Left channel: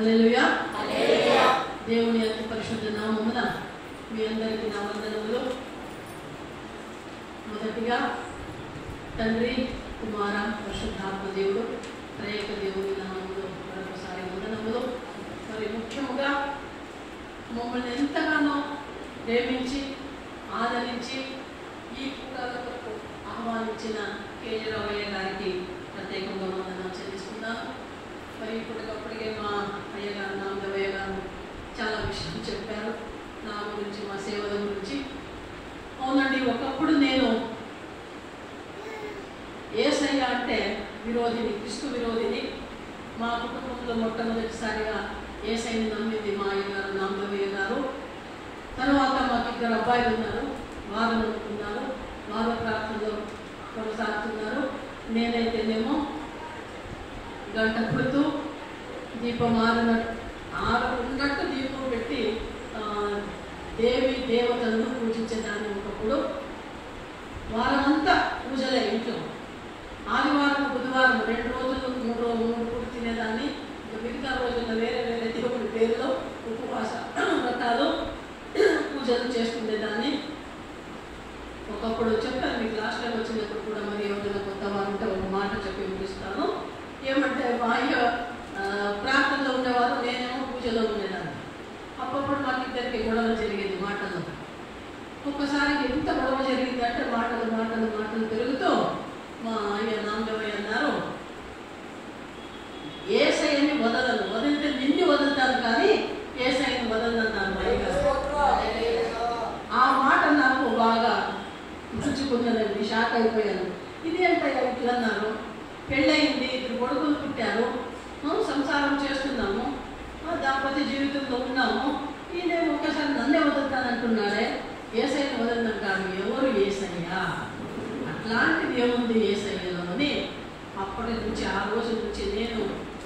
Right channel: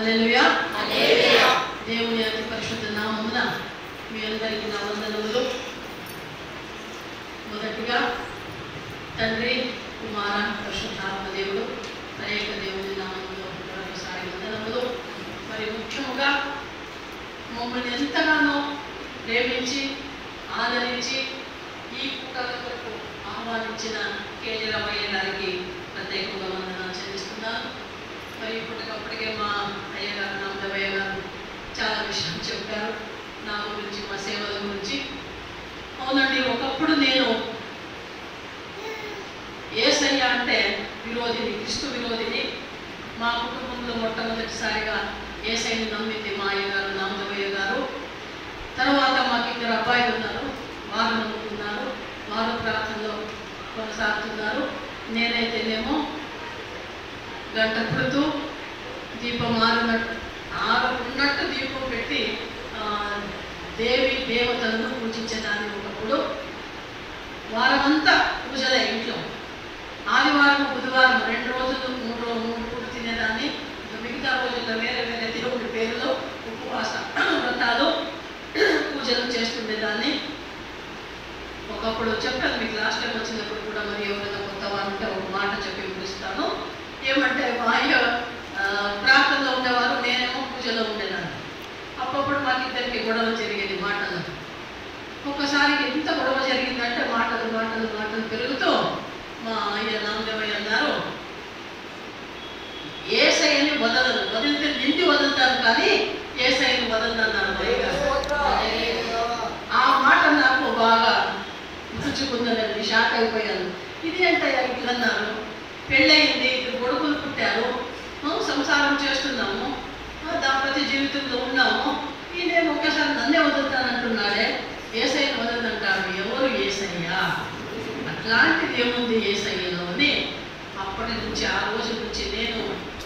హల్లెలూయా హల్లెలూయా. దేవుని అతి పరిశుద్ధ నామమున మీ అందరికీ నా వందనములు. మొదటిగా తండ్రి, కుమార, పరిశుద్ధాత్మ దేవుడు త్రైయేక దేవుని నామములో మరొకసారి వందనములు. మరి ముఖ్యముగా మమ్మల్ని ఎంతగానో ప్రేమించి ఆదరించి ఈ కూటలకు ఆహ్వానించిన కేజీరామయ్య గారికి ప్రత్యేకంగా వందనాలు చెల్లిస్తున్నాను. మరి ఇప్పటికప్పటికే మా అయ్యగారు నామదేవయ్య గారు చాలా విషయం చెప్పారు నా గురించి, మా సేవల గురించి. అవునండి, ఒకప్పుడు నేను యేసయ్య అంటే విరోధిని, క్రీస్తు విరోధిని. మా కుటుంబంలో మొట్టమొదటిసారిగా యేసయ్యని నమ్మింది మా అయ్యగారు నామదేవయ్య గారు. తర్వాత మాకు 2 అబ్బాయిలు ఉన్నారు, వారు నమ్ముకున్నారు, వారు ప్రార్థనలో కొనసాగుతున్నారు. నేనైతేనేమో గంట పుడుతూ దీపం ఆరున్నట్టు దీపం పెట్టి దేవి దేవతలను పూజించేదాన్ని. ఒకప్పుడు వారమంతా పూజలే ఇంట్లో. ఆదివారం, బుధవారం 2 రోజులు 3 పూట తినేదాన్ని. మిగతా రోజుల్లో వేరే వేరే దేవుడి పేరులో ఉపవాస వ్రతాలు పూజలు చేస్తుండేదాన్ని. ఒకప్పుడు చెప్పాను మీకు లాస్ట్ టైం వచ్చినప్పుడు కూడా, మరి ఎవరైనా కొత్త వారు ఉంటే ఒక మాట చెప్పి ముగిస్తాను. ఏమంటే మా అయ్య ప్రార్థనలో ఉండేవారు, నేనేమో పూజలో ఉండేదాన్ని. అప్పుడప్పుడు మాకు ఇద్దరికి గొడవ జరిగేది మాటల్లో. ఒక్కసారి ఎంత గొడవ జరిగిందంటే మాటలు మాటలు మాటలు పెరుగుతూ మా అయ్య నామదేవయ్య అన్నారు, యేసయ్యని వదలను, వదిలితే నిండి వదులుతాను కానీ యేసయ్యని వదలనన్నారు మా అయ్యగారు. ఆ మాట నాకు బాగా నచ్చుకుందనండి, షాక్ అయిపోయాను. ఇది ఏంటయ్యా ఇట్లా అన్నారు? పెళ్ళయింది, 2 కొడుకులు పుట్టారు, సంసారం చేస్తున్నాము, దాంపత్య జీవితంలో ఉన్నాము, ఈయనేమో ఒక్కసారి నన్నే వదులుతానంటున్నాడే, యేసయ్యని వదలనంటారు. ఎవరు యేసయ్య? అట్లాంటిది ఏముంది యేసయ్యలో అని అప్పటి నుంచి, ఆ రోజు నుంచి నేను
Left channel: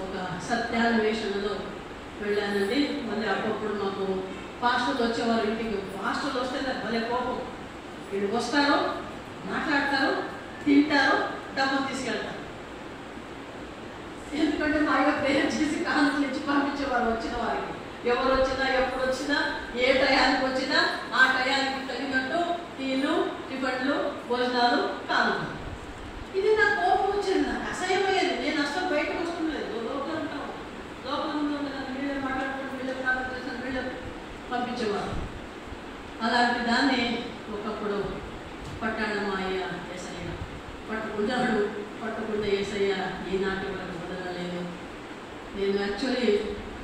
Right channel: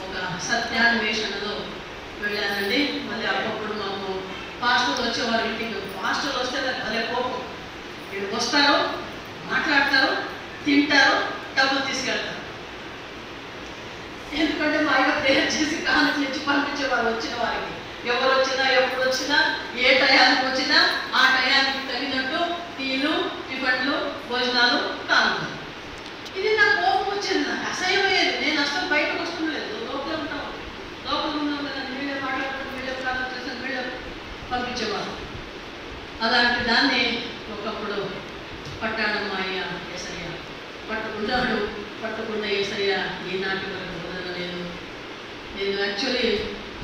ఒక సత్యాన్వేషణలో వెళ్ళానండి. మళ్ళీ అప్పుడప్పుడు మాకు పాస్టర్లు వచ్చేవారు ఇంటికి. పాస్టర్లు వస్తే నాకు భలే కోపం. వీళ్ళు వస్తారు, మాట్లాడతారు, తింటారు, డబ్బులు తీసుకెళ్తారు. ఎందుకంటే మా అయ్య ప్రేయర్ చేసి కానుకలు ఇచ్చి పంపించేవారు వచ్చిన వారికి. ఎవరు వచ్చినా, ఎప్పుడు వచ్చినా, ఏ టయానికి వచ్చినా ఆ టయానికి తగినట్టు టీలు, టిఫిన్లు, భోజనాలు, కానుకలు. ఇది నాకు కోపం వచ్చింది, నాకు అసహ్యమయ్యేది. నేను అసలు బయటకు వస్తుండలేదు, లోపల ఉంటాం. లోపల ఉన్నాం కదా, వీళ్ళే మాట్లాడుకుంటూ వీళ్ళే ప్రార్థన చేసిన వీళ్ళే పంపించేవారు. అలాంటి దాన్ని ఒకప్పుడు పట్టాడు మా అయ్య యేసయ్య. పట్టుకున్నాడు, పట్టుకున్న యేసయ్య ఈనాటి వరకు వదలలేదు. నేను యాక్చువల్లీ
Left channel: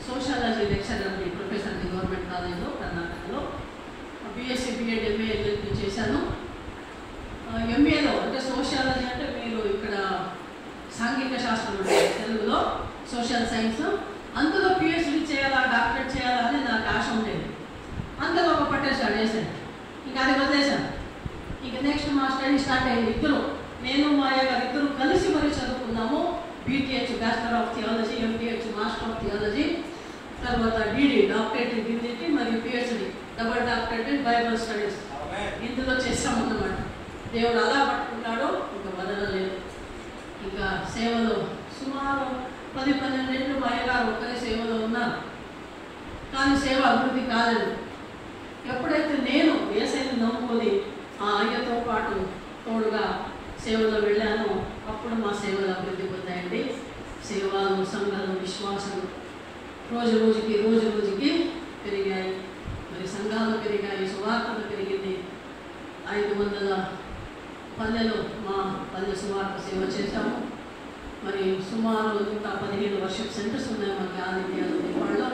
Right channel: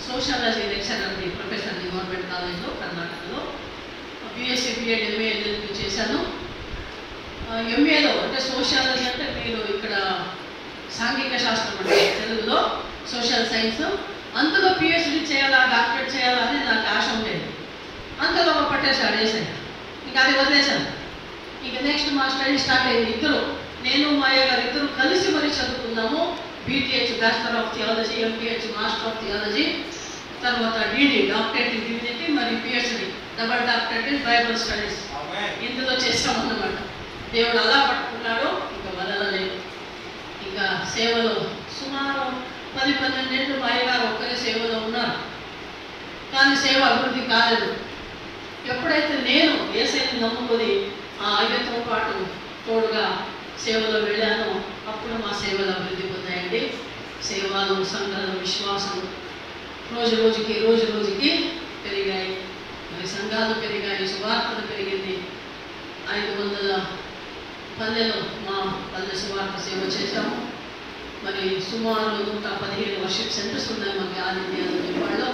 సోషాలజీ లెక్చరర్ని, ప్రొఫెసర్ని గవర్నమెంట్ కాలేజ్లో కర్ణాటకలో. బీఎస్సీ, బీఎడ్, ఎంఏ, ఎల్ఎల్బీ చేశాను. ఎంఏలో అంటే సోషాలజీ అంటే మీరు ఇక్కడ సాంఘిక శాస్త్రం అంటే తెలుగులో సోషల్ సైన్స్. అందులో పిహెచ్డీ చేయాలా, డాక్టరేట్ చేయాలా అని నాకు ఆశ ఉండేది. అందులో ఒక పట్టేశాడు యేసయ్య. ఇంకా అది వదిలేశాను. ఇక నెక్స్ట్ మా స్టడీ స్టార్ట్ అయింది. నేను మా అయ్య గారు ఇద్దరు కలిసి మరి చదువుకున్నాము. BTh bachelor of theology, MPH master of theology, తర్వాత డిడి డాక్టరేట్ ఇన్ డివినిటీ, మరి PhD double doctorate in Bible studies. ఇందులో చేస్తామన్నమాట. దేవుడు అలా పట్టుకున్నాడు, ఇంకా వదలలేదు. ఇంకా సేవలో సుమారు 10-12 ఏళ్ళు మా అయ్య గారు ఒక్కరే సేవలో ఉన్నారు. కానీ సేవ అభివృద్ధి కాలేదు. ఎప్పుడైతే నేను యేసయ్యని నమ్ముకొని ఆ అయ్యతో పాటు తోడుగా సేవలో వెళ్ళానో అప్పుడు మా సేవలు అభివృద్ధి పొందాయండి. సేవలు, సంఘాలు, విశ్వాసం రోజు రోజుకి పెరిగాయి. మరి సంఘాలు పెరిగాయి, సువార్తలు పెరిగింది. 500 పల్లెలు మా పల్లె సువార్త సేవ చేశాము. మరి సుమారు 115 వర్షిప్ సెంటర్స్ ఉన్నాయి మనకి ఆల్ ఇండియాలో, నేపాల్లో.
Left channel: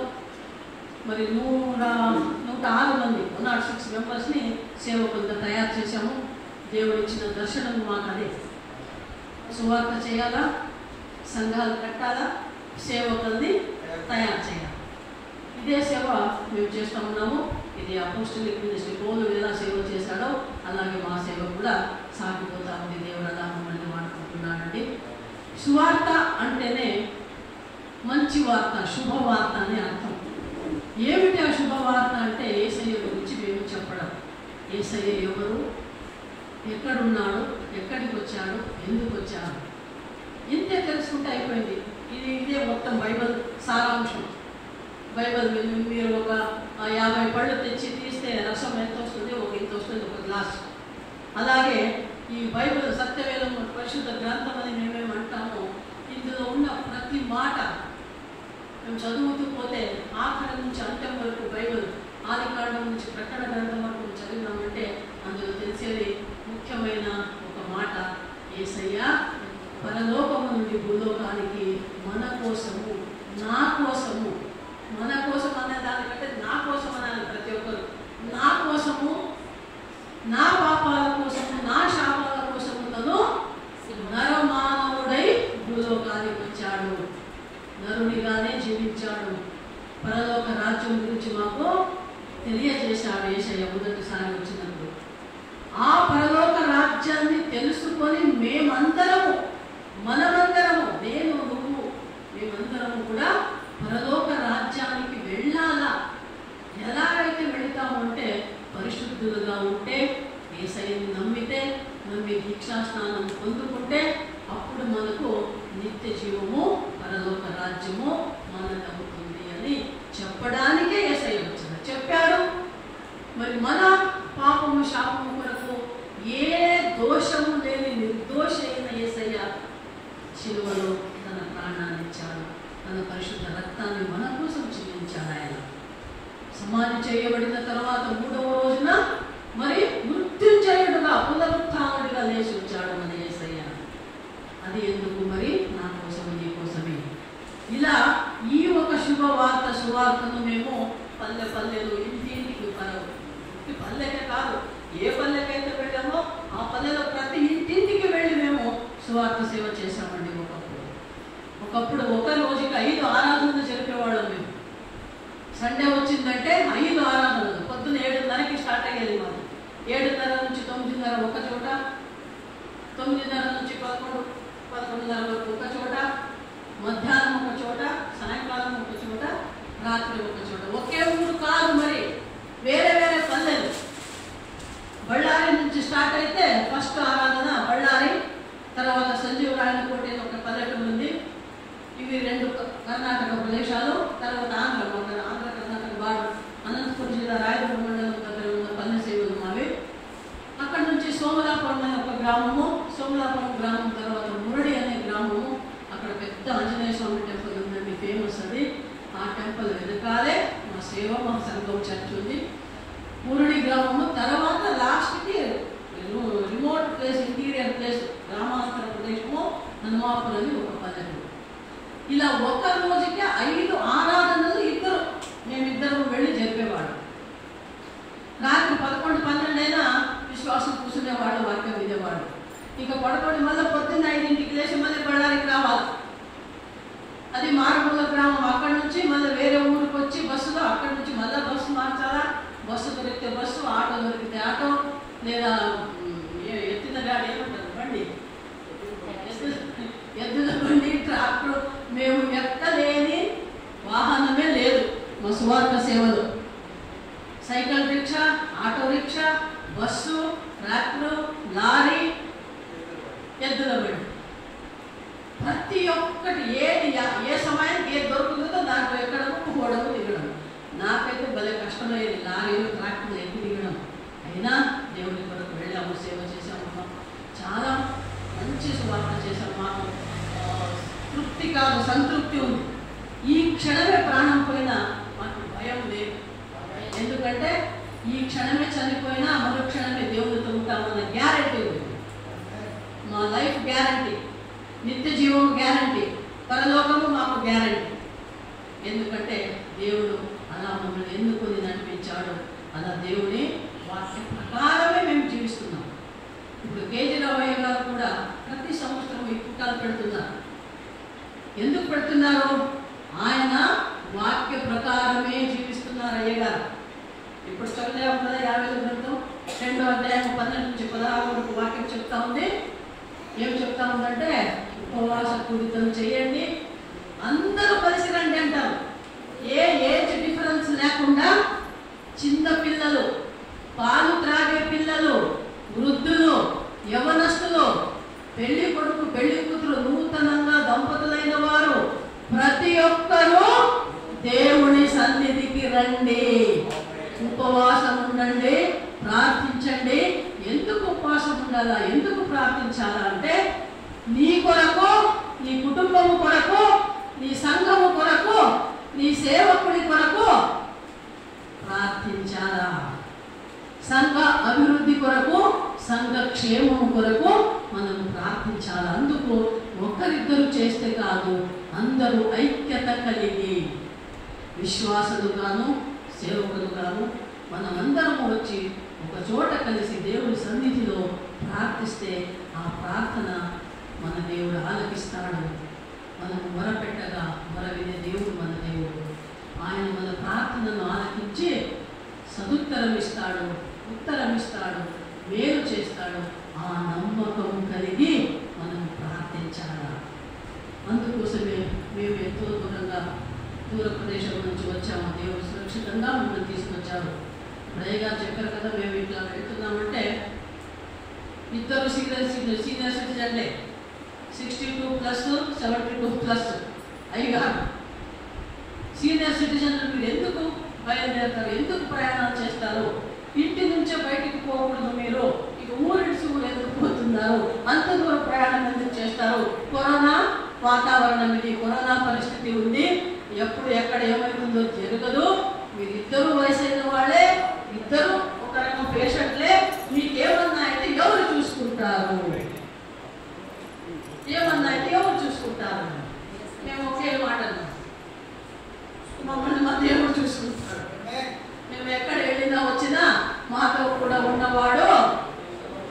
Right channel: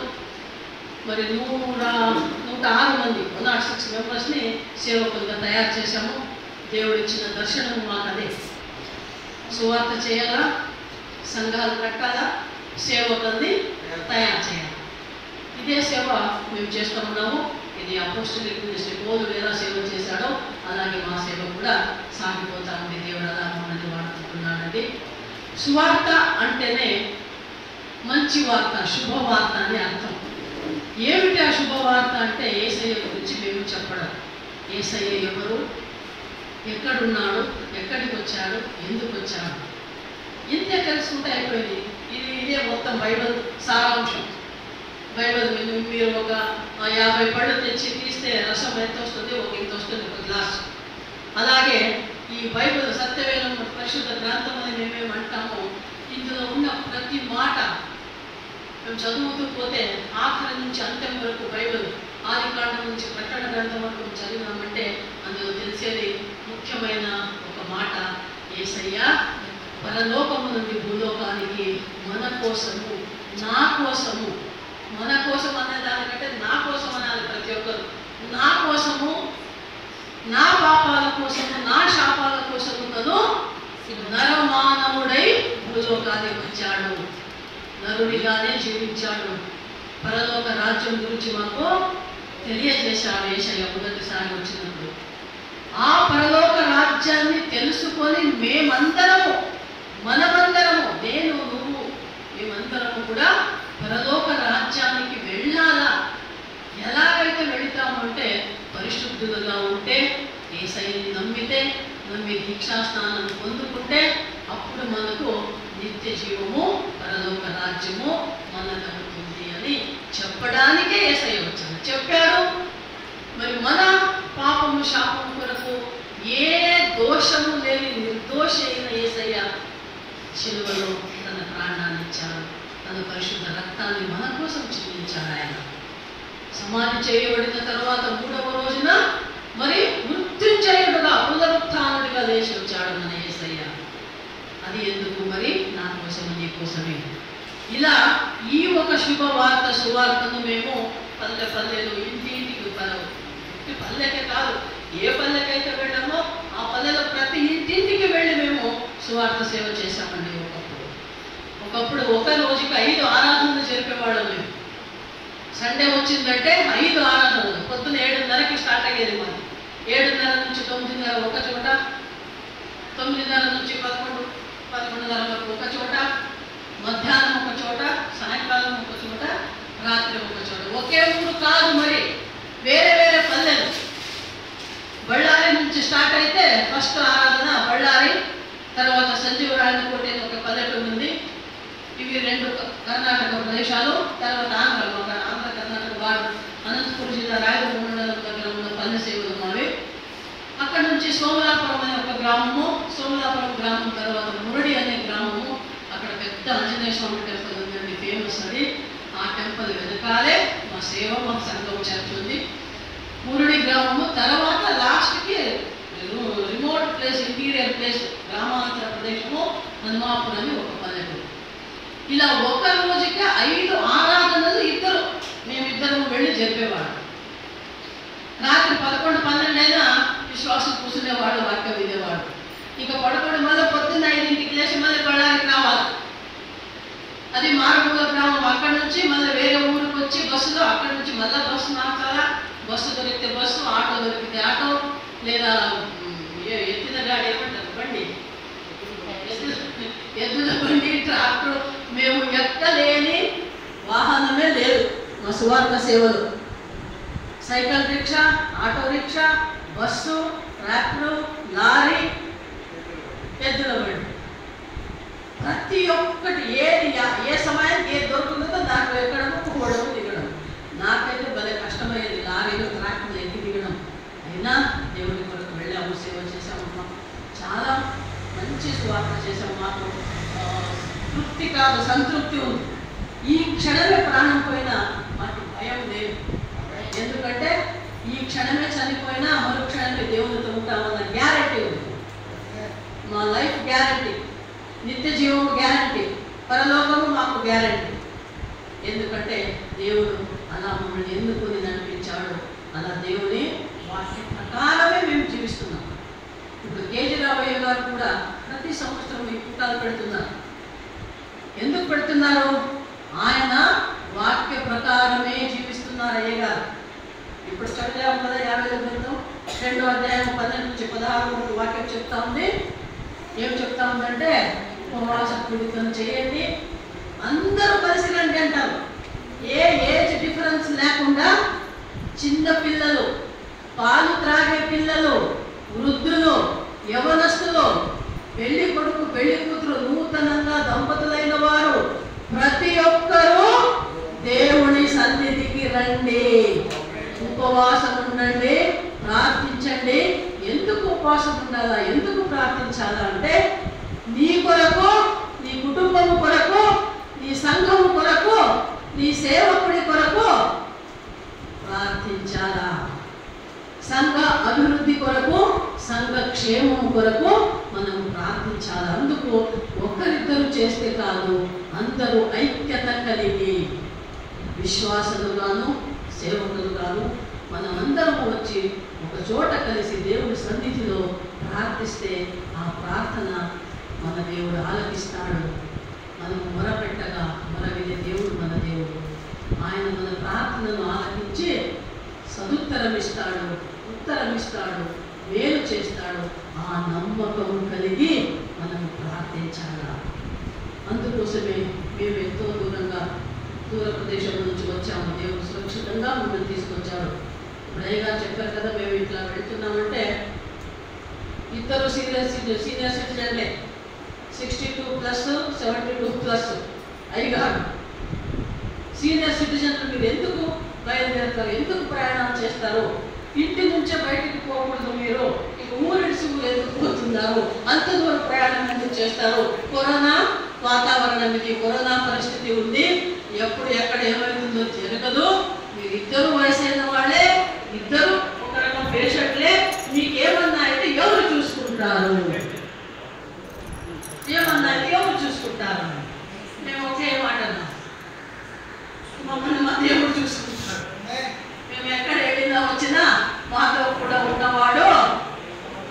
మరి 106 మంది 106 మెంబర్స్ని సేవకులుగా తయారు చేశాము. దేవుడు ఇచ్చిన దర్శనం మాకు అదే. సువార్త చేయాలా, సంఘాలు కట్టాలా, సేవకుల్ని తయారు చేయాలి. ఇదే సేవ మేము చేస్తూ ఉన్నాము. ఇది అపోస్టలిక్ మినిస్ట్రీ పౌలు ఎలా సేవ చేశాడో అలాగే మా సేవ కూడా సాగిపోతా ఉంది. దేవుడు అలా మమ్మల్ని వాడుకుంటున్నాడండి. సువార్త అంటేనే మంచి వార్త, శుభవార్త అని అర్థం. ఏమిటి ఆ శుభవార్త అంటే యేసయ్య గురించి మేము చెప్పడం. యేసయ్య ఎవరు, ఎక్కడున్నాడు, ఎక్కడికి వచ్చాడు, ఎందుకు వచ్చాడు, ఇంతే తెలుసుకుంటే అయిపోయింది. ఇదే మొత్తం బైబిల్ సారాంశం. బైబిల్ మీరు ఒక 50 పళ్ళు తెచ్చి తీస్తే రసం ఎంత వస్తుంది, ఒక ఇంత వస్తుంది, ఒక గ్లాస్. అలాగే ఈ బైబిల్ సత్యవేదం పరిశుద్ధ గ్రంథం అని మేమేమంటామో, ఇందులో ఉన్న ప్రతి మాట మేము చదువుతూ పోతే ఆఖరి నుంచి అంత్యం వరకు బైబిల్ ఆదికాండం నుంచి ప్రకటన గ్రంథం వరకు చదివినామంటే అందులో తెలిసేది ముఖ్యమైన ఒక మాట, యేసయ్య పరలోకము నుండి భూలోకానికి మన కోసము, నా కోసము, మన కోసం అనే దానికంటే నా కోసం అనాలి ప్రతి ఒక్కరు, నా కోసము, నా పాపాల కోసము, నా శాపాల కోసము తను నరమానవుడై భూలోకానికి వచ్చాడు, నరునిగానే జీవించాడు, పరలోక రాజ్యం గురించి మాకు తెలియజేశాడు యేసయ్య మొదటిసారి వచ్చినప్పుడు. ఆ పరలోక రాజ్యాన్ని తెలుసుకొని మేమందరము, మనమందరము, నేను నువ్వు మేమందరము కూడా పరలోక రాజ్యానికి వెళ్ళాలా. ఎలాగైతే వెళుతాము అంటే పరిశుద్ధులుగా ఉంటే, యేసయ్యని నమ్మి దీక్షాస్నానం పొందుకుంటే అప్పుడు మనకు నిత్య జీవము, పరలోక రాజ్యము మనదవుతుంది అని చెప్పడానికే యేసయ్య వచ్చాడు, చెప్పాడు. మరి మన పాపము శాపము కొరకు ఏ దోషము లేని నిర్దోషి అయిన యేసయ్య శిలువలో తన ప్రాణాన్ని ఇచ్చాడు, తన పరిశుద్ధ రక్తాన్ని మన కోసం చిందించాడు. ఆయన సమాధి చేయబడిన తర్వాత 3వ రోజున మరి మృత్యుంజయుడుగా, పునరుత్థానుడిగా లేచి వచ్చాడు మన యేసయ్య. అది ఎందుకు? మరి నా కోసము, నీ కోసమే. ఇలా ఈ ఒక శుభవార్త, సువార్తను మేము పల్లెలు, ఇంటికి పల్లెకే కాదు, ఏ పల్లెకైతే వెళ్ళామో ఆ పల్లెలో ప్రతి ఇంటింటికి వెళ్ళి మేము సువార్త సేవ చేశామండి. ఒకప్పుడు ఒక రోజుకి 5 ఆరాధనలు జరిపేవాళ్ళం మేము. సండే వచ్చిందంటే 5 ఆరాధనలు. పొద్దున్న 7:30కి స్టార్ట్ అయ్యేది మాది. 7:30 నుంచి 9:30 ఒక చోట, 9:30 నుంచి 11:30 వరకు ఒక చోట, మధ్యాహ్నం ఒక చోట, సాయంకాలం ఒక చోట, రాత్రి ఒక చోట. ఒకే ఊరు కాదు, మరి వేరే వేరే పల్లెలు. బళ్ళారి నుంచి స్టార్ట్ అయితే ఫస్ట్ ఆరాధన బళ్ళారి, తర్వాత సంజీవరాయనకోట ఒక పల్లెటూరు ఉంది. ఇవి 2 కర్ణాటక ప్రదేశాలు. తర్వాత ఆంధ్ర కర్ణాటక బార్డర్, అనంతపురం జిల్లా రాయదుర్గ మండలం దగ్గర ఉన్న పల్లె సేవలు మావి. అక్కడ నుంచి సోమలాపురం అనే ఒక గ్రామము, సోమలాపురం గ్రామం తర్వాత మురడి అనే గ్రామము. అక్కడ పెద్ద ఆంజనేయ స్వామి టెంపుల్ ఉందండి, ఫేమస్ అది. ఆ టెంపుల్ వెనకాలే మా సేవ, మా సంఘం చర్చ్ ఉంది. మురడి గ్రామము తర్వాత లాస్ట్కి రిమోట్ ప్లేస్, ఇంటీరియర్ ప్లేస్, గ్రామాంతర ప్రదేశము హనుమాపురం అని ఒక పల్లెటూరు. ఇలా ఒక రోజుకి 5 ఆరాధనలు మేమిద్దరము వెళ్ళి జరిపేవాడు. రాత్రి 11-12 అయినా విశ్వాసం కూర్చునేవాడు, వాక్యం వినేవాడు. ఇక పడుకొని మళ్ళీ పొద్దున్న 5ంటికి లేచి మళ్ళీ బళ్ళారికి రావాలి. అది మారుమూల గ్రామం. అక్కడి నుంచి మళ్ళీ వేరే ఊరికి వచ్చి బస్సులో, అక్కడి నుంచి మళ్ళీ బస్సు మార్చాలా. బస్సు దొరికితే బస్సు, ఆటో దొరికితే ఆటో, లేదా ఎత్తిన గాడి ఏమంటారు బండి, ఎద్దుల బండి, ట్రాక్టర్. మేము ఎక్కలేని వాహనమే లేదు మా సువార్త సేవలో. Cycle rickshaw, auto rickshaw, bus, tractor, lorry, ఎద్దుల బండి, ప్రతి ఒక్కటి ఏది ఏ సమయానికి ఏది దొరుకుతుందో దాంట్లో ఎక్కడము, పోవడము, దిగడం. నాకైతే భలే కష్టమయ్యేది లారీలు, ట్రాక్టర్లు ఎక్కి దిగడం. అయినా దేవుడి కొరకు వెళ్ళాము, సేవ చేసాము, చాలా మంచి సువార్త చేసాము. మాకు తృప్తి కాదు, సంతృప్తి ఉంది. ఈ క్షణమే ప్రాణం పోయినా మాకు భయం లేదు. ఎందుకంటే ఈ క్షణమే చనిపోయినా మరో క్షణమే దేవుడితో ఉంటామన్న గ్యారంటీ ఉంది. మా లైఫ్ గ్యారంటీ, నిత్య జీవము గ్యారంటీ, పరలోకము మాకు గ్యారంటీ. ఎందుకంటే దేవుడు అలా మమ్మల్ని ఎన్నుకొని నడిపించాడు. అలా దేవుని వాక్య ప్రకారమే మేము జీవిస్తున్నాం. ఇప్పుడు కేజీ రామయ్య గారు కూడా ప్రతి సంవత్సరం ఈ పుట్టాలు పెడుతున్నారు. ఎందుకు పెడుతున్నారు? ఆయన వాక్య ప్రకారమే జీవిస్తున్నారు అయ్య గారు. ఇప్పుడు చదివాము కదా 50 గ్రంథం 2వ అధ్యాయం 12 నుంచి 16 వరకు వాక్యం చెప్తా ఉంది. ఏం చెప్తా ఉందంటే, ఉపవాస కూడికలు చేయండి, అందరూ కలిసి రండి అంటారు. ఏ ఏజ్ డిఫరెన్స్ లేకుండా చిన్న పిల్లలు, పాలు త్రాగే పిల్లలు, వృద్ధులు, యవనస్తులు, పెళ్లి కొడుకు పెళ్లి కూతురు, నూతనంగా దంపతులైన వారు ప్రతి ఒక్కరూ దేవుని సన్నిధిలో రండి, ఉపవాసం ఉండండి, ప్రార్థించండి. ఎందుకు ఉపవాసం ఉండాలా, ఎందుకు ప్రార్థించాలా అంటే నీ కొరకు, నీ కుటుంబము కొరకు, నీ సంఘము కొరకు, నీ సేవకుడి కొరకు ప్రార్థించాలా. సంఘ అభివృద్ధి కొరకు, సంఘ క్షేమం కొరకు మనం ప్రార్థించాలి. అందుకు ఒక్కరిద్దరు చేస్తే కాదు, అందరూ ఐక్యత కలిగి విశ్వాసులుగాను సేవకులుగాను మనమందరము వచ్చి ఒక చోట కలిసి దేవుడి సన్నిధిలో ప్రార్థిస్తే ఆ ప్రార్థన మన దేవుడు ఆలకిస్తాడు. మనము మొరపెట్టగా మొర వినే దేవుడు మన దేవుడు. ఆయన మన ప్రార్థనను ఆలకించి సదుత్తరం ఇస్తాడు, ఉత్తరం ఇస్తాడు, మేలు చేస్తాడు. ఆ నమ్మకం కలిగి మనం ప్రార్థించాలా. అందుకోసమే మేము ఎంతో దూర ప్రదేశం నుంచి వచ్చాము. దేవుడు సురక్షితంగా మమ్మల్ని తీసుకొచ్చాడు. ఇప్పుడేగా చెప్పారు కదా, మేము ఇట్లా వెళ్తున్నామంటే ఇద్దరు సీనియర్ సిటిజన్లే, 62+, 72+ అయ్యగారు. సీనియర్ సిటిజన్లు మీరు ఎందుకు బయలుదేరుతారు, ఎందుకు ప్రయాణాలు చేస్తారు? ఇంటి నుంచే బయటికి పోకూడదు మీరు, ఇక ఊరిడిసి ఊరు ఎందుకు పోతున్నారు, అంత దూరం ప్రయాణం ఎందుకు చేస్తారు? కరోనా వాతావరణం ఇది, కరోనా పరిస్థితి ఉంది, ఎప్పుడు ఎక్కడ ఏమవుతుందో జరగదు. మీరు ఇద్దరు వయసైన వాళ్ళే, ఇద్దరు ఒక రకం పేషెంట్లే, మీకేమన్నా అయితే ఎవరు చూసుకుంటారు? ఏమన్నా అయితే ఎవరు చూసుకుంటారు? మేము ఒకే మాట అన్నాం, మమ్మల్ని మా దేవుడు చూసుకుంటాడు. మేము ఎక్కడ వెళ్ళినా వచ్చినా మాతో కూడా ఉన్నవాడు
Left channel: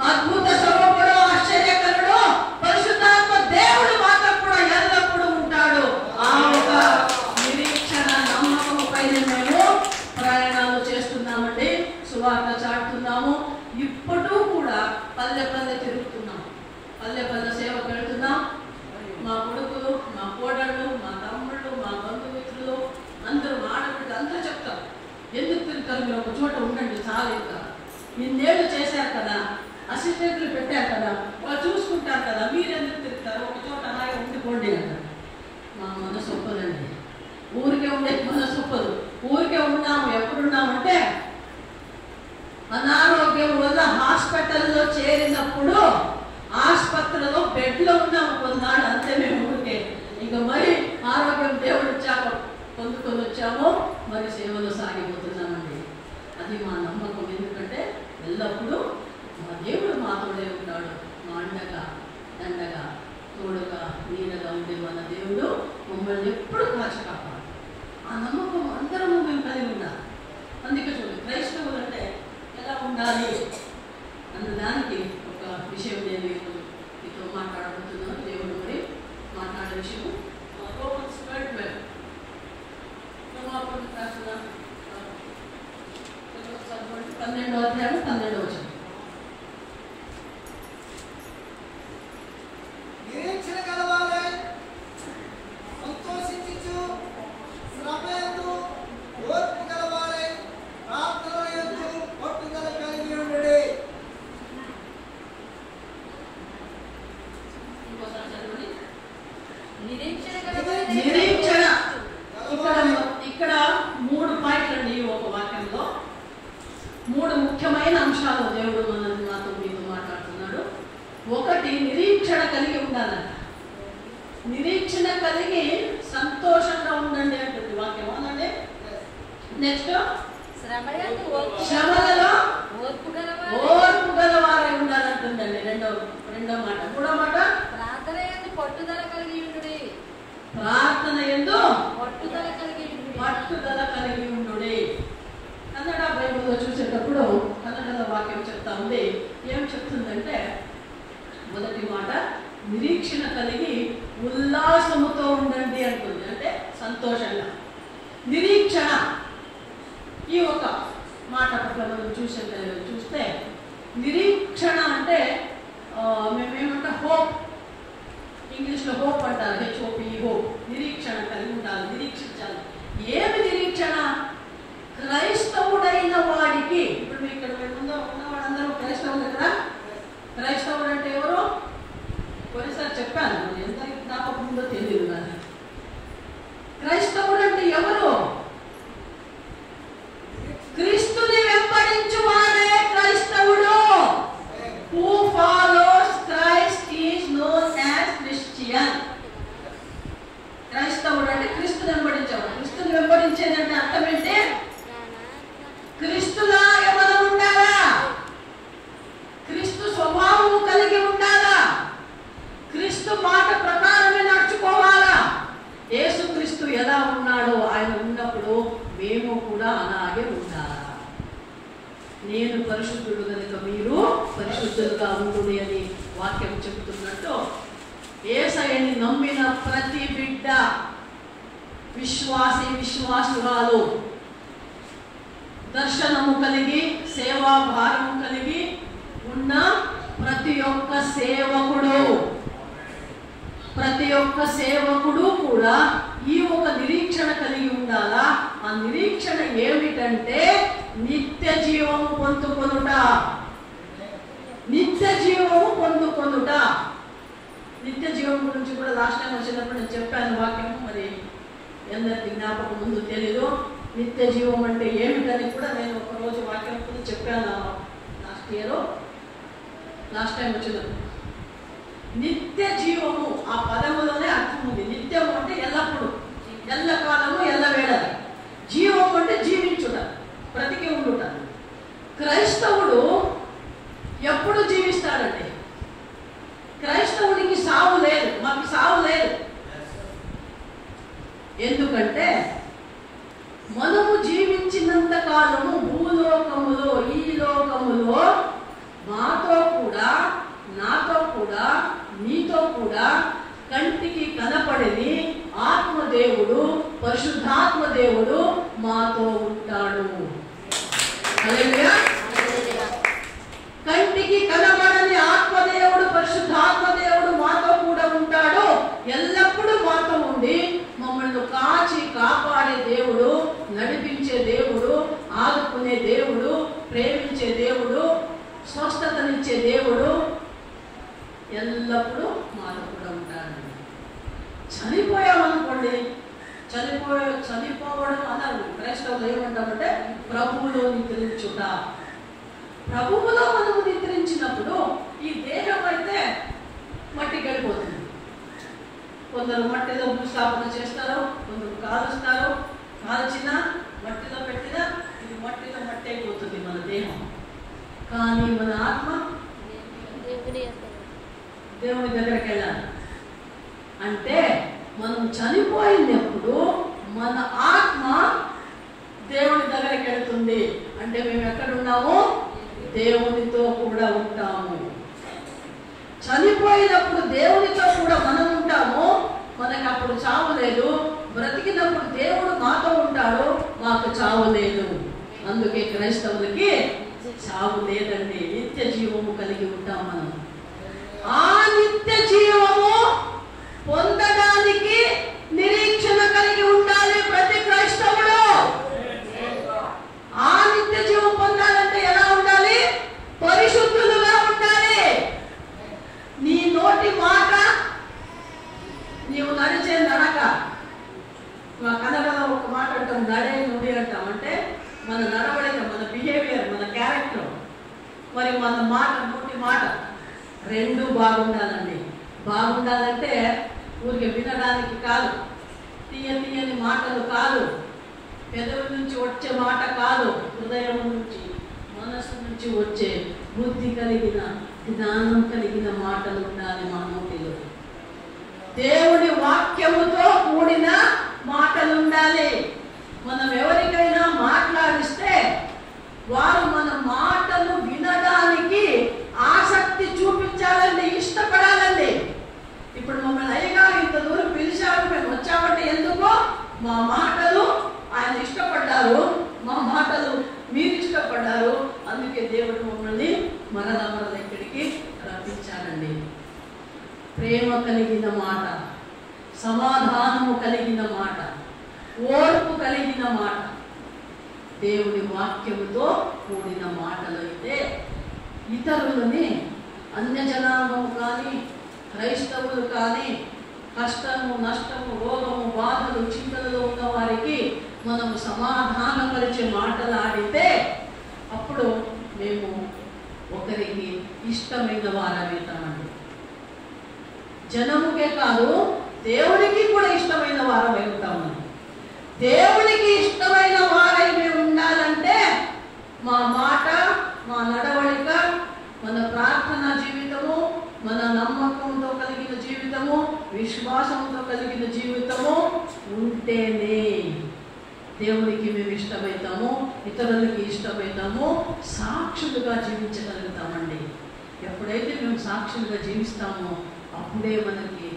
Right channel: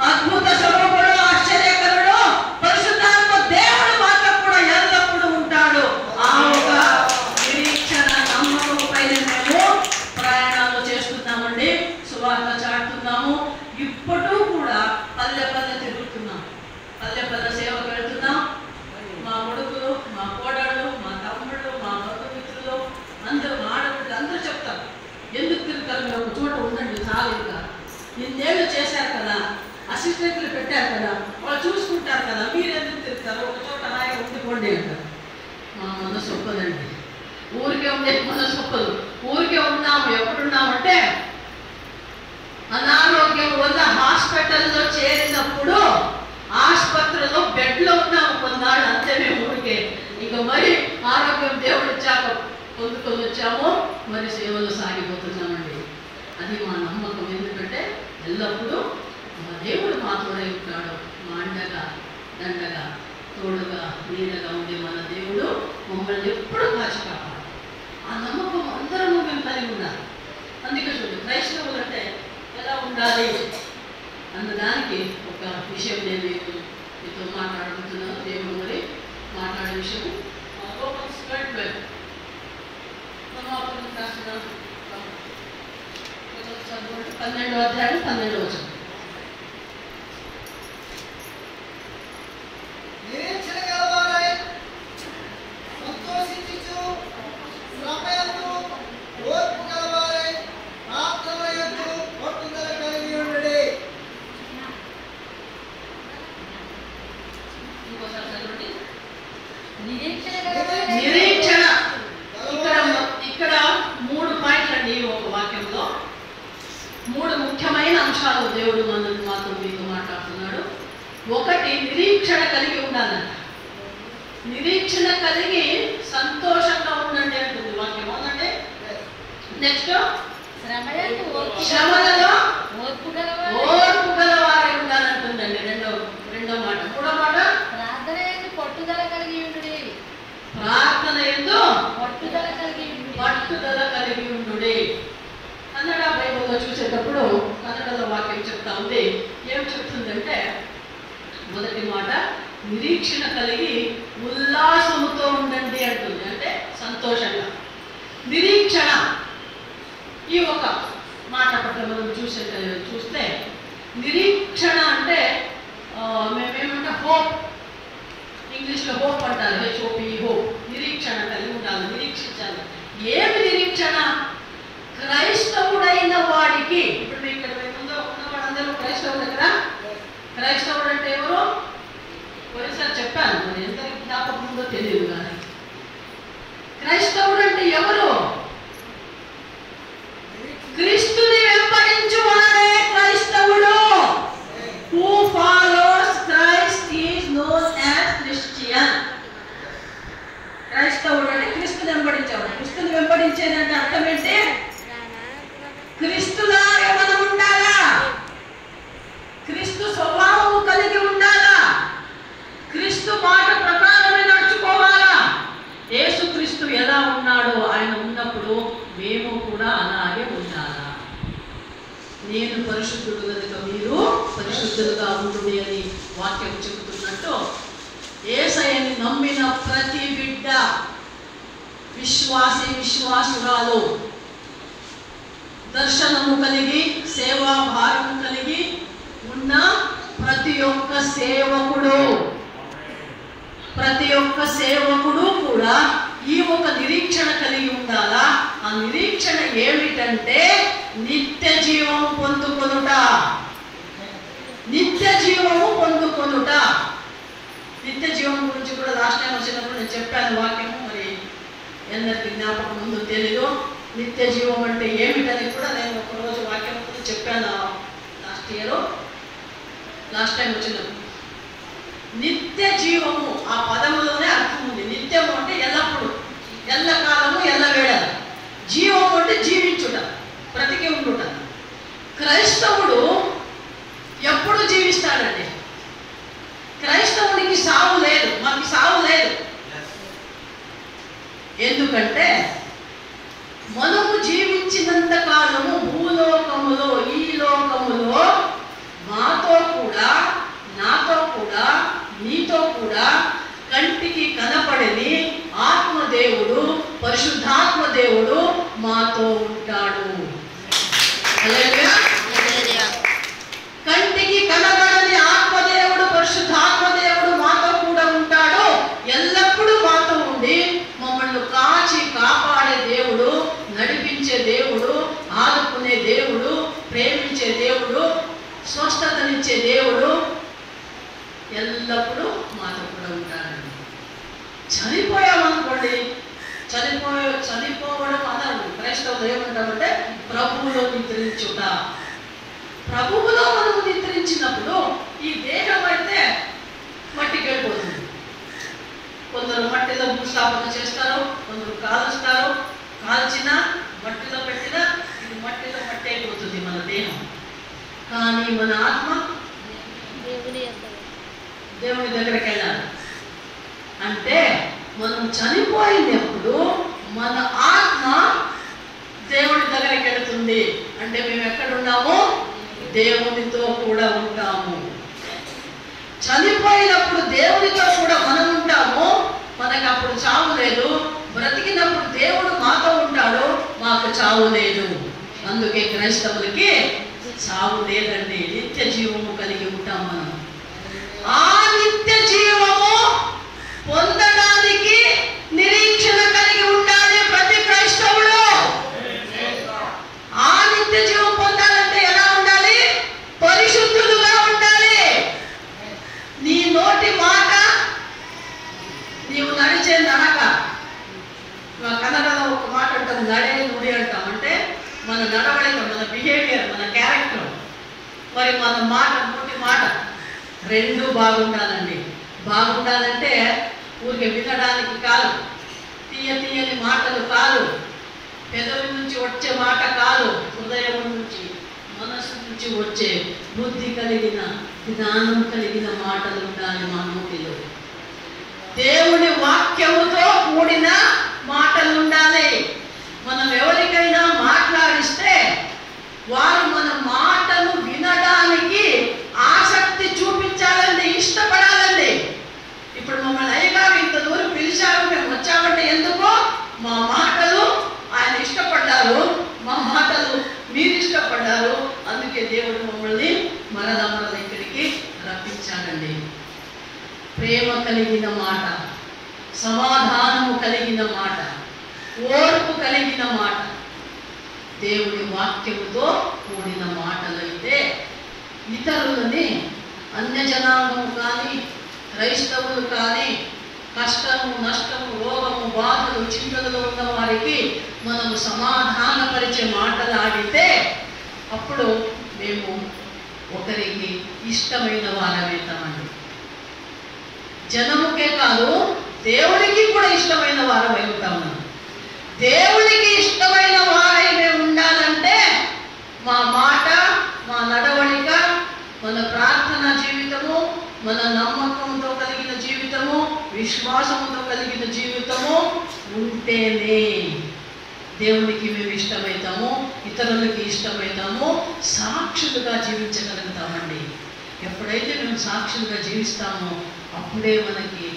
అద్భుత స్వరూపుడు, ఆశ్చర్యకరుడు, పరిశుద్ధాత్మ దేవుడు మాతో కూడా ఎల్లప్పుడూ ఉంటాడు. ఆ ఒక నిరీక్షణ నమ్మకం పైన మేము ప్రయాణాలు చేస్తున్నామండి, సువార్త చాటుతున్నాము. ఇప్పటికీ కూడా పల్లె పల్లె తిరుగుతున్నాం, పల్లె పల్లె సేవకు వెళ్తున్నాం. మా కొడుకులు, మా కోడళ్ళు, మా తమ్ముళ్ళు, మా బంధుమిత్రులు అందరూ, ఆడపిల్లలు అందరూ చెప్తారు, ఎందుకు తిరుగుతారు మీరు, ఒక చోట ఉండండి చాలు, ఇంకా ఇన్నేళ్ళు చేశారు కదా, అసిస్టెంట్లు పెట్టారు కదా, వాళ్ళు చూసుకుంటారు కదా, మీరు ఎందుకు తిరుగుతారు, ఒక చోట హాయిగా ఉండిపోండి అంటారు. మా మనసు ఒప్పదండి, ఊరికే ఉండే మనసు ఒప్పదు. ఊరికే ఉన్నాము, ఎప్పుడున్నామంటే అనారోగ్యం వల్ల హాస్పిటల్లో చేరినప్పుడు ఆసుపత్రిలో బెడ్లో ఉన్నాము కొన్నాళ్ళు, అంతే. మేము ఊరికే ఇంకా మరి ఆరోగ్యం దేవుడు ఇచ్చాక పొందుకొని వచ్చాము, మరి సేవలో సాగిపోతున్నామండి. అది మా నమ్మకం. ఎందుకంటే ఎల్లప్పుడూ మా దేవుడు మాతోనే ఉంటాడు, మా అండగా దండగా తోడుగా నీడగా ఉండే మన దేవుడు మమ్మల్ని ఎప్పుడు కాపాడు. ఆ నమ్మకం అందరము మేము కలిగి ఉండాలి. అందుకే చూడండి, క్రైస్తవులు అంటే ఎలా ఉండాలి అన్నదానికి ఒక విషయం నేను మీతో మాట్లాడుతున్నాను. దేవుడు మరి మాట్లాడే విషయం రోమన్స్ 12 12వ అధ్యాయం 12వ వచనం. నిరీక్షణ గలవారై సంతోషించుచు, శ్రమయందు ఓర్పు గలవారై ప్రార్థనయందు పట్టుదల కలిగి ఉండుడి. ఇంకోసారి చదవండి. నిరీక్షణ ఇక్కడ 3 పాయింట్లు అండి. ఒక వాక్యంలో 3 ముఖ్యమైన అంశాలు దేవుడు మాతో మీతో మాట్లాడుతున్నాడు. ఒకటి, నిరీక్షణ కలిగి ఉండాలంట. నిరీక్షణ కలిగి సంతోషంగా ఉండండి అంటుంది వాక్యం. అవునండి. నెక్స్ట్, శ్రమలలో ఓర్పు గలవారై ఉండాలంటుందండి. రెండో మాట. మూడో మాట, ప్రార్థన యందు పట్టుదల కలిగి ఉండుడి. ప్రార్థన యందు పట్టుదల కలిగి ఉండుడి. కన్నడ బైబిల్లో చూసేటప్పుడు కన్నడలో వాక్యం చెప్తా ఉంది. ఏం చెప్తుందంటే, మొదటి మాట నిరీక్షణ కలిగి ఉల్లాసముతో ఉండండి అంటుంది. అంటే సంతోషంగా. నిరీక్షణ ఈ ఒక మాట పట్ల మనం చూస్తే నిరీక్షణ అంటే మేమేమంటే హోప్, ఇంగ్లీష్లో హోప్ అంటారు, HOP, హోప్. నిరీక్షణ కలిగి ఉండాలి, నిరీక్షించాలి. ఏమి నిరీక్షణ? క్రైస్తవుడైన వాడికి, ఇప్పుడు ఇక్కడ ముందు ఉన్నవాడందరూ క్రైస్తవులు కదా. క్రైస్తవుడు అంటే ఎవరు? పోయినసారి చెప్పాను, మరి ఎంత జ్ఞాపకం ఉందో తెలియదు. కానీ క్రైస్తవుడు అంటే ఎవరు? వెంబడించేవాడు. క్రీస్తుని వెంబడించేదంటే అర్థం ఏంటి? క్రీస్తులా ఎవరు ఉండాలా, క్రీస్తు స్వభావము కలిగి ఉండాలా, క్రీస్తు మాట ప్రకారమే నడుచుకోవాలా. యేసుక్రీస్తు ఎలా ఉన్నాడో ఆయన ఉన్నప్పుడు మేము కూడా అలాగే ఉండాలా. నేను పరిశుద్ధుడు కనుక మీరు పరిశుద్ధులుగా ఉంటుంది అని వాక్యం చెబుతున్నట్టు యేసయ్యని నమ్మిన ప్రతి బిడ్డ, విశ్వాసి విశ్వాసురాలు, దర్శనము కలిగి సేవా భారము కలిగి ఉన్న ప్రతి ఒక్క సేవకుడు కూడా ఈ ఒక నిరీక్షణ కలిగి ఉండాలా. ఆ నిరీక్షణ ఏమిటంటే నిత్య జీవము పొందుకొనుట. నిత్య జీవము పొందుకొనుట. నిత్య జీవం గురించి కూడా లాస్ట్ టైం వచ్చినప్పుడు నేను చెప్పాను వాక్యము, మరి ఎందరికి జ్ఞాపకం ముందు తెలీదు. నిత్య జీవం అంటే ఏమిటని కూడా నేను ఒకరోజు వాక్యం కూడా చెప్పాను లాస్ట్ టైం వచ్చినప్పుడు. నిత్య జీవము ఆ పదములోనే అర్థం ఉంది. నిత్యము అంటే ఎల్లప్పుడు, ఎల్లకాలము, ఎల్లవేళ. జీవము అంటే జీవించుట, బ్రతికి ఉండుట. క్రైస్తవుడు ఎప్పుడు జీవిస్తాడండి? క్రైస్తవుడికి సావు లేదు, మాకు సావు లేదు. ఎందుకంటే మనము జీవించినంత కాలము భూలోకములో, ఈ లోకములో మాతో కూడా, నాతో కూడా, నీతో కూడా కంటికి కనపడని ఆత్మదేవుడు, పరిశుద్ధాత్మ దేవుడు మాతో ఉంటాడు. హల్లెలూయా. కంటికి కనబడని ఆత్మదేవుడు, పరిశుద్ధాత్మ దేవుడు మాతో కూడా ఉంటాడు. ఎల్లప్పుడూ మాతో ఉండి మమ్మల్ని కాచి కాపాడే దేవుడు, నడిపించే దేవుడు, ఆదుకునే దేవుడు, ప్రేమించే దేవుడు, స్వస్థతనిచ్చే దేవుడు ఎల్లప్పుడూ మాతో కూడా ఉంటాడండి. చనిపోయామనుకోండి, చనిపోవడం అన్నారు క్రైస్తవులు ఏమంటామంటే ప్రభువులో నిద్రించుట. ప్రభువులో మనము నిద్రించినప్పుడు ఈ దేహం అయితే మట్టికి వెళ్ళిపోతుంది. కొందరు మట్టిలో భూస్థాపన చేస్తారు, కొందరు కాలుస్తారు. కాల్చిన మట్టిలో పెట్టినా ఇది మట్టిలో మట్టి అయిపోతుంది మన దేహం. కానీ మన ఆత్మ దేవుని దగ్గరికి వెళ్ళాలి. అంటే మనం చనిపోయినప్పుడు మన ఆత్మ దేవుని దగ్గరికి వెళుతుంది. అంటే మేము ఎక్కడున్నాము? దేవునితో కూడా ఉంటాము. చనిపోయినప్పుడు దేవునితో కూడా మనం ఉంటాము. మనకు అప్పుడు చావు లేదు. బ్రతికినప్పుడు దేవుడు మాతో ఉంటాడు, మాకు చావు లేదు. అందుకే క్రైస్తవులకి చావు లేదండి. నిత్య జీవము కలిగి ఉంటాం మనం. ఆ నిత్య జీవము పొందడానికి నిరీక్షణ కలిగి ఉండాలి ప్రతి క్రైస్తవుడు. ఆ నిత్య జీవం పొందాలంటే ఎలా ఉండాలి? పరిశుద్ధులుగా ఉండాలి. నీ నోటి మాట, నీవు నడిచే నడక. కన్నడలో ఒక మాట అంటాం, నడే నుడి అంటాం. అంటే మన నడవడిక, మన బిహేవియర్, మన క్యారెక్టర్, మరి మన మాట, నోటి మాట రెండు బాగుండాలండి. బాగుండాలంటే ఊరికి వినడానికి కాదు, తీయని మాటలు కాదు, పెదవి నుంచి వచ్చే మాట కాదు, హృదయం నుంచి, మనసు నుంచి వచ్చే బుద్ధి కలిగిన, జ్ఞానం కలిగిన మాటలు ఉండాలి మా నోటిలో. దేవుని వాక్యముతో కూడిన మాటలు ఉండాలి. మనం ఎవరికైనా మాట్లాడిస్తే వారు మన మాటలు వినడానికి ఆసక్తి చూపించాలండి, ఇష్టపడాలండి. ఇప్పుడు మమ్మల్ని అయ్యగారు ఇంత దూరం పిలిచారు, మేము వచ్చామంటే ఎందుకో మా మాటలు ఆయన ఇష్టపడ్డారు, మా మాటలు మీరు ఇష్టపడ్డారు. అందుకే దేవుడు మమ్మల్ని మరల ఇక్కడికి రప్పించాడండి. ప్రేమ కలిగిన మాట, సమాధానము కలిగిన మాట, ఓర్పు కలిగిన మాట, దేవుని వాక్యముతో కూడిన మాటలైతే ఇతరులని, అన్యజనాంగము కానీ క్రైస్తవులు కానీ కష్టము, నష్టము, రోగము, బాధలు, చింతలలో ఉన్న వారికి మనము సమాధానపరిచే మాటలాడితే అప్పుడు మేము ఒకరికి ఇష్టమైన వారమవుతామండి. జనముకే కాదు దేవుడికి కూడా ఇష్టమైన వారమై ఉంటాము. దేవునికి ఇష్టమైన వారై మేము ఉండాలంటే మా మాట, మా నడవడిక, మన ప్రార్థన జీవితము, మన నమ్మకంతో కలిగిన జీవితము, విశ్వాసంతో కలిగిన జీవితము ఉంటేనే దేవునికి మేము ఇష్టమవుతాము, ఇతరులకి ఇష్టమవుతాము, సాక్షులుగా జీవించగలుగుతామండి. ఎప్పుడైతే మేము సాక్షులుగా జీవిస్తామో అప్పుడే మనకి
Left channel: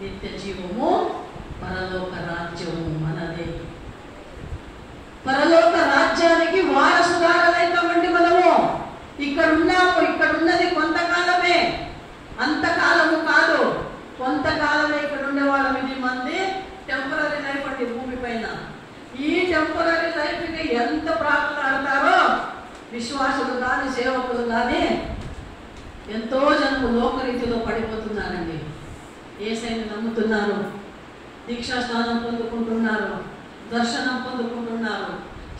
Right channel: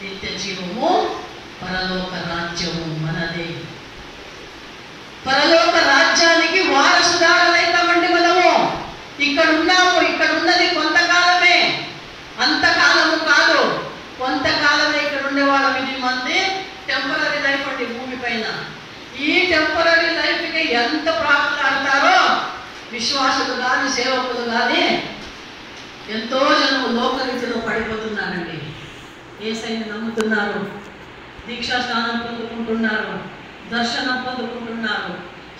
నిత్య జీవము, పరలోక రాజ్యము మనదే. పరలోక రాజ్యానికి వారసుదారులైతామండి మనము. ఇక్కడ ఉన్నాము, ఇక్కడ ఉన్నది కొంతకాలమే, అంతకాలము కాదు, కొంతకాలమే ఇక్కడ ఉండేవాళ్ళం. ఇది మంది టెంపరీ లైఫ్ అండి భూమి పైన. ఈ టెంపరీ లైఫ్కి ఎంత ప్రాకులాడతారో విశ్వాసులు కానీ సేవకులు కానీ ఎంతో జనం లోకరీతిలో పడిపోతున్నారండి. యేసయ్యను నమ్ముతున్నారు, దీక్షా స్నానం పొందుకుంటున్నారు, దర్శనం పొందుకుంటున్నారు,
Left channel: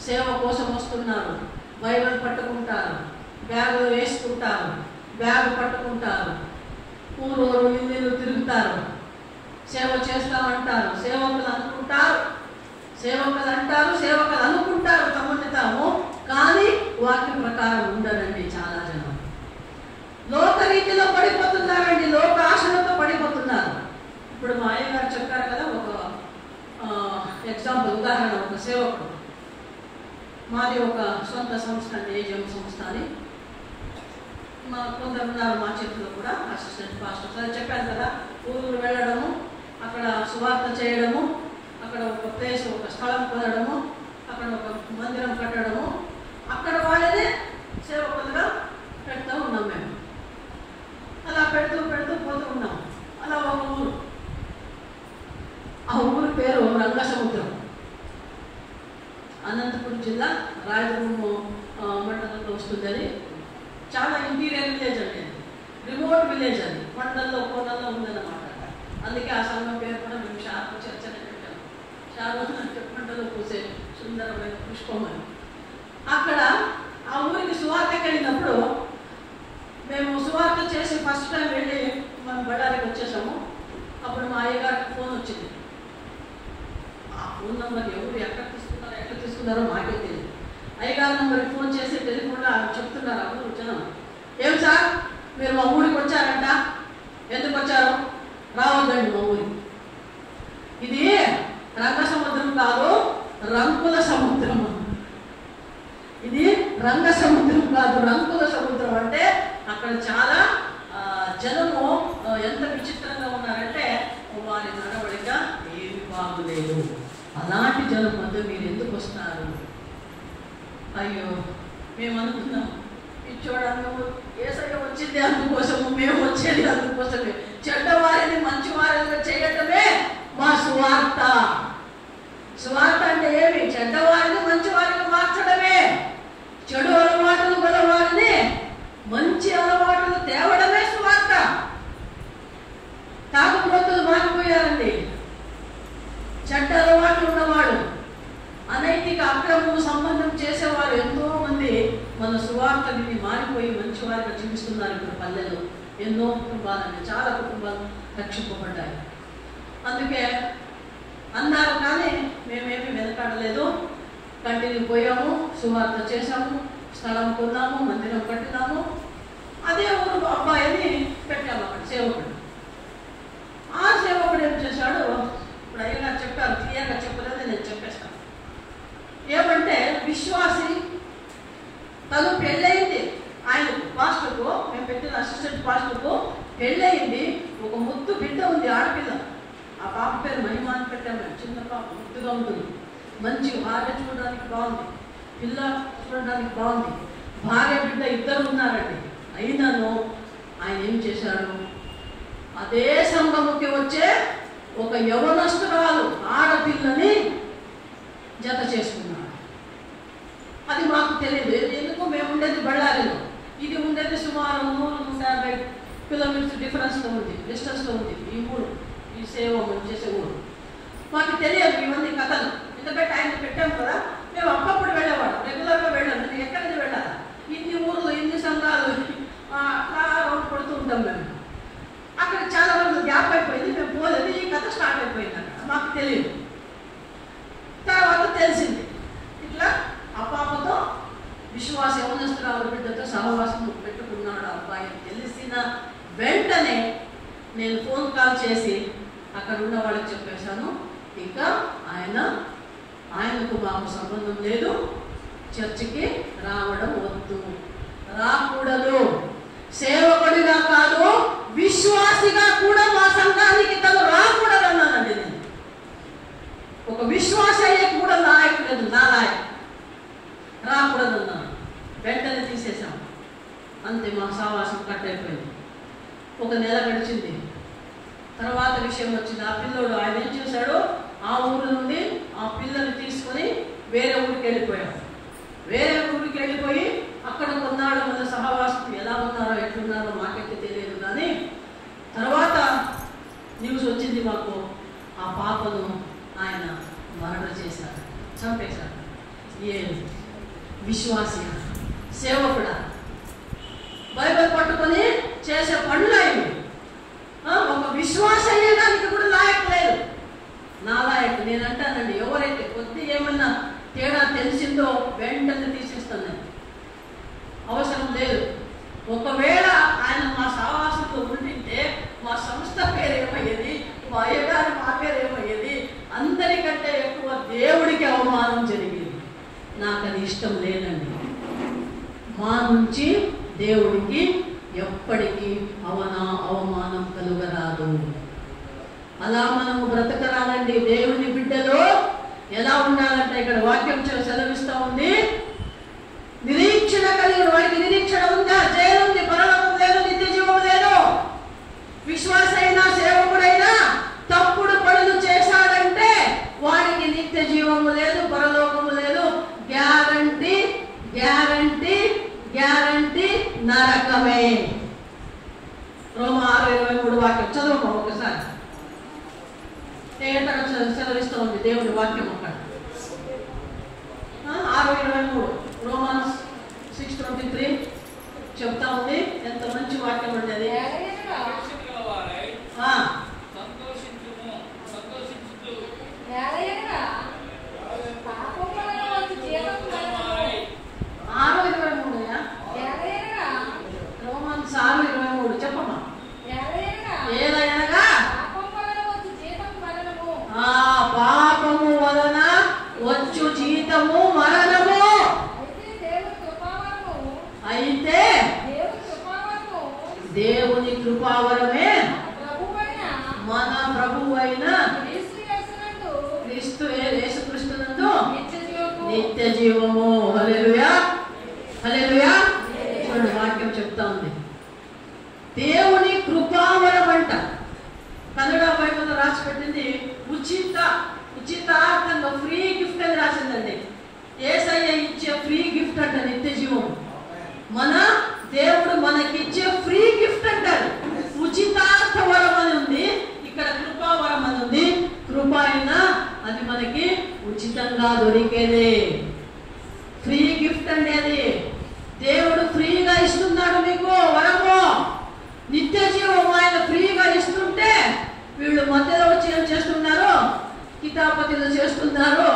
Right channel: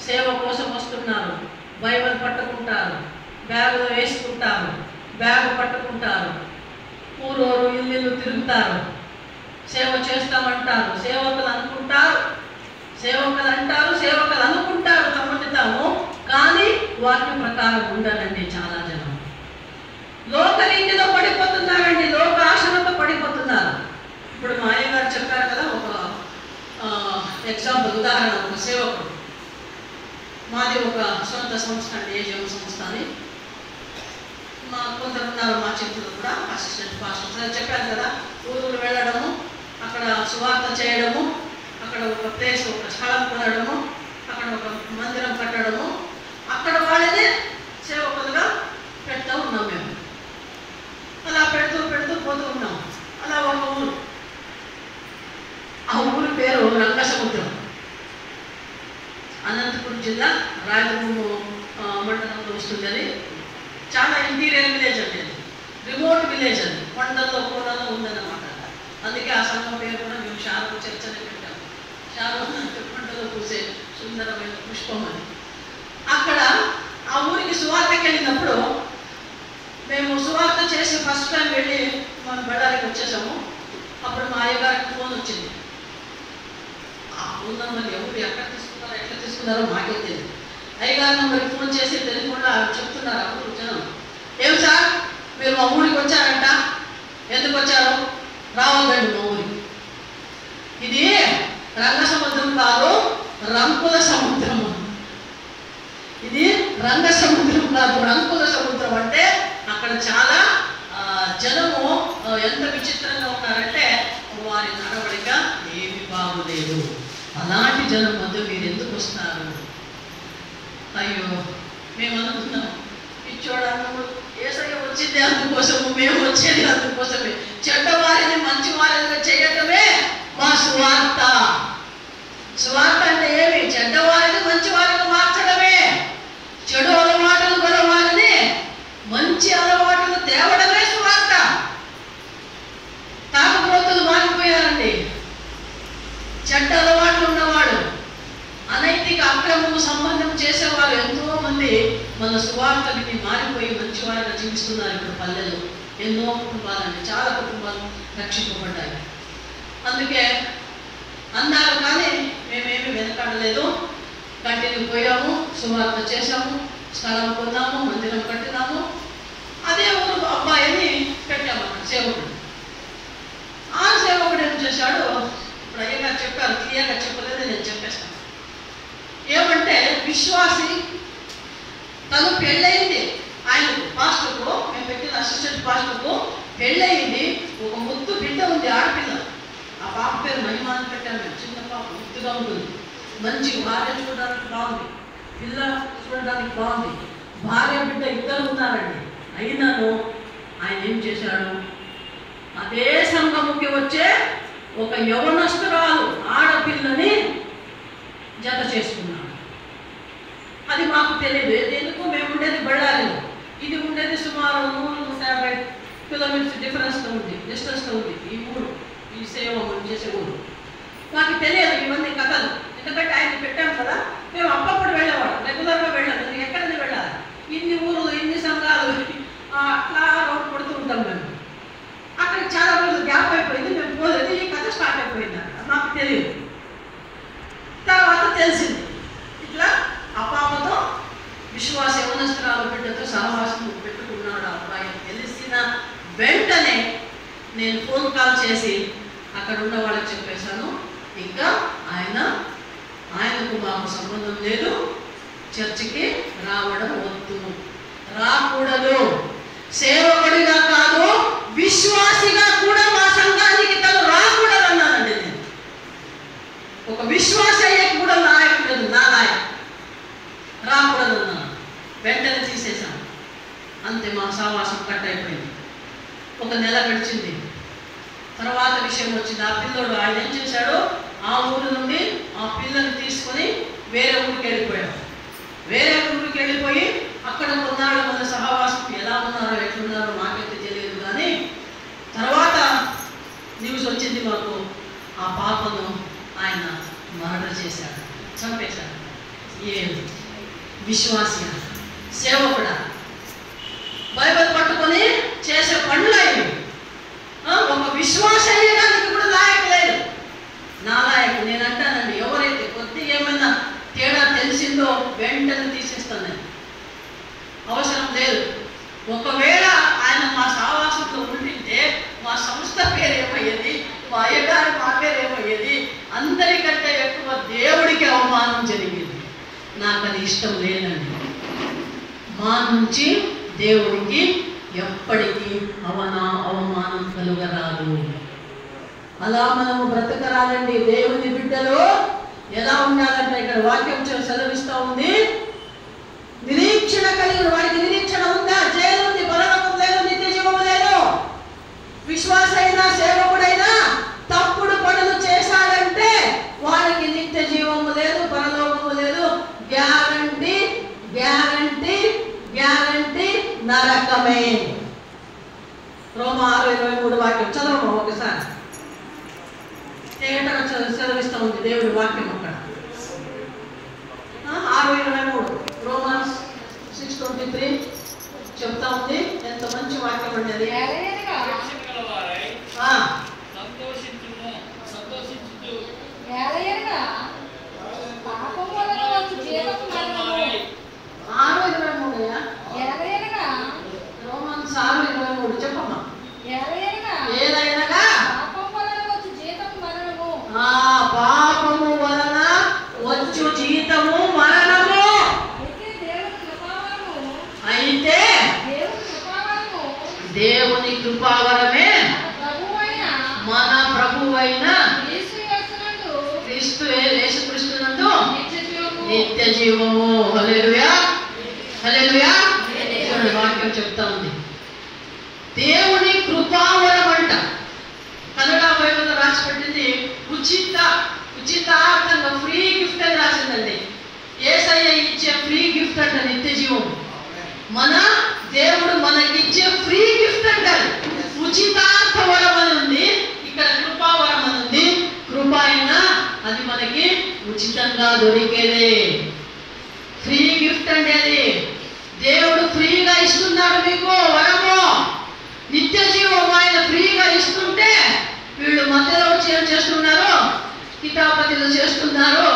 సేవ కోసం వస్తున్నారు, బైబిల్ పట్టుకుంటారు, బ్యాగులో వేసుకుంటారు, బ్యాగు పట్టుకుంటారు, ఊరూరు ఇల్లు తిరుగుతారు, సేవ చేస్తామంటారు, సేవకులు అనుకుంటారు, సేవకులు అంటారు, సేవకులు అనుకుంటారు తమని తాము, కానీ వాక్య ప్రకారం ఉండరండి. చాలా జనం లోకరీతిలో పడిపోతున్నారండి, లోక ఆశలతో పడిపోతున్నారు. ఇప్పుడు మా అయ్యగారు చెప్పారు కదా, ఒక ఎగ్జాంపుల్, ఉదాహరణ, ఒక సేవకుడు, మాది ఒక సొంత సంస్థ అండి, ఏజిఎం సంస్థ అని. మా కొందరు ఉన్నారు మా చేతిలో కూడా అసిస్టెంట్ పాస్టర్. చెప్పాను కదా, ఊరు వెళ్ళడము, అక్కడ సువార్త చేయడము, అక్కడ ఒక ప్లేస్, ఒక స్థలం కొనడము, అక్కడ ఒక మందిరం కట్టడము, అక్కడ వాళ్ళనే సేవకులుగా పెడతా ఉన్నాం మేము. అలా పెడుతూ పెడుతూ పోతూ ఉన్నాం. అలా ఒక ఊరు, ఆ ఊరి పేరు రంగసముద్రం, అనంతపురం జిల్లా రాయదుర్గము మండలంలో వస్తుంది. అది చాలా ఇంటీరియర్ విలేజ్ అండి, అది రిమోట్ విలేజ్, అది కొండల్లో కోడల్లో ఉందన్నమాట. అందుకే ఆ సంఘం పేరు కూడా మేము షార్పు చర్చ్ అని పెట్టాము. షార్పు అంటే పంటలో పూసే సుందరమైన పుష్పం అని. అక్కడ ఆ ఊరికి సువార్తకి వెళ్ళినప్పుడు మేము సువార్త చేసి ఫస్ట్ టైం వెళ్ళి మనం బళ్ళారికి వచ్చేసాము. అప్పుడు మా అయ్యగారికి ఫోన్ వచ్చింది. ఆ ఫోన్ నెంబర్ ఎవరు ఎక్కడ తీసుకున్నారో ఎట్లా తీసుకున్నారో మాకే తెలియదు. అయ్యగారి నెంబర్కి ఫోన్ చేసి టెలిఫోన్లో చెప్తున్నారు ఆ ఊరు జనం, ఏం సార్ మీరు మా ఊరికి వచ్చారంట, ఎందుకు వచ్చారు, రావద్దండి మా ఊరికి, ఇది రంగ సముద్రం కాదు, రంకుల సముద్రం. ఇది రంగ సముద్రం కాదు, రంకుల సముద్రం. అంటే అక్కడ చాలా జనము ఎంత విచిత్రంగా ఉన్నారంటే వారి నడవడిక ఏమి బాగులేదు. అలాంటి జనం మధ్య మీరు ఎందుకు వస్తున్నారు? అయ్యో మేము అనుకున్నాం, ఇచ్చోడన్నప్పుడు యేసయ్య వచ్చింది అందుకోసము, మేము వచ్చేది అందుకోసమే. చెడ్డవారిని మంచి వారిగా చేయటమే మా సువార్త. సువార్త అంటే ఏమి? చెడ్డవారిని మంచి వారిగా మార్చడమే, చెడు అలవాటులు గల వారిని మంచి అలవాటులు తేవడమే సువార్త. తాగుబోతులు మారిపోయారండి, చెడ్డ అలవాట్లు ఉన్నవాడు, అనైతిక అక్రమము సంబంధం చేసేవారు ఎంతో మంది మన సువార్త విని మారిపోయి మంచివారిగా జీవిస్తున్నారు. ఇప్పుడు పల్లెలు ఎన్నో కుటుంబాలండి, చాలా కుటుంబాలు రక్షింపబడ్డాయి. అందుకే అన్నారు, కానీ మేమేమి వెనకాడలేదు, కంటిన్యూ పోయాము, సువార్త చేశాము, స్థలం కొన్నాము, మందిరం కట్టినాము. అదే ఊరు అబ్బాయిని పెట్టాము అక్కడ సేవకుడు. ఆ సేవకుడు ఏం చేశాడు, ఇప్పుడు అయ్యగారు చెప్పారు, క్లియర్గా చెప్పలేదు, నేను చెప్పేస్తాను. ఏమంటే విశ్వాసి తను పెళ్ళయింది, ఆయన పాస్టర్కు, మేము పెట్టిన అసిస్టెంట్ పాస్టర్కు పెళ్ళయింది, ఒక ముద్దు బిడ్డ ఉంది, ఆడపిల్ల. ఆ పాప పేరు మహిమ అని పెట్టాను మేము. చిన్న పాప, ముద్దుగా ఉంటుంది, మంచి భార్య చూడడానికి బాగుంది, పిల్ల చూడడానికి బాగుంది, భార్య బిడ్డ ఇద్దరు ఉన్నారండి. అయినాను ఆయన ఏం చేశాడు, అదే సంఘముకి వచ్చే ఒక యవనస్తురాలు ఆడపిల్లని జత చేసుకున్నాడు. అది మాకు తెలియదు, ఎందుకు మేము ఉండేది బళ్ళారిలో, ఇది ఉండేది సుమారు 150 కిలోమీటర్స్ డిఫరెన్స్తో ఉంది, డిస్టెన్స్తో ఉంది ఈ ఊరు, ఈ సేవ చేసే ఊరు. మాకు తెలియదు ఇవన్నీ కథలు, ఎందుకంటే ఆయన పెట్టాం కదా. మేము అప్పప్పుడు వెళ్ళేవాడు, రెగ్యులర్గా వెళ్ళాం. ఎందుకు ఎక్కడికి వెళ్ళాలి, ఇన్ని ఊర్లు ఇన్ని సంఘాలు అట్లా రోడ్డు కొడుతూ ఉంటాం మేము. అక్కడ చాలా రోజులు గ్యాప్ అయిపోయింది, మేము పోలేదు, ఈ కథ స్టార్ట్ అయిపోయింది. మాకు తెలియదు. అక్కడ ఉన్న వాళ్ళకి చెప్పేశాను, ఇంకా ఆయనకు మాకు సంబంధం లేదు, చర్చికి రావడం వద్దు, రాకూడదు. సేవకుడిగా కాదు, విశ్వాసిగా కూడా మా సంఘానికి తను రాకూడదు అన్నానండి నేను. ఒక విశ్వాస అయ్యేకి కూడా లాయకులేదు, నా లాయక్ రాకూడదు అన్నాను. వెంటనే తీసేశాను. అంతే, మా సావాసం కట్ అయిపోయింది. ఒక నెల గడిచింది. తర్వాత విషయం వచ్చింది. ఆ పిల్లోడు ఆయన ఏం చేశాడు, ఆ ఊరు నుండి ఆ పిల్లని తీసుకొని వేరే ఊరికి వెళ్ళిపోయాడు. వేరే ఊరికి వెళ్ళిపోయి అక్కడ కొన్నాళ్ళు మన సహవాసం ఎలా ఉన్నారో ఎట్లున్నారో మాకైతే తెలియదు. కానీ తర్వాత న్యూస్ వచ్చింది మాకు, ఆ పాపను ఆయన మర్డర్ చేశాడు, చంపేశాడు. ఏ విశ్వాసి, సేవకుడా, బైబిల్ పట్టుకొని చేసే పనులు అయ్యి ఒక విశ్వాస అయ్యడానికి కూడా లాయకు లేదు. నా లాయకు నేను అంటానండి, ఎవరైతే కొద్దిగా ఏమైనా తేడా తెలిసిందో వెంటనే తీసేస్తాను నేను, అవసరం లేదు. ఒకవేళ ఆయన మా సావాసంలో ఉండింటే మా సంస్థ పేరు ఏమయ్యేది, మా అయ్యగారి మా పేరు ఏమయ్యేది, అందరికంటే ఎక్కువ దేవుడికి అవమానం జరిగింది. నాకు అది ఇష్టం లేదండి. మా నుంచి దేవుడికి ఎప్పటికీ అవమానం కలుగరాదు. అలా మనము బ్రతకరాలండి. దేవుని బిడ్డలు ఎలా ఉండాలంటే ఇక్కడ వాక్యం సెలవిస్తూ ఉంది, నిరీక్షణ కలిగిన వాడికి నిరీక్షణ ఉందా? జైలు ఉంది, పరలోకం లేదు, నిత్య జీవము లేదు. విశ్వాస అయినా సేవకుడైనా తప్పుడు పనులు చేశాడంటే వాడికి నిత్య జీవము లేదు, పరలోకము లేదు. గ్యారంటీ గ్యారంటీ గ్యారంటీ నరకమే. రోమా 6:23 వాక్యం చదవము ఒకసారి. తేటగా సెలవిస్తూ ఉంది దేవుడి వాక్యం అక్కడ. 6:23 రోమన్స్ 6:23 చెప్తా ఉంది. ఎంత మంచి వాక్యం అండి అది. రోమన్స్ 6:23 చెప్పమ్మా. ఏదైనా పాపము వలన వచ్చు జీతము మరణము. అయితే దేవుని కృపావరమే మన ప్రభువైన యేసుక్రీస్తునందు నిత్య జీవము. హల్లెలూయా హల్లెలూయా. వాక్యం చెప్తా ఉంది, దేవుని కృపావరం అంట. కన్నడ బైబిల్లో రాసి పెట్టింది ఉచితార్థంగా ఫ్రీ గిఫ్ట్ అని రాసిందండి. యేసయ్య ఇచ్చే ఫ్రీ గిఫ్ట్ అంట నిత్య జీవము. మన దేవుడు మనకిచ్చే ఫ్రీ గిఫ్ట్ అంటారు. ఉచితార్థ వరం అని ఉంది, ఇక్కడ కృపావరం అని ఉంది. కృప అయినా అది మనకి ఉచితంగా దొరికేదే, ఫ్రీ గిఫ్ట్ అండి అది. దేవుడు ఫ్రీగా ఇస్తున్నాడు మీకు వరము, నిత్య జీవం ఆయన ఫ్రీగా ఇస్తుంటే వీళ్ళు మధ్యలో వచ్చి ఏం చేస్తున్నారు, కితాపతిలు చేస్తున్నారు,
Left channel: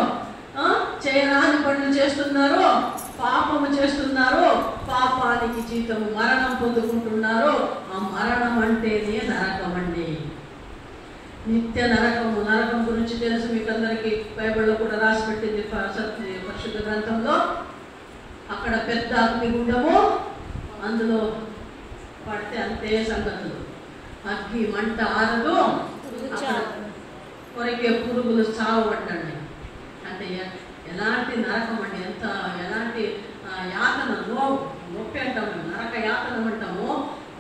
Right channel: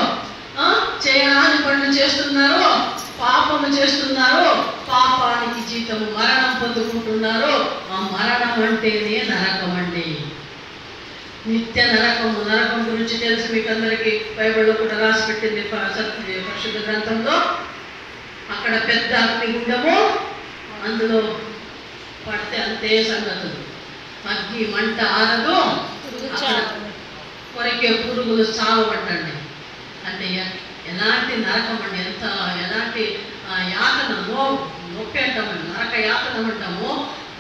చేయరాని పనులు చేస్తున్నారు, పాపము చేస్తున్నారు, పాపానికి జీతము మరణం పొందుకుంటున్నారు. ఆ మరణం అంటేనే నరకం అండి, నిత్య నరకము. నరకం గురించి తెలుసు మీకు అందరికీ, బైబిల్లో కూడా రాసి పెట్టింది పరిశుద్ధ గ్రంథంలో. అక్కడ పెద్ద అగ్నిగుండము, అందులో పడితే అంతే సంగతులు, అగ్గి మంట ఆరదు, కొరికే పురుగులు చావబట్టండి. అంటే ఎలాంటి నరకం అండి, ఎలాంటి యాతన, నొప్పి అంటాము, నరక యాతనం అంటాము.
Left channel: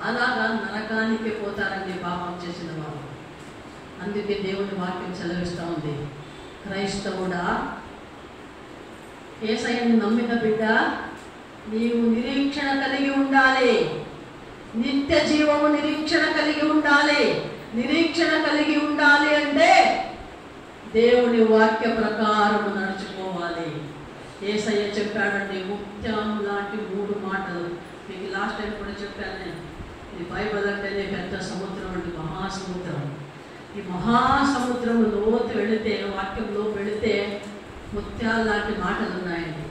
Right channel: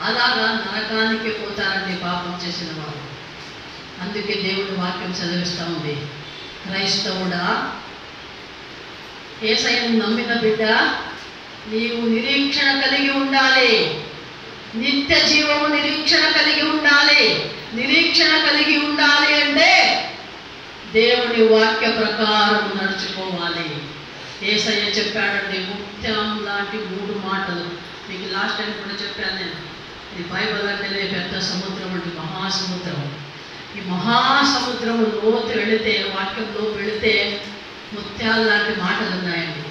అలాగా నరకానికి పోతారండి పాపం చేసిన వారు. అందుకే దేవుడి వాక్యం చదివిస్తూ ఉంది, క్రైస్తవుడా, యేసయ్యను నమ్మిన బిడ్డ, నీవు నిరీక్షణ కలిగి ఉండాలి, నిత్య జీవము నిరీక్షణ కలిగి ఉండాలి. నిరీక్షణ కలిగి ఉండాలి అంటే దేవుని వాక్య ప్రకారము నడుచుకోవాలి. యేసయ్య చెప్పాడండి, ముత్యం లాంటి 3 మాటలు. మీకు లాస్ట్ టైం కూడా చెప్పాను నేను, ఇది బైబిల్ అంటేనే పెద్ద సముద్రం అంటే మహాసముద్రం. ఈ మహాసముద్రము లోతు వెళితే, వాక్యంలో వెళితే ముత్యాలు లాంటి మాటలు ఉన్నాయండి.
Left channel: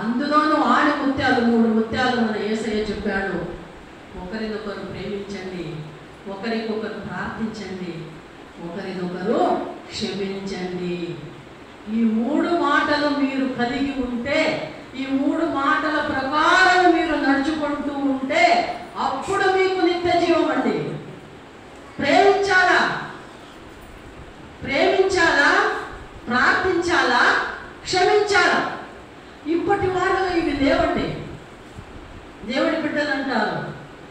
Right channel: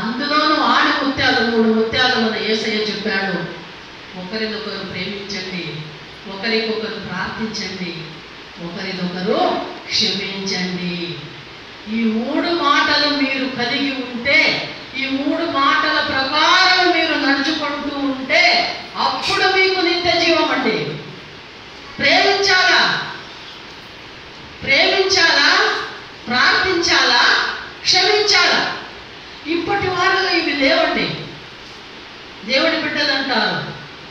అందులోనూ ఆడి ముత్యాలు, 3 ముత్యాలు మన యేసయ్య చెప్పాడు. ఒకరినొకరు ప్రేమించండి, ఒకరికొకరు ప్రార్థించండి, క్షమించండి. ఈ 3 మాటలు మీరు కలిగి ఉంటే, ఈ 3 మాటల ప్రకారం మీరు నడుచుకుంటూ ఉంటే అప్పుడు మీకు నిత్య జీవం అండి. ప్రేమించాలా, ప్రార్థించాలా, క్షమించాలా. ఇప్పటి వాళ్ళలో ఇవి లేవండి. దేవుడి బిడ్డలు అంటారు,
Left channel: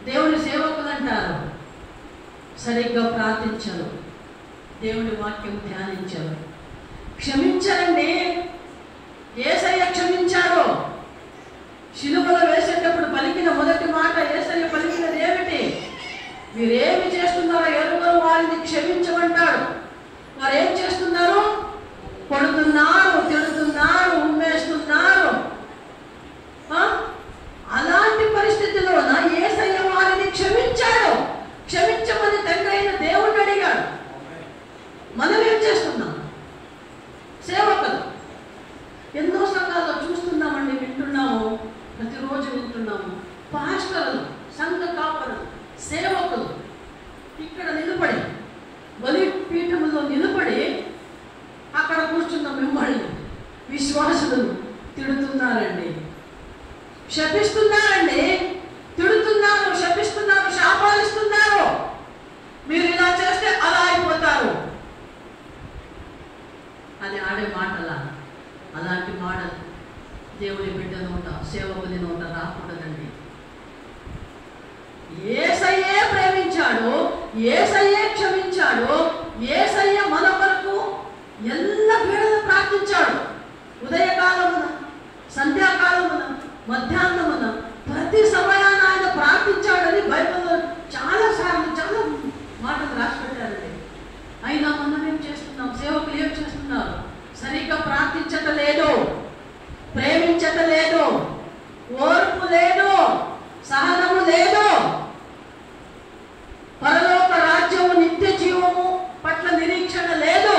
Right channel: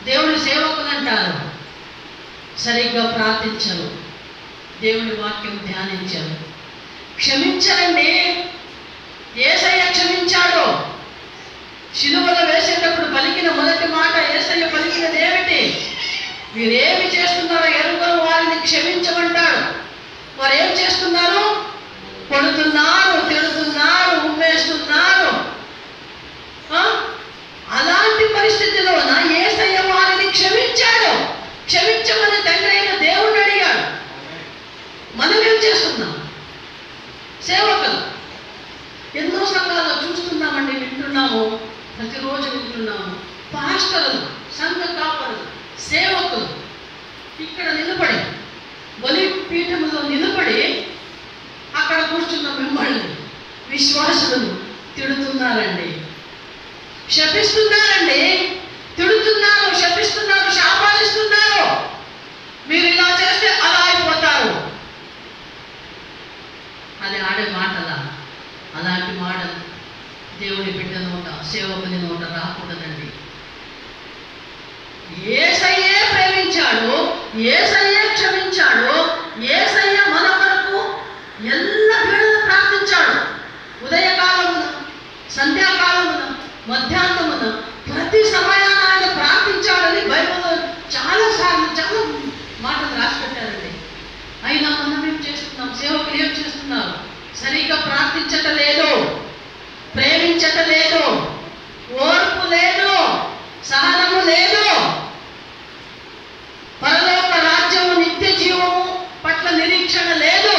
దేవుడి సేవకులు అంటారు, సరిగ్గా ప్రార్థించరు, దేవుడి వాక్యం ధ్యానించరు, క్షమించరండి. యేసయ్య క్షమించాడు. శిలువలో వేసేటప్పుడు పలికిన మొదటి మాట యేసయ్య పలికినది ఏమిటి? మీరేమి చేస్తున్నారో ఎరుగరు వారిని క్షమించమంటాడు. వారు ఏం చేస్తున్నారు? కొడుతున్నారు, తిడుతున్నారు, ఉమ్మేస్తున్నారు. అలాంటి పరిస్థితిలోన యేసయ్య వారిని క్షమించాడు. క్షమించమని తండ్రి అయిన దేవుడు అడిగాడు. మనం ఏం చేస్తున్నాం? సేవకులు ఎన్నో సంఘాల్లో చూస్తున్నామండి, వింటున్నాము, ప్రతిరోజు వింటున్నాము. పాస్టర్లు, సంఘ కాపరులు, సేవకులు ఇక్కడ నిలబడి, బలిపీఠములో నిలబడి అక్కడ కూర్చున్న మిమ్మల్ని విశ్వాసులను తిడుతున్నారండి, శపిస్తున్నారండి. తిడుతున్నారు, శపిస్తున్నారు, శాపాలిస్తున్నారు. మీరు ఇలా చేస్తే అలా అయిపోతారు అని ఆడే మాటలా? అలాంటి మాటలు దేవుడి బిడ్డ నోట, సేవకుని నోట రాకూడదండి. యేసయ్యే ప్రేమించాడు, యేసయ్యే క్షమించాడు, యేసయ్య మన కొరకు ఎల్లవేళలా ప్రార్థించాడు. ఉదయకాలమున, సంధ్యాకాలమున, మధ్యాహ్నమున, ప్రతి సమయాన ఆయన ప్రార్థించాడని బైబిల్లో చాలా మాటలు రాసి పెట్టారండి. అయినా మనం ఏం చేస్తున్నాం? సేవకులు ఏం చేస్తున్నారు? సరిగ్గా ప్రార్థించటం లేదు, ప్రేమించటం లేదు, ఓర్పు లేదు, సహనము లేదు, పరలోక రాజ్యము, నిత్య జీవము పట్ల నిరీక్షణ లేదు.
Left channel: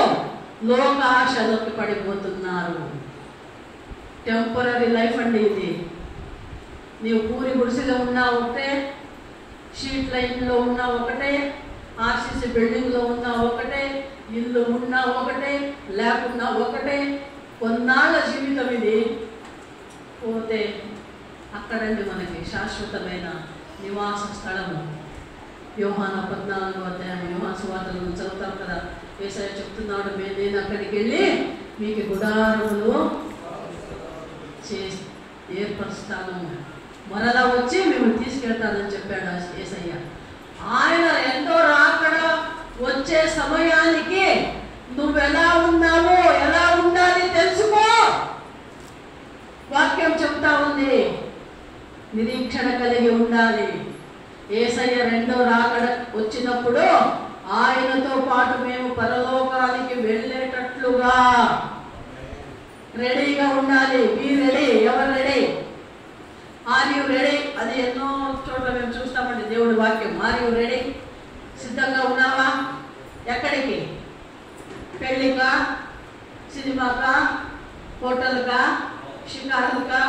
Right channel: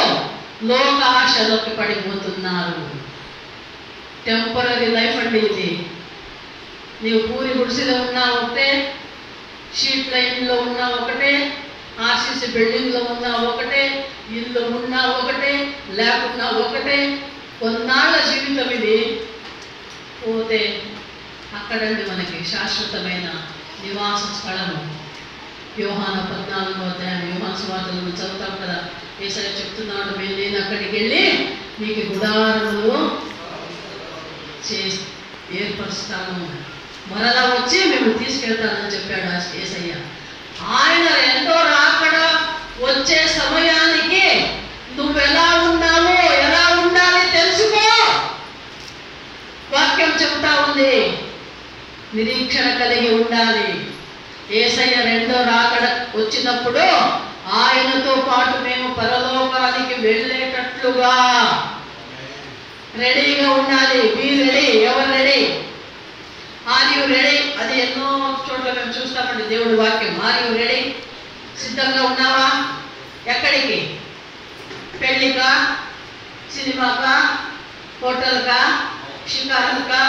లోక ఆశలోకి పడిపోతున్నారు. టెంపరీ లైఫ్ అండి ఇది. నీవు పూరి గుడిసెలో ఉన్నా ఒకటే, షీట్ లైన్లో ఉన్నా ఒకటే, ఆర్సీసీ బిల్డింగ్లో ఉన్నా ఒకటే, ఇల్లు ఉన్నా ఒకటే, లేకున్నా ఒకటే. కొన్నాళ్ళ జీవితం ఇది. పోతే అక్కడండి మనకి శాశ్వతమైన నివాస స్థలము. యోహాను 14వ అధ్యాయం, యోహాను సువార్తలను చదువుతాం కదా. యేసయ్య చెప్తున్నాడు, నేను అక్కడికి వెళ్ళి మీకు గుడారములు ఏర్పరుస్తాను, మరలా వచ్చి మేము తీసుకెళ్తానని చెప్పాడు యేసయ్య. ఆయన రెండో రాకడ వచ్చే సమయానికి నువ్వు ఎలా ఉన్నావో, ఎలా ఉండాలి తెలుసుకో. వాక్యం చెప్తా ఉంది, నిరీక్షణ కలిగి ఉండాలి. యేసయ్య రెండో రాకడ వచ్చినప్పుడు ఆయనతో పాటు మేము పరలోకానికి వెళ్ళేటట్లుగా రెడీగా ఉండాలి. మీ రెడీ? ఎవరు రెడీ? Are you ready? అది ఎన్నో చోట్ల మేము చూస్తామండి దేవుడి వాక్యం. Are you ready? సిద్ధంగా ఉన్నావా? ఎక్కడికి? పెళ్ళికా, సినిమాకా, హోటల్కా, షికారుకా,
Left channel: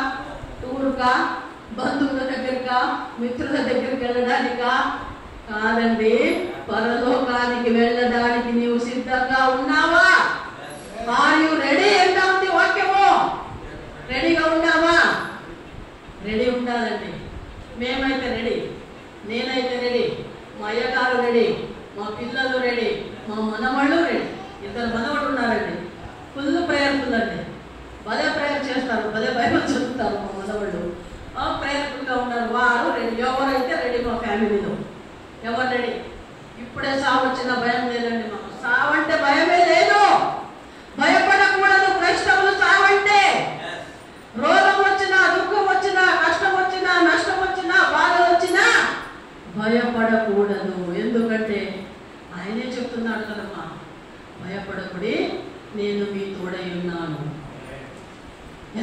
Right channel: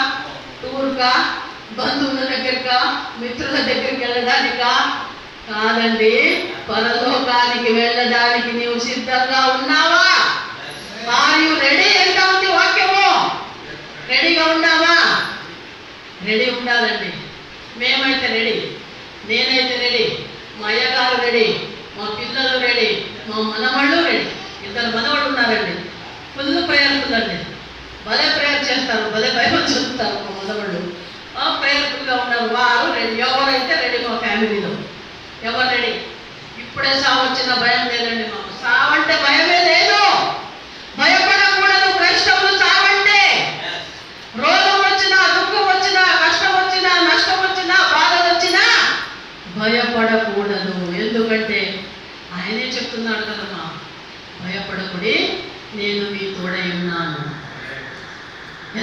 టూర్కా, బంధువుల దగ్గరకా, మిత్రుల దగ్గరికి వెళ్ళడానికా? కాదండి, పరలోకానికి వెళ్ళడానికి నీవు సిద్ధంగా ఉన్నావా? Are you ready? ఎంత ఉంది వాక్యము? రెడీగా ఉన్నావా? రెడీ ఉండాలండి. మేమైతే రెడీ, నేనైతే రెడీ, మా అయ్యగారు రెడీ, మా పిల్లలు రెడీ, మా మనవాళ్ళు రెడీ. 2 మనవాళ్ళు ఉన్నారండి, ఫుల్ ప్రేయర్ఫుల్ అండి, భలే ప్రేయర్ చేస్తారు, భలే బైబిల్ చదువుతారు. మా మనవాళ్ళు ప్రేయర్ఫుల్గా ఉన్నారు. వారు రెడీ. ఎవరైతే రెడీ? మా ఫ్యామిలీలో ఎవరు రెడీ? ఇప్పుడే సావు వచ్చిన భయం లేదండి మాకు. సావంటే భయమే లేదు. భయపడకూడదు క్రైస్తవులు. సావంటే రోగం వచ్చినా, దుఃఖం వచ్చినా, కష్టం వచ్చినా, నష్టం వచ్చినా, బాధలు వచ్చినా భయపడకూడదు. ఎందుకంటే ఆయనే చెప్తున్నాడు కదమ్మా, భయపడకుడి, నేను మీ తోడై ఉన్నాను.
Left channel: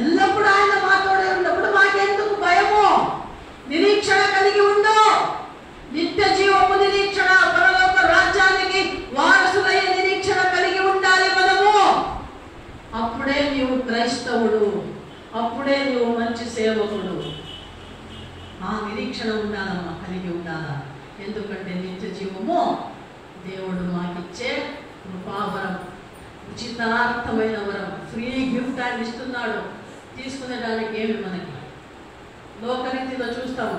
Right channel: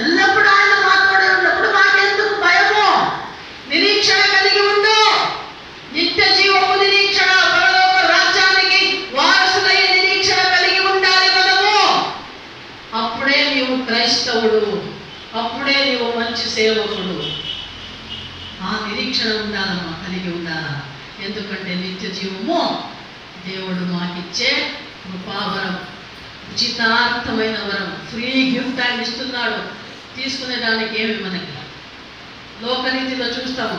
ఎల్లప్పుడూ ఆయన మా తోడై ఉన్నప్పుడు మాకెందుకు భయము? నిరీక్షణ కలిగి ఉండు. నిత్య జీవము నిరీక్షణ, పరలోక రాజ్యానికి వారసులైన నిరీక్షణ కలిగి ఉండాలి మనము. అప్పుడే నీవు క్రైస్తవుడు, అప్పుడే నీవు మంచి సేవకుడు. ఆ నిరీక్షణ ఉండాలమ్మా, కలిగి ఉండాలా. ఎందుకంటే నిత్య జీవము దేవుడు మాకిచ్చే కృపావరం. ఉచితార్థమైన వరం, ఫ్రీ గిఫ్ట్ ఆయన ఇస్తున్నాడు. తీసుకునేదానికి ఏమి మనకి లోకరీతిలో చూస్తాము.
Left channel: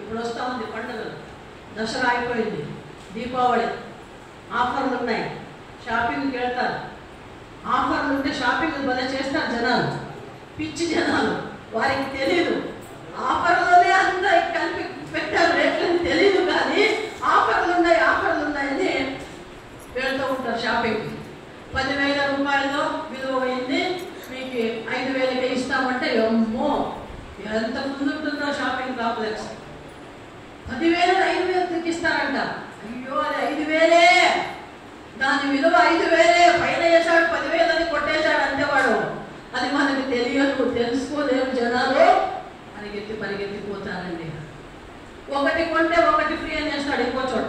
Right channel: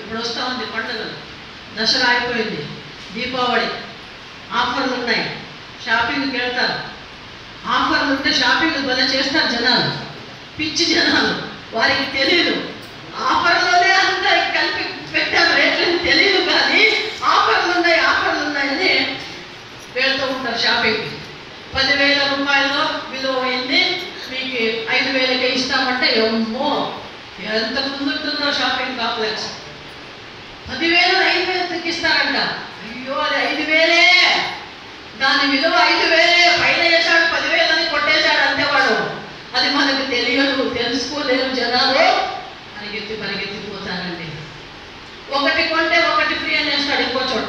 ఇప్పుడు వస్తూ ఉంది పండుగలు, దసరా అయిపోయింది, దీపావళి, ఆఫర్లు ఉన్నాయి, షాపింగ్కి వెళ్తారు. ఆఫర్లు ఉంటే షాపింగ్ భలే చేస్తారు జనాలు, పిచ్చి జనాలు. వారికి తెలియదు ఆఫర్లోనే అంతా కలిపి పెట్టారు, రేట్లని తెలియదు. కానీ ఆఫర్లు ఉన్నాయని వెళ్తూ ఉంటారు షాపింగ్కి. 10,000 రూపాయల్లో విలువ అయింది, మీకు 5,000కే ఇస్తామంటే అమ్మో ఎంత ముందుంటుందో షాపింగ్ కాంప్లెక్స్. 10,000 5,000కి ఇస్తారంట. అయ్యో అది 5,000, దాని విలువ 5,000, పైన వేసాడు 10,000 అని కొట్టేశాడు అంతేవాడు. అది మనకు తెలియదు, తెలుసుకోలేరు జనాలు. పరిగెత్తిపోతారండి. ఒకటి కొంటే ఒకటి ఫ్రీ అనేస్తాడు ఇంకో చోట.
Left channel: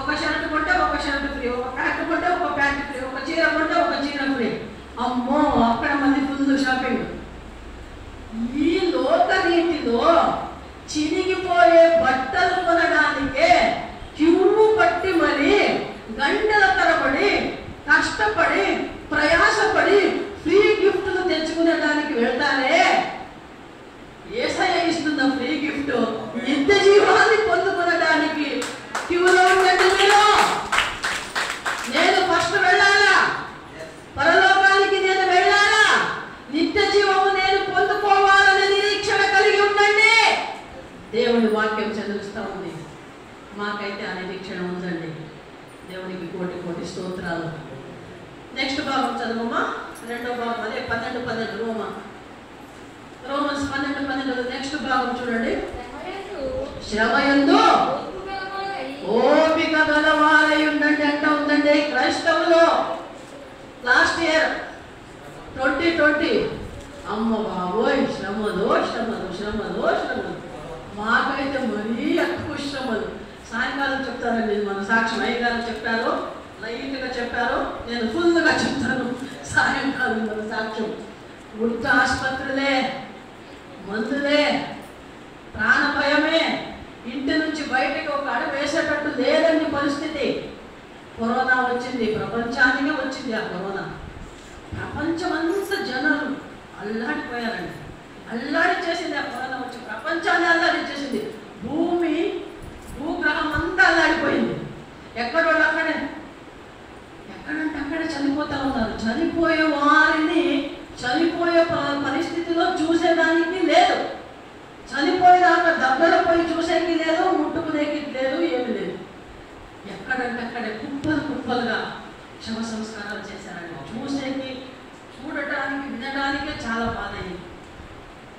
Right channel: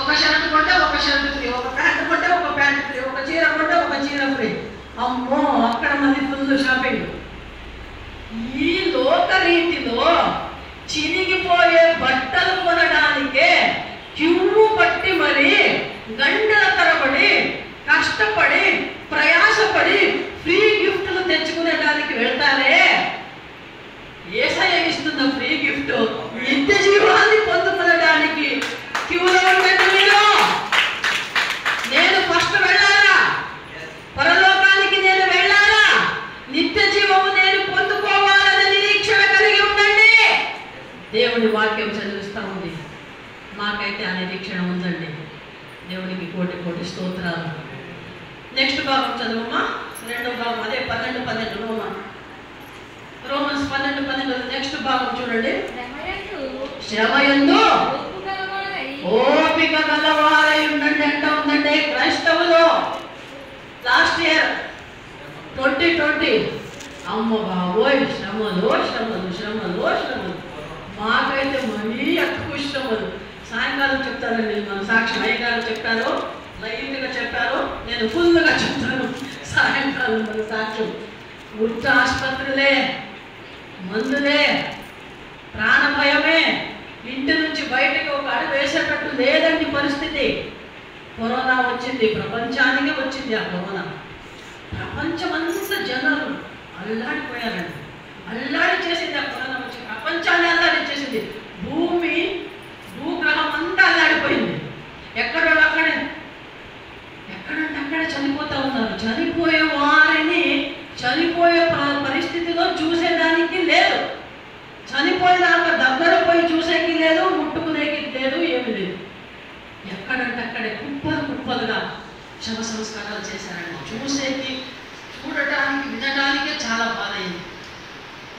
ఒక షర్ట్ కొంటే ఒక షర్ట్ ఫ్రీ, ఒక ప్యాంట్ కొంటే ఒక ప్యాంట్ ఫ్రీ, ఒక చీర కొంటే ఒక చీర ఫ్రీ. అమ్మో అక్కడ మళ్ళీ ఫుల్ షాపింగ్. ఈ లోకరీతిలో చిరిగిపోయే బట్టలు కొనడానికే క్యూ పట్టి మరి గంటల తరబడి కష్టపడి ప్రయాసపడి ఫ్రీ గిఫ్ట్లు తెచ్చుకునేదానికి వెళ్తారే. యేసయ్య ఇస్తున్న ఫ్రీ గిఫ్ట్ నిత్య జీవాన్ని పొందుకునడానికి క్యూలో ఉండండి మీరు. నేను ఫస్ట్ వెళ్ళాలా, పరలోకానికి నేను వెళ్ళాలా, నిత్య జీవము నేను పొందుకోవాలనే నిరీక్షణ కలిగి ఉండండి. దేవుని వాక్యం చదివిస్తూ ఉంది, మాకైతే ఆ నిరీక్షణ ఉందండి. దేవునికి కోటి కోటి స్తోత్రాలు. నెక్స్ట్ భాగం చదువమ్మా, రెండో భాగం అదే 12:12 రోమన్స్ 12:12 నెక్స్ట్ భాగం చూడండి. శ్రమయందు ఓపిక గలవారై ఉండండి అంట ఉందండి. క్రైస్తవులు లాస్ట్ ఇయర్ 2020 అమ్మ బాబోయ్ శ్రమలు శ్రమలు శ్రమలు శ్రమలు. మాకైతే మరీ ఎక్కువ శ్రమలు. సాయంకాలం చెప్తారండి మన సాక్షి అయ్యగారు చెప్పారు, లైట్గా చెప్పారు, నేను ఫుల్గా చెప్తాను సాయంకాలం మన సాక్ష్యం. ఉత్త ఆసుపత్రులే, మందులే, ప్రాణభయమే, ఇంటి నుంచి బయటకు ఒక అడుగు వేసేటట్టు లేదండి పరిస్థితి. కరోనా వచ్చింది, ప్రపంచానికే వచ్చింది. ఆ కరోనా ప్రపంచమంతా జనాలు అల్లాడిపోయారండి. అల్లాడి చేసింది ఆ కరోనా వచ్చి, ప్రపంచాన్ని అల్లాడి చేసింది. భూగ్రహం అంతా అల్లాడిపోయింది. ఎక్కడంటే అక్కడే చనిపోతూ ఉన్నారు. చనిపోయే వారిని చనిపోయే పరిస్థితిలో చూసేదానికి లేదు, చనిపోయేదాకా దగ్గర పోయి చూసేకి లేదు, ముట్టుకునేకి లేదు, ఏమి లేదు. ఎక్కడంటే అక్కడే కుప్పలుగా శవ సంస్కారాలు చేశారండి. చూడటానికి వినడానికే చాలా బాధ అయింది.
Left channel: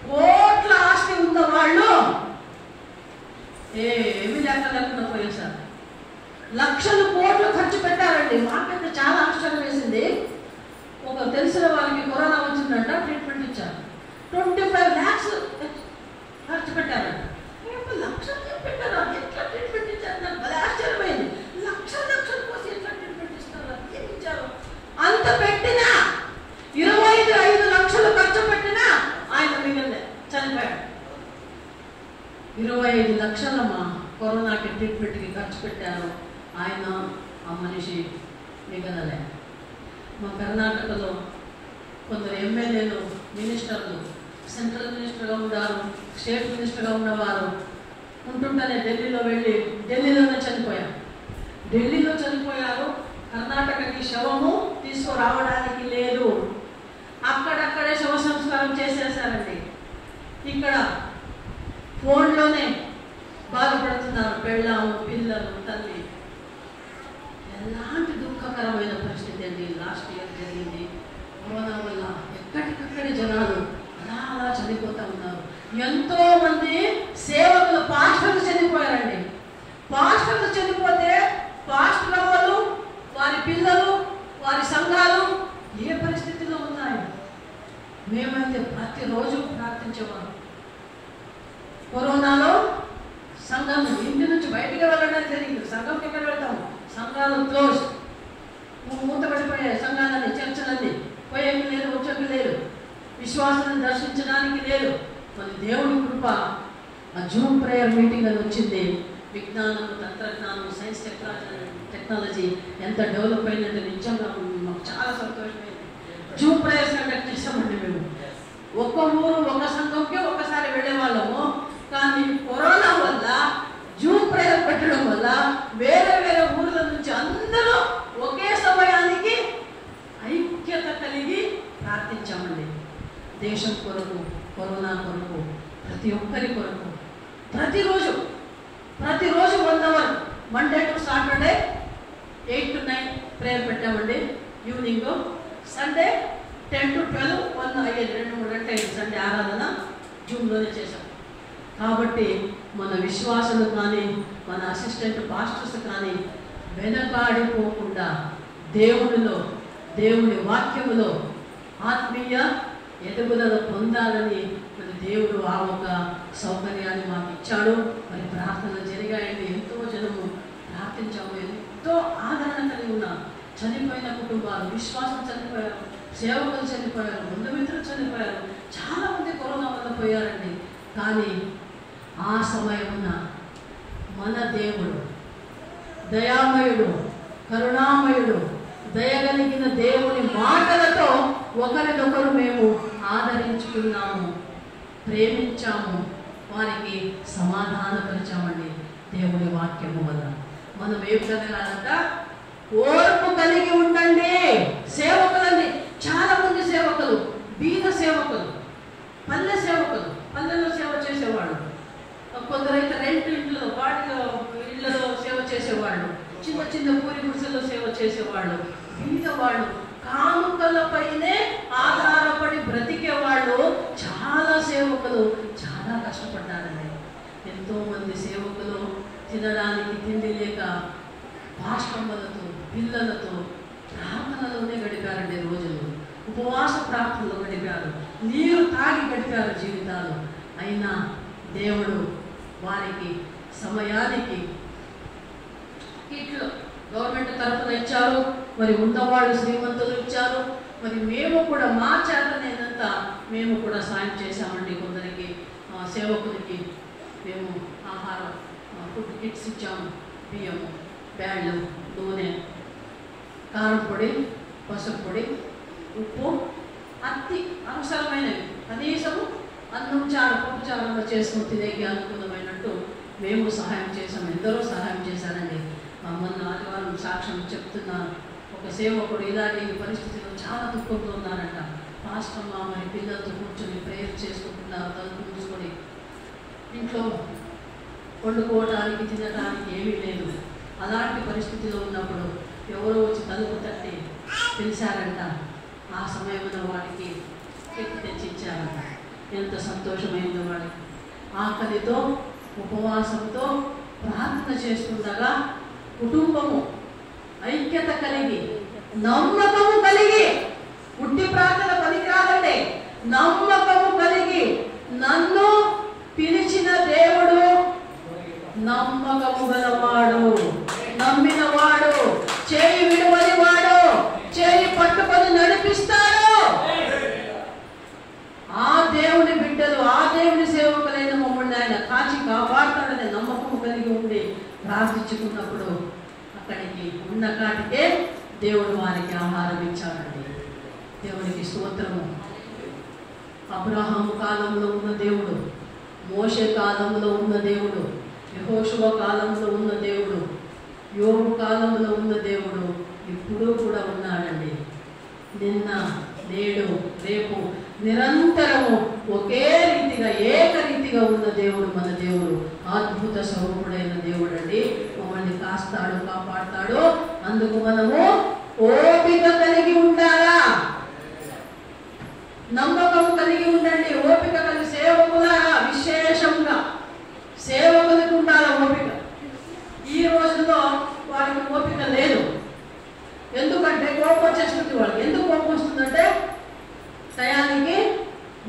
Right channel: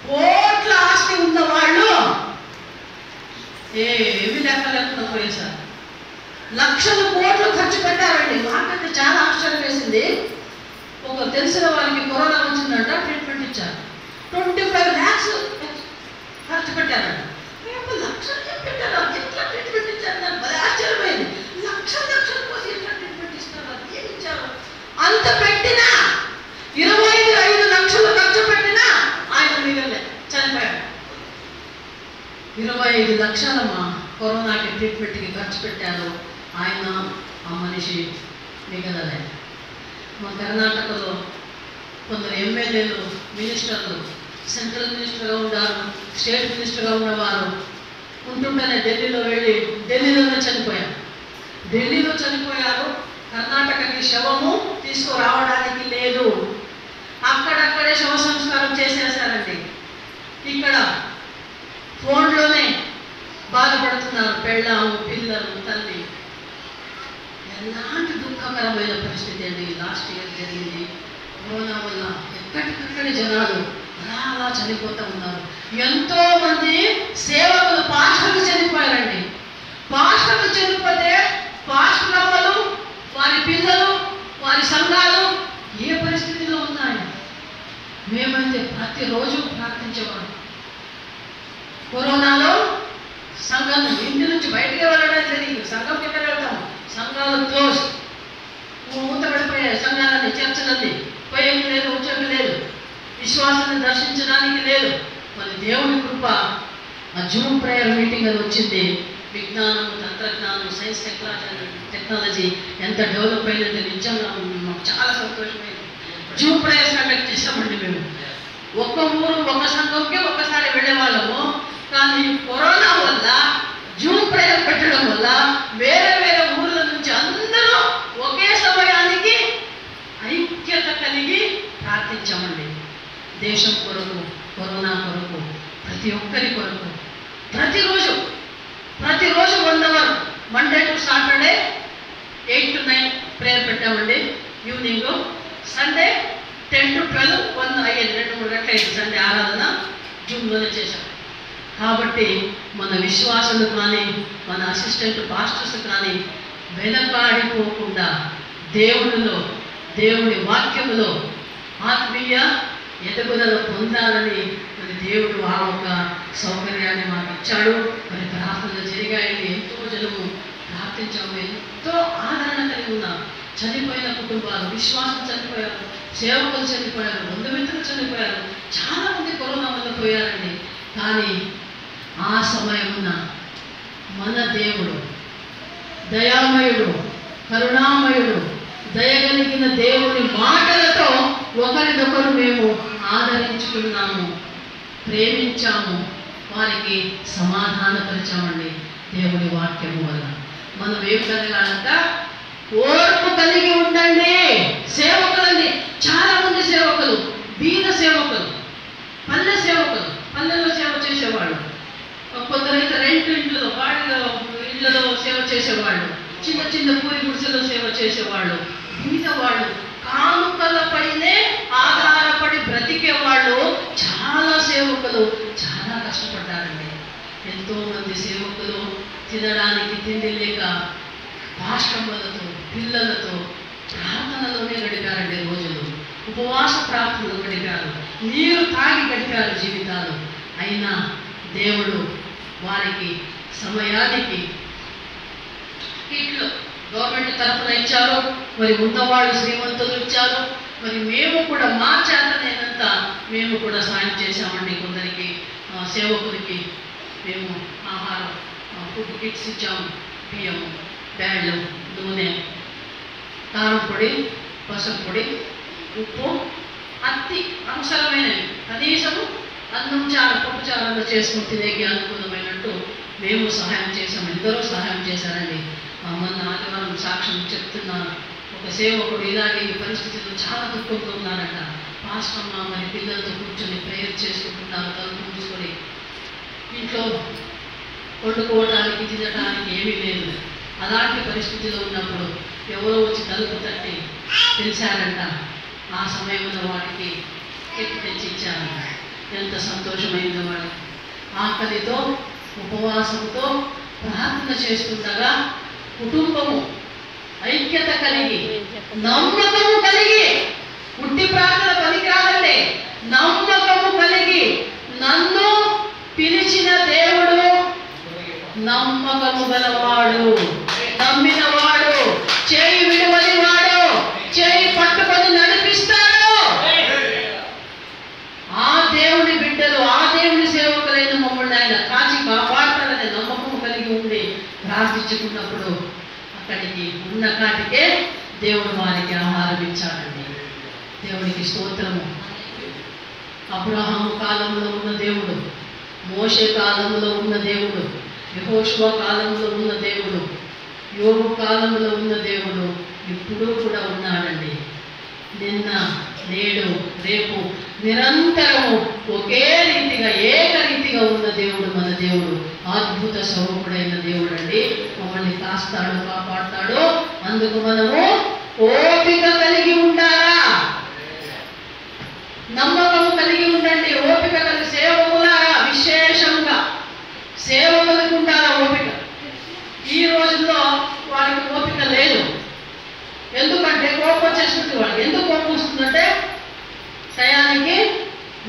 కోట్ల ఆస్తి ఉన్న వాళ్ళు ఏమి లెక్కలేకుండా పోయేశారు. లక్షలు కోట్లు ఖర్చు పెట్టారండి. మాకైతే చాలా ఆశ్చర్యం వేసింది. ఒక తెలిసిన వారికి కరోనా వచ్చిందంట, ట్రీట్మెంట్ ఇచ్చారు. 25 lakhs ఖర్చు పెట్టారంట. లక్షలు పెట్టారు, ఎట్లా ట్రీట్మెంట్ ఇచ్చారు? నాకు భలే ఆశ్చర్యమైంది. లక్షలు పోసి ఎట్లా ట్రీట్మెంట్ ఇస్తారు, ఏమి ఇచ్చారు? అంత పెట్టినా 25 లక్షలు ఖర్చు పెట్టినా ఆయన మిగలే, చనిపోయాడు. 25 లక్షలమ్మా కరోనాకి ట్రీట్మెంట్కి ఖర్చు పెట్టారు. ఆయన ఆ మనిషి మిగలలే. మా కర్ణాటకలో కొందరు ఎమ్మెల్యేలు, మినిస్టర్లు, సెంట్రల్ మినిస్టర్గా ఉన్నారు, స్టేట్ మినిస్టర్గా ఉన్నవారు ఉంటుంటేనే ఢిల్లీలోనే చనిపోయారు. ఢిల్లీలో చనిపోయారు. కర్ణాటకకి శవము తీసుకురావడానికి లేదు, అక్కడక్కడే శవ సంస్కారం చేసేసారండి. ఇక్కడ ఫోన్లోనే బాధపడుతున్నారు పెళ్ళాము, పిల్లలు, తల్లి. ఎలాంటి దుఃఖకరమైన పరిస్థితి అండి లాస్ట్ ఇయర్ జరిగింది. కరోనా వల్ల ఎక్కడికక్కడి జనాలు అలా చనిపోతూ ఉన్నారు. ఎంతోమంది సేవకులు, పాస్టర్లు చనిపోయారండి. పాస్టర్లు చనిపోతే పాస్టర్లు, వారి పిల్లలు, వారి సంఘాలు ఏ పరిస్థితిలో ఉన్నాయి? మేమైతే ప్రతిరోజు ప్రార్థించేవాళ్ళం. కరోనాలో సంఘం ఇంటి నుంచి బయటకు వెళ్ళడం జరిగింది. సంఘం ఎక్కడ వెళ్తాం? సంఘాలు క్లోజ్, మూతపడిపోయాయి. సంఘాలన్నీ, చర్చలన్నీ పోయేకి లేదు, వచ్చేకి లేదు, విశ్వాసాన్ని దర్శించడానికి లేదు. మళ్ళీ దేవుని కృప, ఆ జూమ్ ప్రేయర్ మీటింగ్ అని వచ్చింది. విజ్ఞానము, తంత్రజ్ఞానం, సైన్స్, టెక్నాలజీ ఎంత డెవలప్ అయిందంటే నిజంగా మాకు చాలా సంతోషమైంది. జూమ్ ప్రేయర్స్ కండక్ట్ చేసామండి మేము. ఒక్క ఊరు ఒక సంఘంకి ఒక్కసారి వెళ్ళేవాళ్ళము. కానీ కరోనా వల్ల జూమ్ ప్రేయర్ పెట్టడం వల్ల వేరే వేరే ఊర్ల నుంచి అందరూ ఒకే సమయానికి ఐక్యత కలిగి ప్రార్థించామండి. దేశం కొరకు, కరోనా కొరకు, ప్రతి ఒక్కరి కొరకు ప్రతిరోజు 1 hour Monday to Saturday 8 to 9 prayer పెట్టామండి ఈవినింగ్. సండే 10 to 12 1 అయ్యేది, 2-3 గంటలు అయ్యేది సండే ఆరాధన జూమ్లోనే చేశాం. కాబట్టి మన విశ్వాసులు కానీ మన అసిస్టెంట్ పాస్టర్స్ కానీ వెనకాడిపోకుండా దేవుడి వాక్యములో ఆత్మీయ ఎదుగుదల పొందాలని మరి దేవుడు ఆ ఒక సౌకర్యాన్ని మాకు ఇచ్చాడు. మరి ప్రార్థనలు జరిగాయండి. ఎంతో జనము ప్రార్థించాము. ఎంతో ఆదరణ కలిగి ఉన్నాం. చనిపోయిన కుటుంబాలు, విశ్వాసం చనిపోయారు, సేవకులు చనిపోయారు, బంధుమిత్రులు చనిపోయారు, చాలామంది కరోనా వల్ల పోయారండి. కానీ ఆ సమయమున మన దేవుడు దయామయుడు, కరుణామయుడు, దయగలిగిన దేవుని మాటలతో ఒకరినొకరు మేము ఆదరించుకున్నాము, ప్రేమించాము, వారికి సమాధానపరిచామండి. దేవుడి వాక్యము వల్ల మనం ఏం కలగాలంట? ఓర్పు కలిగి ఉండండి. సేవకులండి, చాలా మంది సేవకులు, బీద సేవకులు, పల్లె సేవకులు, పల్లెల్లో సేవ చేసేవాళ్ళు, కొందరైతే రెంట్ ఇంట్లో వాళ్ళ ఇళ్లలో సేవ చేసేవాళ్ళు, చిన్న చిన్న పూరి గుడిసెలో సేవ చేసేవాళ్ళు, బీద వాళ్ళు, కానుకలపైనే ఆధారపడి బ్రతికేవాళ్ళు చాలా సేవకులు చాలా కష్టపడ్డారండి. ఎంతోమంది సేవకులు తినడానికి తిండి లేక పాశ్రమలతో, పిల్లలతో ప్రార్థనలోనే గడిపారండి రోజులు. ఉపవాస ప్రార్థనలు గడిపారు, నీరు తాగి గడిపారు జీవితాలు. అయినా దేవుడు వారికి సమయానికి కిట్లు గవర్నమెంట్ తరఫున ఇచ్చారు. మరి ఉన్నవాళ్ళు శ్రీమంతులు ఇచ్చారు. మరి మేము కూడా మా చేతనేనంత మేము కూడా సాయం చేశామండి. కొందరికి సేవకులకి మేము ఆహారం, ఫుడ్ కిట్స్ ఇచ్చాము. బియ్యము, బ్యాళ్ళు, నూనె, కారం పొడి, పసుపు పొడి, ఉప్పు, అతి అవసరమైనవి, కనీసము అన్నం చారు, పప్పు చారుగా చేసుకుని తినేకి అనుకూలమైనట్టు మేము సహాయం చేశాము. ఎందరో సహాయం చేశారండి. మొన్న ఆదివారం సాక్ష్యం చెప్తున్నాను. ఒక సేవకుడు ఇలాగే ఈ పరిస్థితిలో చాలా దుఃఖంతో ఉన్నారంట. పాస్టమ్మ మరి పిల్లలతో కూర్చొని ప్రేయర్ చేసుకుంటున్నారు, తలుపు మూసుకొని. ఇంట్లో వండుకోవటానికి, తినటానికి ఏమీ లేదు. అలాంటి పరిస్థితిలో ఉన్నప్పుడు ఎవరో వచ్చి తలుపు తట్టి పిలిచారంట. ఆ సమయంలో వాడికి ఎక్కి తెచ్చి ఇచ్చారంట. ఎంత సంతోషమైందో వాళ్ళకి. ఆకలితో, ఉపవాసంతో ప్రార్థన చేస్తుండగా కుటుంబము ఐక్యత కలిగి, నమ్మకము కలిగి, ఉట్టి ప్రార్థన పనికిరాదండి, నమ్మకము కలిగి, నన్ను పిలిచిన దేవుడు నమ్మకము గలవాడు, నమ్మినవాడు, చేయి విడువని వాడు, చేయి పట్టుకొని నడిపిస్తాడు. ఆ దేవుని బిడ్డలు, ఆ దేవుని సేవకులైన మమ్మల్ని ఆయన కాచి కాపాడతాడనే నమ్మకం కలిగి ఉండి ప్రార్థించుకున్నప్పుడు అక్కడికి ఉన్న కాటికే దేవుడు వారికి ఆహారం ఇచ్చాడండి. దేవుడికి స్తోత్రము. అబ్రహాము కాలంలో ఉన్న దేవుడు, మోషే కాలంలో ఉన్న దేవుడు, యెహోషువ కాలంలో ఉన్న దేవుడు, యోబు కాలంలో ఉన్న దేవుడు ఇప్పుడు కూడా ఉన్నాడండి. నిన్న, నేడు, రేపు నిరంతరము ఒకే రీతిగా, ఏకరీతిగా ఉన్న దేవుడు మన దేవుడు. అద్భుత స్వరూపుడైన దేవుడు అండి. మమ్మల్ని కాస్తాడు, కాపాడుతాడు. అందుకు మనము ఓపిక కలిగి ఉండాలా, నమ్మకము కలిగి ఉండండి. ఓపిక కలిగి సేవకులారా, విశేషంగా సేవకులకు ఉండాలా ఓపిక. ఈ రోజుల్లో వారికి ఓపిక లేదు. ఎందుకంటే కోపం వచ్చేస్తుంది వాళ్ళకి. ఎందుకు కోపం వస్తుందంటే టయానికి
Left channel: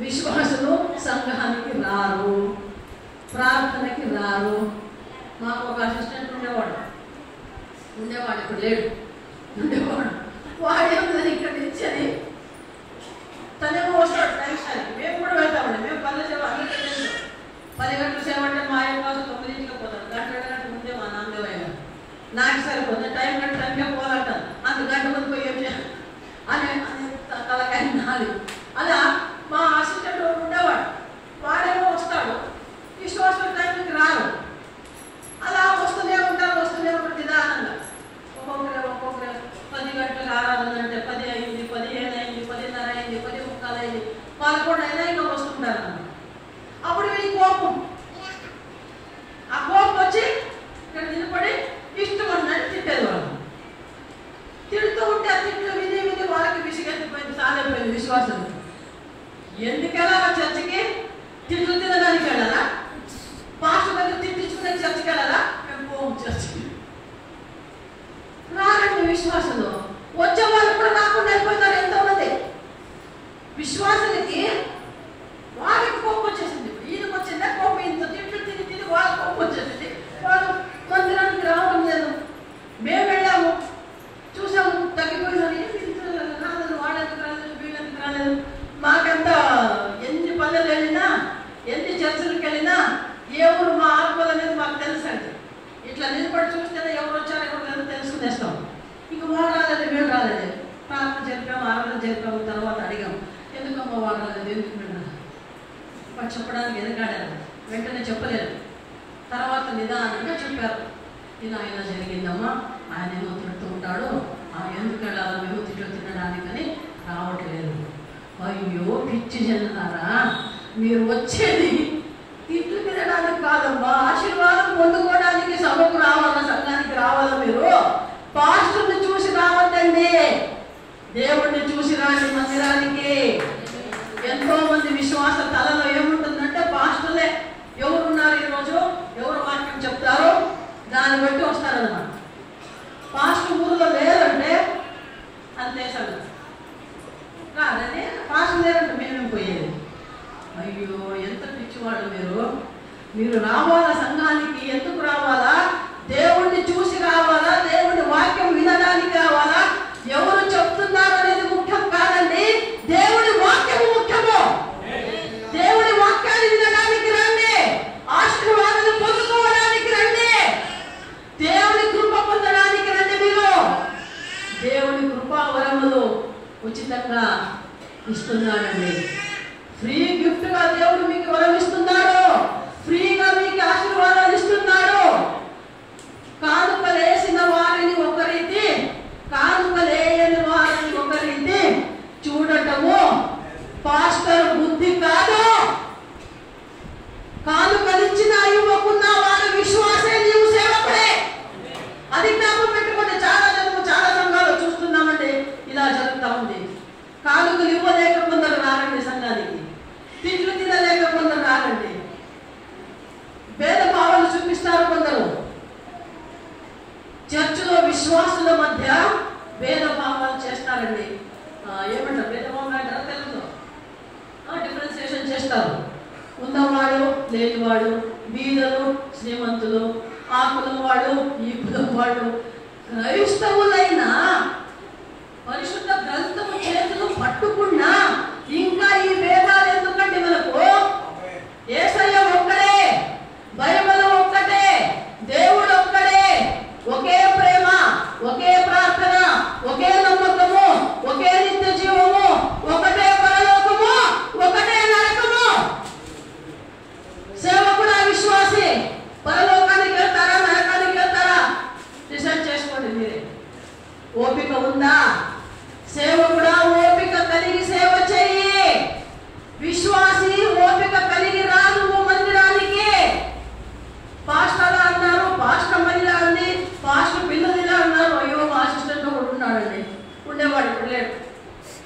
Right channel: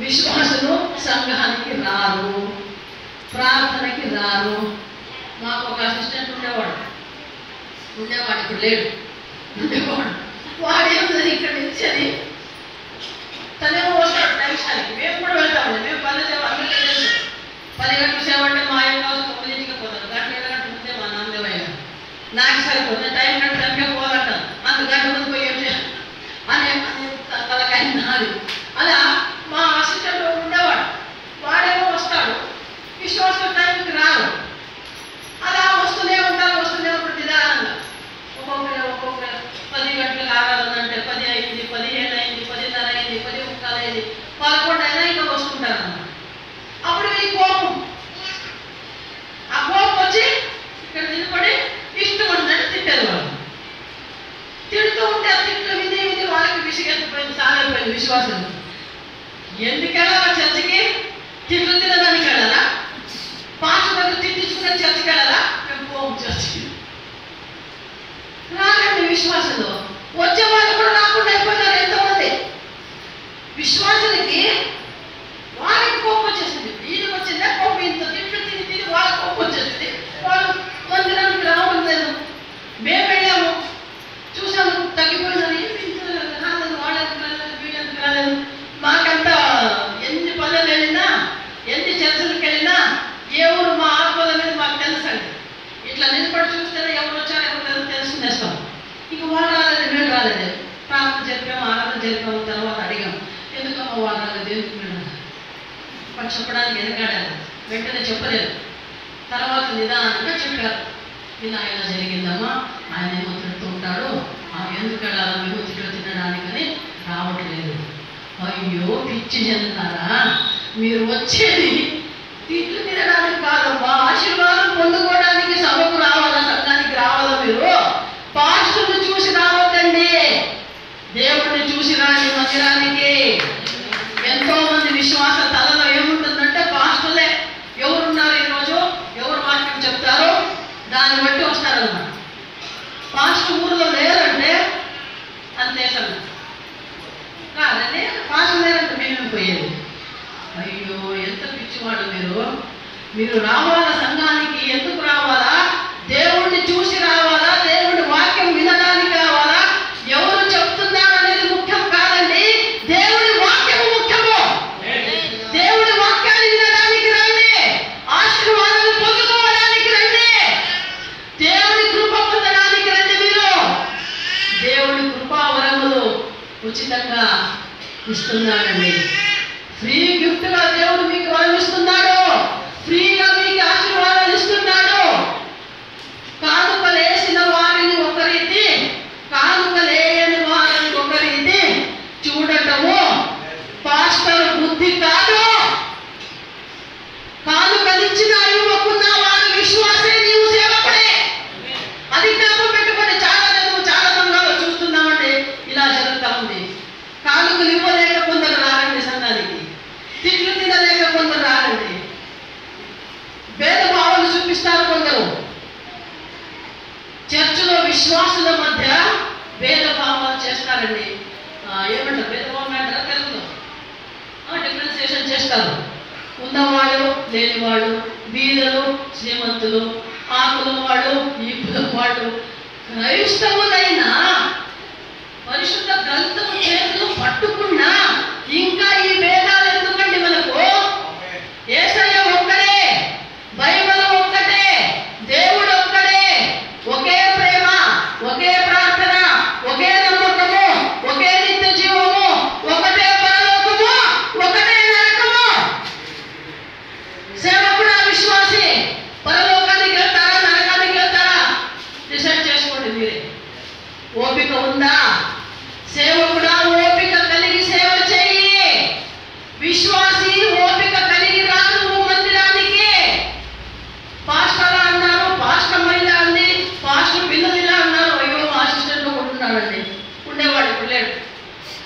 విశ్వాసులు సంఘానికి రారు, ప్రార్థనకి రారు. మాకు ఒక అసిస్టెంట్ ఉండేవాడు, ఇప్పుడు లేడు. వాడు ఏముందని ఇక్కడ నిల్చని తనేమో వస్తాడు టైంకి. మేము కూడా వెళ్తామండి. మేము 10 సేవ అందరికీ తెలుసు. 10 గంటలు సేవ అంటే మా ఆయన 9 గంటలకు పోతారు. గంట 7 గంటలు నాకు సరిపోతుంది టైం టైంకే పోవాలంటాను, అంత గంట ముందు పోయి ఏం చేయాలి అనే తలకాయ నాది. అలా మా అసిస్టెంట్ ఉండేవాడు, వాడేమో వస్తాడు, విశ్వాసం టైంకి రాడు. అలా వస్తూనే ఉంటారు నిదానంగా. ఒక్కొక్క 10 గంటలకు ఆరాధన అంటే 10 అయింది, 15 అయింది, 10:30 అయింది, 10:45 అయింది, 11 అయినా ఇంకా వస్తుంటారు అన్నమాట. అప్పుడు ఈ కోపం, ఆ కోపం వచ్చి ఇక్కడ నిలబడి ఇష్టం ఉందని తిట్టారు వాళ్ళు. తిడుతూ ఉంటే ఆ తిట్లు విధి వాళ్ళకి విసిగెత్తిపోయింది, సాలైపోయింది విశ్వాసం. ఎందుకెళ్ళాలా చర్చకి? తిట్లు తినడానికి వెళ్ళాలా? పాస్టర్ దగ్గర తిట్టించుకునే చర్చకి వెళ్ళాలా? మేము పోము చర్చకి. రారండి విశ్వాసంలో. వచ్చే వాళ్ళు కూడా రాకుండా అయిపోయినారు ఎంతోమంది. విశ్వాసానికి వాళ్ళకి కోపం వచ్చేసింది. ఈయనకు వచ్చిందా కోపం? ఇంత తిట్లు తిని వాళ్ళకి కోపం వచ్చేసింది. వాళ్ళు మందిరానికి రావడం లేదు. మేము వెళ్ళాము, చూసాము, తగ్గిపోయినారు. రాలేదు, వాళ్ళకి రాలేదు, వీళ్ళకి రాలేదు. మాకంతా ఎన్ని పల్లెలు వెళ్ళినా, ఎన్ని చర్చలకు వెళ్ళినా ఏ ఊరు మా ఆత్మల మీద మాకు తెలుసండి. ఇట్లా నిలబడి చూస్తేనే ఎవరు వచ్చారో ఎవరు లేదు తెలుసుకునేస్తాం. ఇక వాళ్ళు రాలేదు, మేము రాలేదు. ప్రార్థన చెప్పాము, ఆరాధన చెప్పాము, తర్వాత అడిగాము ఎందుకమ్మా వాళ్ళు రాలేదు, ఎందుకు మేము వాళ్ళు చెప్పడానికి వెనకాడారు. వెంటనే చెప్పలేదు. తర్వాత నిదానంగా చెప్పారు, ఇలా ఇలా జరిగిందమ్మా, ఆయన ఏమో తిడుతూ ఉంటాడు, ఎందుకు వెళ్ళాలి మేము తినడానికని రావట్లేదు. అయ్యో పిచ్చి చెందుతారా, మీరు వచ్చేది తిట్లు తినడానికి కాదమ్మా, ఆశీర్వాదం పొందుకోవడానికి సభకు రావాలా, సంఘానికి రావాలా. మీరు పాస్టర్ని చూసి రావద్దండి, దేవుడిని చూసి రాండి మందిరానికి. ఎంతో మంది విశ్వాస తలలో ఏముంటుందంటే పాస్టర్లే ఎవరున్నారు ఈరోజు, ఎవరు వాక్యం చెప్తారో దాన్ని బట్టి వస్తారన్నమాట. పాస్టర్ ఊరిలో లేరంటే అంతే సంగతి. కాదండి పాస్టర్ లేరంటే మేమే పోయేది. అయ్యో ఎంత పిచ్చివాడు మీరు రావాలా సంఘానికి. ఎందుకు రావాలా? దేవుడిని చూసి రావాలా, దేవుడి వాక్యం వినడానికి రావాలా. ఎవరు చెప్తున్నారు అనేది ముఖ్యం కాదండి, దేవుడి వాక్యము ముఖ్యము. దేవుడి వాక్యాన్ని వినడానికి రండి, ఆశీర్వాదాలు పొందుకోవడానికి రండి, దేవుడి కృప పొందడానికి రండి. మీరు దేవుడి కృపావరములు ఉచితంగా ఇస్తున్నాడండి. ఫ్రీ గిఫ్ట్ గా దేవుడు మీకు వరం ఇస్తున్నాడు, ఫ్రీగా మీకు ఆశీర్వాదాలు ఇస్తున్నాడు. కానుకలేసిన వారిని ఒక రీతి, కానుకలేని వారిని ఒక రీతి చూడటము పాస్టర్ బుద్ధి కాదు. కానుకలిచ్చిన ఇవ్వకున్న వారు విశ్వాసే, నీవు సేవకుడే. అది జ్ఞాపకం పెట్టుకోండి. చాలా సంఘాలు చూస్తున్నామండి ఇలా జరుగుతూ ఉంది. కానుకలు ఇవ్వలేక కొందరు రారండి సంఘానికి, తిట్లు తినలేక కొందరు రారండి, భేదభావాలు చూపిస్తారు కొందరు. చర్చిలో విశ్వాసుల మధ్య భేదభావాలు చేస్తారండి. ఏమంటారు భేదభావం అంటారా తెలుగులో? డిఫరెన్సియేషన్ చేస్తారు. ఉన్నవాడు లేనివాడు, బీదలు శ్రీమంతులు, ఆ కులం వాడు ఈ కులం వాడు. క్రైస్తవులైనా పరిశుద్ధ గ్రంథము చేతులు పట్టుకున్నా ఇంకా ఈ భేదాలు ఎందుకండి మనకు? యేసయ్య ఒక్కడే, బైబిల్ ఒక్కటే, దేవుడు ఒక్కడే. ఒకే ప్రేమ, ఒకే ప్రార్థన, ఒకే నమ్మకము, ఒకే నిత్య జీవము, ఒకటే పరలోకము, ఒకటే నరకము. సేవకుడు విశ్వాసి పరలోకానికి వెళ్తారా నరకానికి వెళ్తారా డిసైడ్ చేసుకోండి మీరే. ఓపిక ఉందా? సేవకుడా ఓపిక కలిగి సేవ చేయి. విశ్వాసి ఓపిక కలిగి రా నువ్వు మందిరానికి. పాస్టర్ అన్నారు, పాస్టర్ మహిళ అంది, పాస్టర్ పిల్లలు ఇలా అన్నారు. అయ్యో మా అసిస్టెంట్ ఒకటి ఉన్నాడండి, ఉండేవాడు ఇప్పుడు లేడు.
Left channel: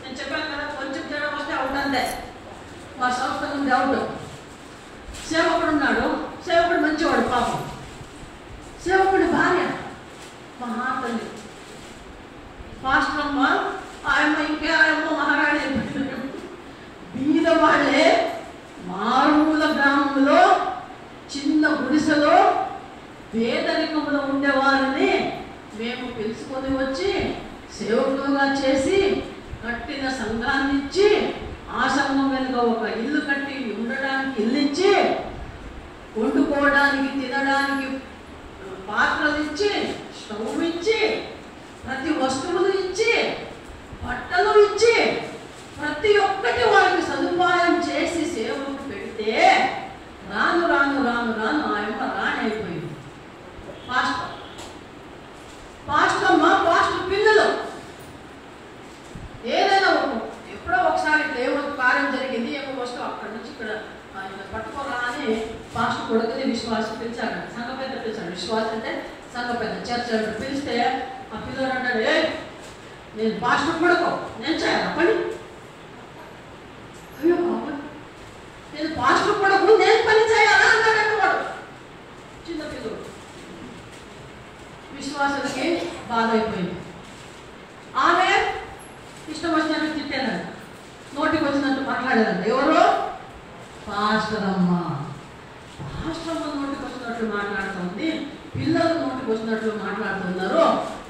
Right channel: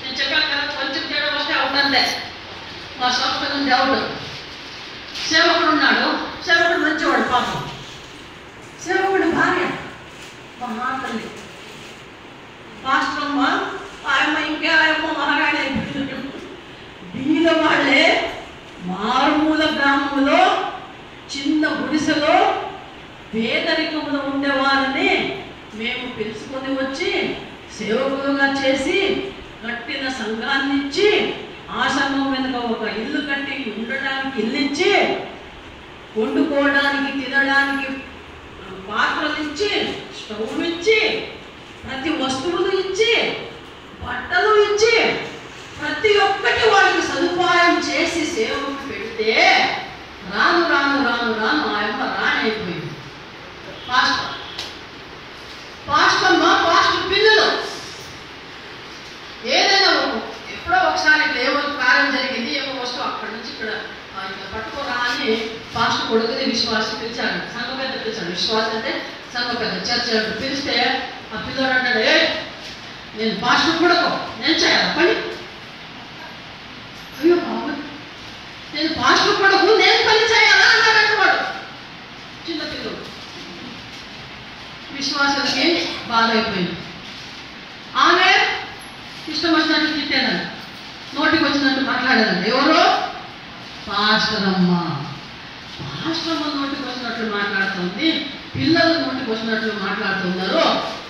నేను చెప్పాను కదా కొంచెం తేడా వస్తే అవుతుందే, మా సంస్థ నుండి అవుట్. సేవకుడు ఉన్నాడు, సేవకుడు మంచివాడు పాపం. సేవకుడు భార్య మహాతల్లి పాస్టర్ అమ్మ, ఆయమ్మ ఇంకే ఆయమ్మ మహారాణి అయిపోయింది. బీద వాళ్ళే మారుమూల గ్రామంలో చిన్న గుడిసెలో పేదరికంలో ఉండేవారిని మేము పిలుచుకొని వచ్చి సేవకులుగా చేసి కట్టిన సంఘాన్ని ఇచ్చి, ఆ సంఘం వెనుక ఒక ఇల్లు కట్టి ఉండడానికి ఇల్లు ఇచ్చి, వండుకోవడానికి తినడానికి పాత్రలు ఇచ్చి, స్టవ్ ఇచ్చి, ప్రతి వస్తువులు ఇచ్చి, బట్టలు ఇచ్చి, ప్రతి ఒక్కటి వాళ్ళకి సదుపాయం చేసి సేవకు పెడితే రాను రాను రాను రాను ఆ యొక్క రాణి అయిపోయింది. పాస్టర్ పిల్లలు ఏదైనా ఎప్పుడో ఒకసారి ఏమో కార్యం జరిగింది, ఏమో వస్తువు అక్కడి నుంచి ఇక్కడ పట్టుకోరా అని పాస్టర్ కొడుకుని విశ్వాసం పిలిచాడు. సంఘ పెద్ద పిలిచాడు. విశ్వాసం అంటే సంఘ పెద్ద చర్చ పిలిస్తే ఆ పిల్లోడు అంటాడు, నేను పాస్టర్ కొడుకు, నేను చేయాలి పని. అయ్యో బాబు, నేను పాస్టర్ కొడుకు, నేను పని చేయాలా అన్నాడంటే వాడు చిన్న పిల్లడు. విశ్వాసానికి బాధ అయిపోయింది. ఆమె ఇష్టం వచ్చినట్టు తిట్టానండి, నోటికి వచ్చినట్టు మాట్లాడానండి. ఎవరు? పాస్టర్ అమ్మ. పాస్టర్ అమ్మ నోటికి వచ్చినట్లు మాట్లాడుతుంది, పిల్లలు నోటికి వచ్చినట్లు మాట్లాడుతున్నారు.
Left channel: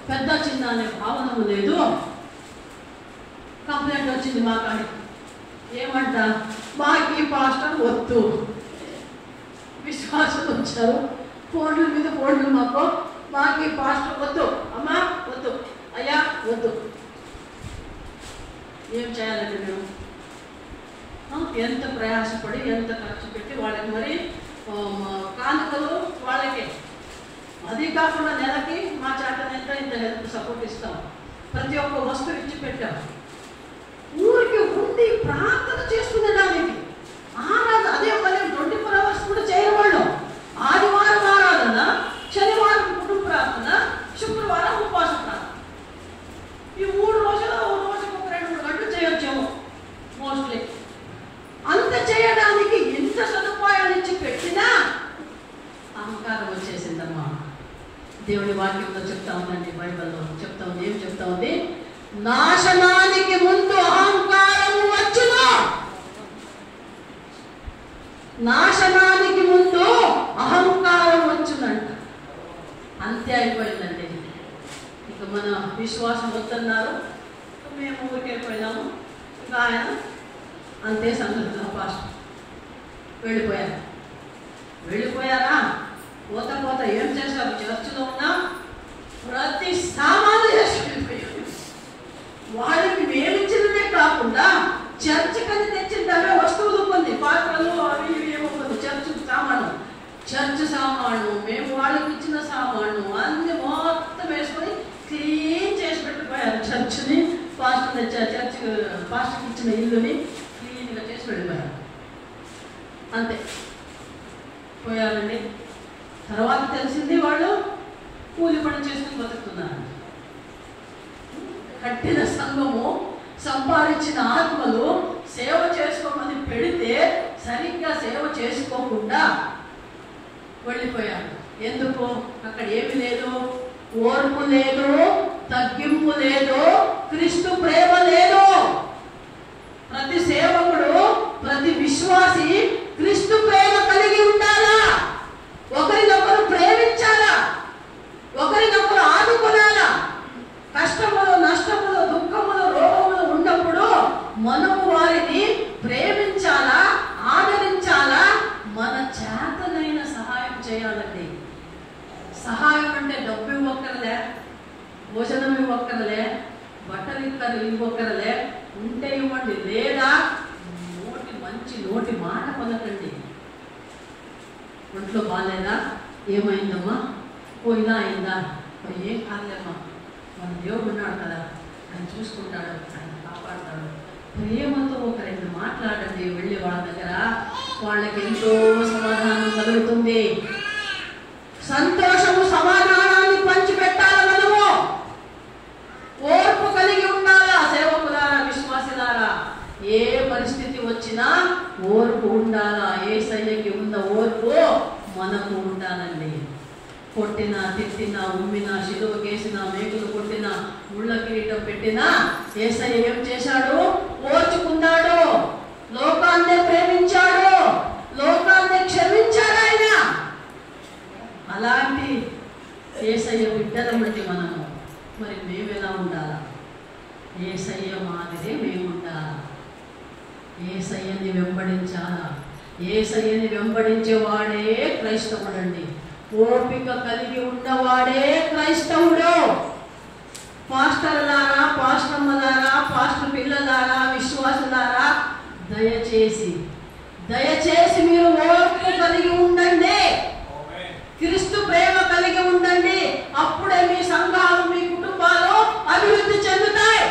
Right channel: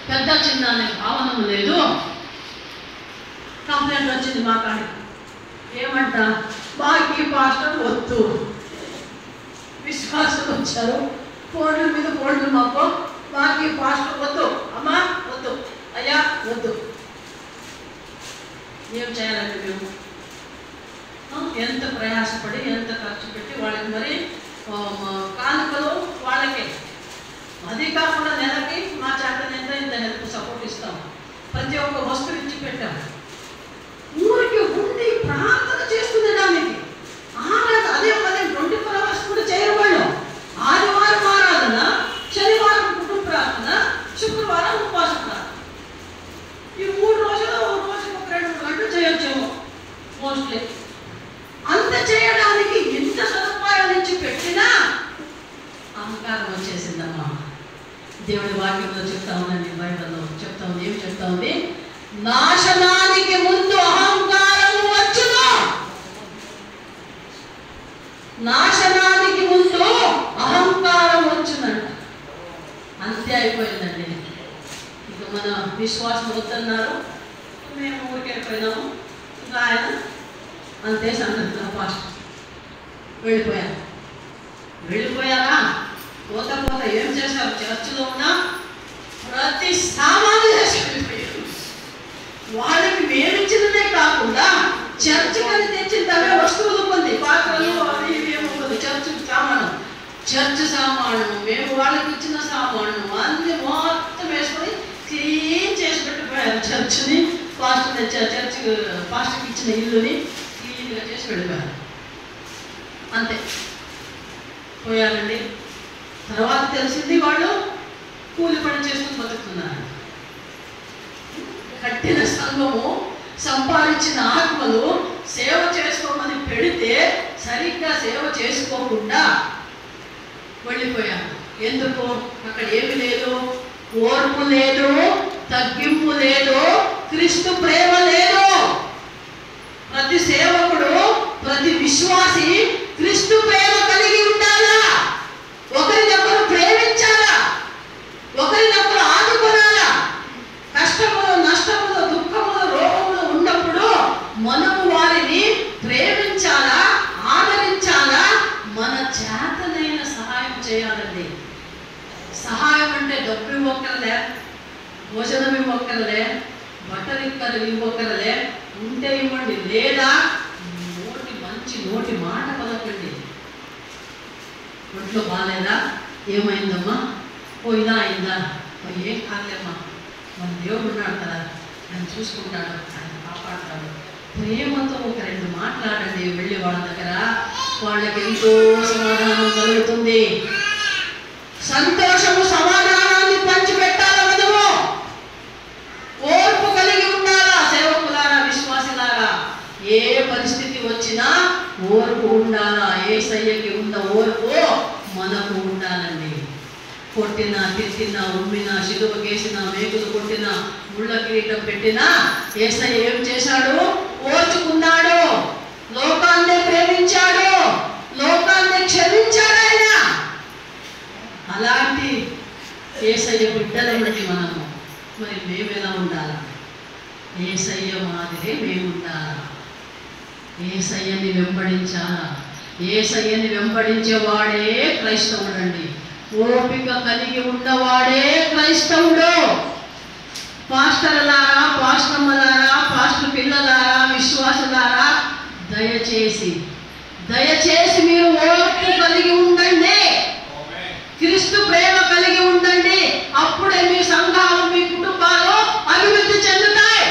పెద్ద చిన్న అనే భావన లేదు. కంప్లైంట్ వచ్చింది మా కాడికి. ఏమంట? మాకు పాస్టర్ వద్దు. విశ్వాసం వచ్చారు, ఫోన్ల మీద ఫోన్లు మాకు పాస్టర్ వద్దు, అమ్మా వద్దు, అయ్యా వద్దు. ఏం చేయాలండి మేము? ఎంత ప్రయాసపడి ఎంత ఖర్చు పెట్టి వాళ్ళకి మరి కానుకలు వాళ్ళకే, అది కాకుండా నెలకి మా చేత ఇంత హెల్ప్ సపోర్ట్ ఇస్తాం, ప్రతి ఒక్క వస్తువు ఇచ్చి పెట్టాం. ఊరికి ఉండి ప్రార్థన చేసుకునేదానికి అదే పని 24 hours కూడా చేయవాళ్ళు. ఆదివారం ఆరాధన, శనివారం కుటుంబ ప్రార్థన, శుక్రవారం ఉపవాస ప్రార్థన. ఈ 3 రోజులు రోజుకు 2-3 గంటలు చేయొచ్చేమో మోస్ట్లీ. అంత చేయడానికి ఇంత సదుపాయాలు ఇచ్చి పెట్టినా అహంకారం వచ్చేసిందమ్మా. దేవుడి వాక్యంలో చెప్తా ఉందండి, బైబిల్లో చెప్తా ఉంది. ఏం చెప్తా ఉంది? నాశనానికి ముందు అహంకారం వచ్చును. నాశనానికి ముందు అహంకారం వచ్చునంట. అంతే అయిపోయిందండి. ఇక మన విశ్వాసం వద్దన్నారు, మేము ఊరికి వెళ్ళిపోయినాము. ఇంకా ఆయన అంతే సంగతి. పాస్టర్ వెళ్ళిపోయారా? పోత ఏం చేశారు? చర్చిలో ఉన్న ప్రతి సామాను చేసి వెళ్ళిపోయారు. వాళ్ళకి మేమిచ్చినదే కాకుండా చర్చికని తెచ్చిందనే వస్తువులు కొన్ని, పాత్రలు అవి ఇవేమో కొన్ని, చర్చ్ సామాను మేము వాళ్ళకి ఇచ్చిన సామాను అన్ని మొత్తం వేసుకొని క్లీన్ చేసి పెట్టిపోయారు. చర్చిని పాస్టర్కి ఇచ్చిన ఇల్లుని క్లీన్గా చేసి వెళ్ళిపోయారు. అంతే పోయారండి. తర్వాత తెలిసింది వాళ్ళు కూలి పని చేసుకుని బతుకుతున్నారు. కట్టిన సంఘము, సంపాదించిన ఆత్మలు సేవ చేసుకోమని పెడితే సరిగ్గా సేవ చేసుకోకుండా వెళ్ళిపోయారు. ఎందుకు? అక్కడ ఏమి లేదు, ఓర్పు లేదు, తగ్గింపు లేదు, క్రీస్తు ప్రేమ లేదు. ప్రతి సేవకుడు, ప్రతి విశ్వాసి క్రీస్తు ప్రేమ కలిగి ఉండాలా, ఒకరినొకరు ప్రేమించాలా, ఒకరినొకరు ఆదుకోనాలా. కష్టములు, నష్టములు, దుఃఖములు, రోగములు ఉన్నప్పుడు మనము వారిని ప్రేమించాలా, ఆదరించాలా, మన చేతనైన సహాయం చేయాలండి. సహాయం అంటే డబ్బు ఇవ్వక్కర్లే, భోజనం ఇవ్వక్కర్లే, బట్టలు ఇవ్వక్కర్లే, ఉంటే ఇవ్వండి, లేదా మంచి మాట పలకండి. ఒంట్లో బాగాలేదా? ఏమైందమ్మా? ఇలా అయిందా? ఏం కాలేమ్మా, మన దేవుడు ఉన్నాడు కదా, ఆయన చూసుకుంటాడు, ఆయన కాపాడుతాడు. ప్రేమతో ఒక 2 మాట్లాడండి. వెళ్ళి వాళ్ళ దగ్గర వాళ్ళకి ఎంతో సమాధానం కలుగుతుంది. సంతోషము, సమాధానాన్ని పంచిపెట్టాలి. మనము ఓర్పు కలిగి ఉండాలా. సేవకులారా, విశ్వాసులారా, ఏ పరిస్థితి వచ్చినా ఓర్పు ఉండాలా. యేసయ్యకి ఉన్న ఓర్పు మనకు ఉండాలండి. కొట్టినా, తిట్టినా, ఉమ్మినా, శిలువ కేసినా, మేకులు కొట్టినా, ముళ్ళ కిరీటం పెట్టినా యేసయ్య ఏం చేశాడు? ఓర్చుకున్నాడు. లోకాన్ని ప్రేమించాడు, లోకాన్ని క్షమించాడు ఆయన. అలాంటి యేసయ్య బిడ్డలమండి మనము. మరి మేము ఎలా ఉండాలా? యేసయ్య మాదిరే మేము ఉండాలా. యేసయ్యని వెంబడించాలా. యేసయ్యని వెంబడించేవాడే క్రైస్తవుడండి. ఓపిక కలిగి ఉన్నవాడే క్రైస్తవుడు. పాస్టర్లారా, పాస్టమ్మలారా, పాస్టర్ పిల్లలారా, విశ్వాసులారా, దయచేసి మీరు ఓర్పు కలిగి ఉండండి. క్రీస్తు ప్రేమ కలిగి ఉండండి. అప్పుడే మీ సంఘాలు, మీ కుటుంబాలు అభివృద్ధి చెందుతాయి.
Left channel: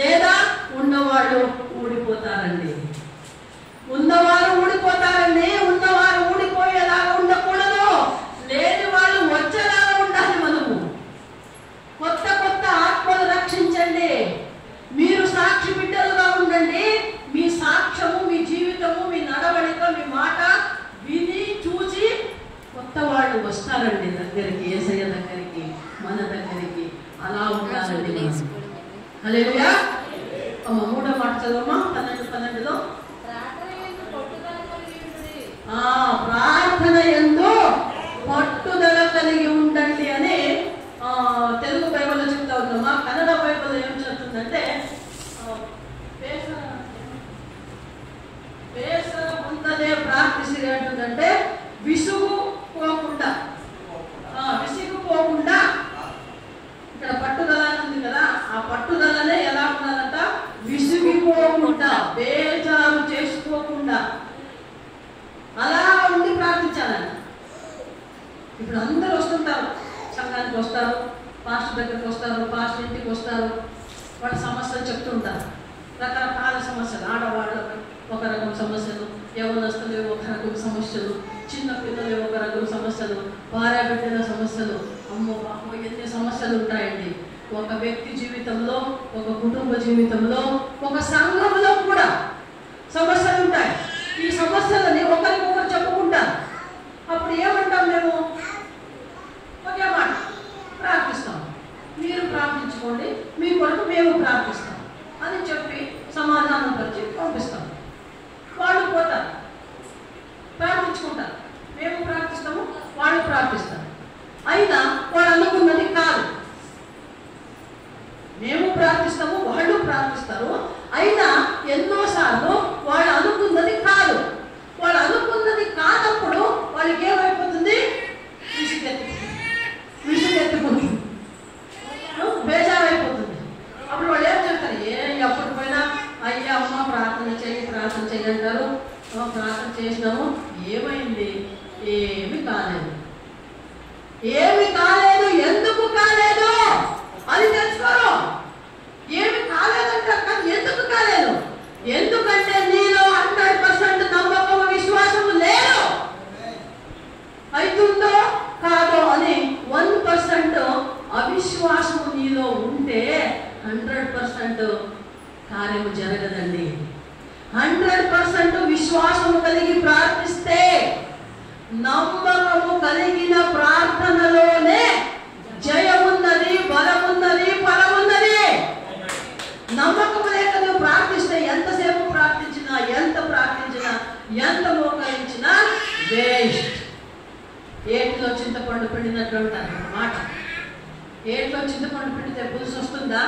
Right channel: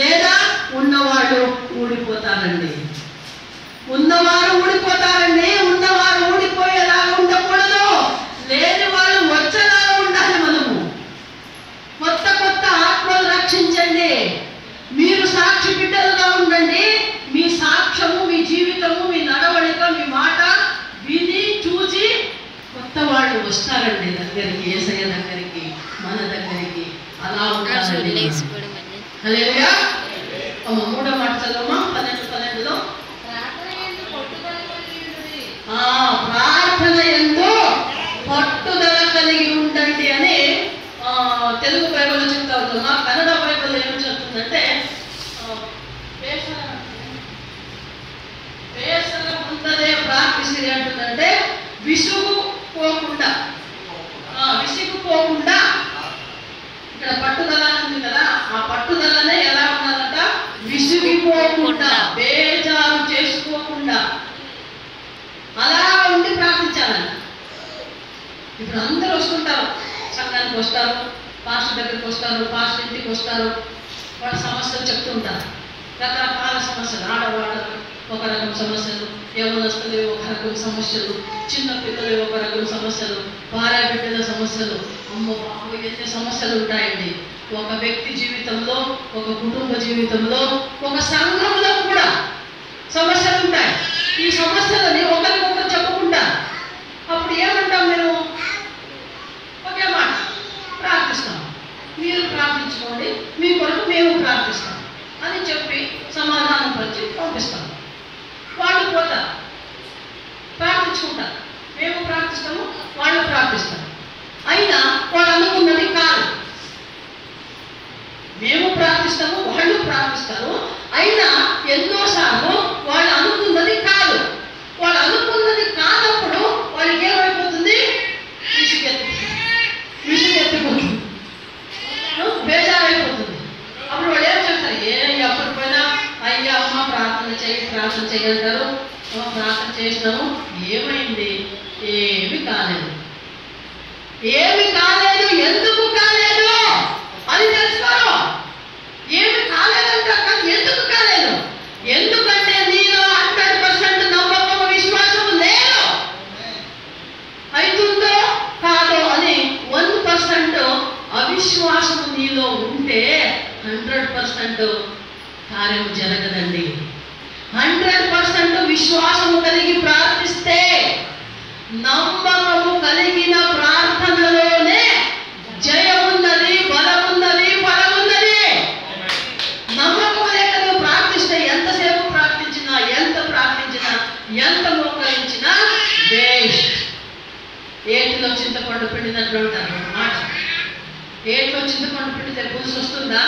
లేదా ఉన్నవాళ్ళు ఊడిపోతారండి. ఉన్నవారు ఊడిపోయేలాగా ఉండకూడదు. లేని వాళ్ళు వచ్చేలాగా ఉండాలి. మనము కొత్త ఆత్మలు రక్షించండి. మీరు సాక్షి బిడ్డలుగా ఉండండి. మీ సాక్ష్యము, మీ జీవితము, మీ నడవడిక, మీ మాట విని చూసి కొత్త వాళ్ళు వస్తారండి దగ్గరికి, యేసయ్య దగ్గరికి, మన దగ్గరికి. అలా ఉండాలండి. హల్లెలూయా. మూడో మాట చదవమా, 12:12లో ప్రార్థన యందు పట్టుదల కలిగి ఉండండి అని తెలుగు బైబిల్లో చెప్తా ఉందమ్మా. కన్నడ బైబిల్ ఏం చెప్తుందంటే ಬೇಸರ ಮುಂದದೆ ಪ್ರಾರ್ಥಿಸಿರಿ అంటుందంటే విసుగుపోకుండా ఇక్కడ పట్టుదల ఉంది కదా, ఆ పట్టుదలనే ఎలా ఉన్నదంట, విసుగిపోకుండా, బేజారు చేసుకోకుండా అలా ఉండి ప్రార్థించాలంట. ఇప్పుడు అందరూ వస్తుంటారు, సంఘానికి వస్తారు, పాస్టర్ దగ్గరికి వస్తారు, పాస్టర్ ఇంటికి వస్తారు. వాళ్ళ సమస్యలు చెప్తుంటారు, రకరకాల సమస్యలు. ఆడవాళ్ళు ఒక రకం సమస్యలు, యవనస్తులు ఒక రకం సమస్యలు, చిన్న పిల్లలు ఒక రకం సమస్యలు, భార్య బిడ్డల సమస్యలు. అమ్మో బాబు, ఎన్ని సమస్యలు ఉంటాయండి ఒక వ్యక్తి జీవితంలో, ఒక కుటుంబ జీవితంలో, ఒక సంఘంలో కూడా సమస్యలు ఉంటాయి. ఈ సమస్యలని ఒకరికొకరు చెప్పుకుంటారు. అప్పుడు ఏమంటాం మేము? ఒకే మాట, ప్రార్థిస్తాం. మీరు ప్రార్థించుకోండి, మీ కొరకు మేము ప్రార్థిస్తాం అని చెప్పి సమాధానం పరిచి పంపిస్తాం. వాళ్ళు పోతారు, ప్రార్థించుకుంటారు. మేము ప్రార్థిస్తాము, వాళ్ళు ప్రార్థిస్తారు. అయినా వాళ్ళు అనుకున్నది కాదు. మేము ప్రార్థిస్తాము, వాళ్ళు ప్రార్థిస్తారు. అయినా ఎన్నోసార్లు వాళ్ళు అనుకున్నది కాదు. వాళ్ళు అనుకున్నది కానప్పుడు వాళ్ళకి ఏమైపోతుంది? విసుగెత్తిపోతుంది, బేజారైపోతుంది. అప్పుడు వాళ్ళు ఏం చెప్తారు? ఎప్పటి పోయినా అయ్యా అమ్మ ప్రార్థన చెయ్యి అంటారు. ప్రార్థన చేసినాము, ఏమైంది? ఏమి కాలేదు. ఎందుకు కాలేదు అని తెలుసుకోరు. ఏమి కాలేదంట, కానీ ఎందుకు కాలేదు? ఎందుకంటే నీలో 100% నమ్మకం, విశ్వాసం లేదు. అవుతుందో కాదో అని 1% అవిశ్వాసము నీలో ఉంటే 100% కార్యం జరగదండి. 100% విశ్వాసము కలిగి ప్రార్థిస్తే, నమ్మకము కలిగిన ప్రార్థనలోనే జయమున్నది, బలమున్నది, ఫలమున్నది. నమ్మకం లేక నువ్వు ప్రార్థిస్తే ఎంతసేపు ప్రార్థించినా, ఎంత మోకరించినా వేస్ట్. ఏటిలో చింతపండు పిండినట్లు అంటారు మాట. ఏటిలో చింతపండు పిండితే పులుసు వస్తుందా?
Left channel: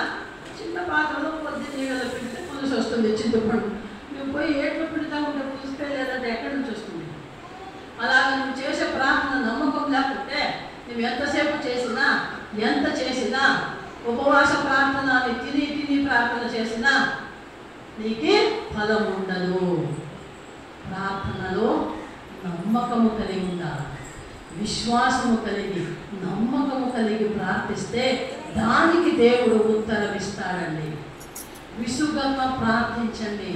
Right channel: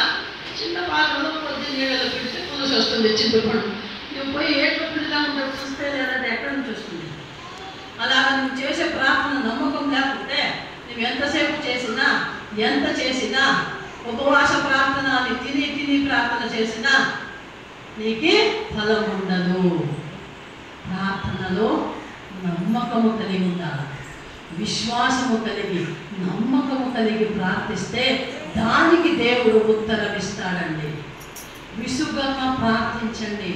చిన్న పాత్రలో కొద్ది నీళ్ళలో పిండితే పులుసు వస్తుంది చింతపండు. నువ్వు పోయి ఏట్లో పిండిలా ఉంటే పులుస్తే లేదంటే ఎక్కడి నుంచి వస్తుంది? అలాగా నువ్వు చేసే ప్రార్థన నమ్మకం లేకుంటే నువ్వు ఎంత చేసినా ఉపవాస ప్రార్థన అని తిని ప్రార్థన చేసినా నీకు ఫలం ఉండదు. ప్రార్థనలో నమ్మకము కలిగి ఉండాలి. విశ్వాసము కలిగి, నమ్మకము కలిగి ప్రార్థిస్తే దానికి దేవుడు ఉత్తరమిస్తాడండి. విసుగంగా ప్రార్థించండి,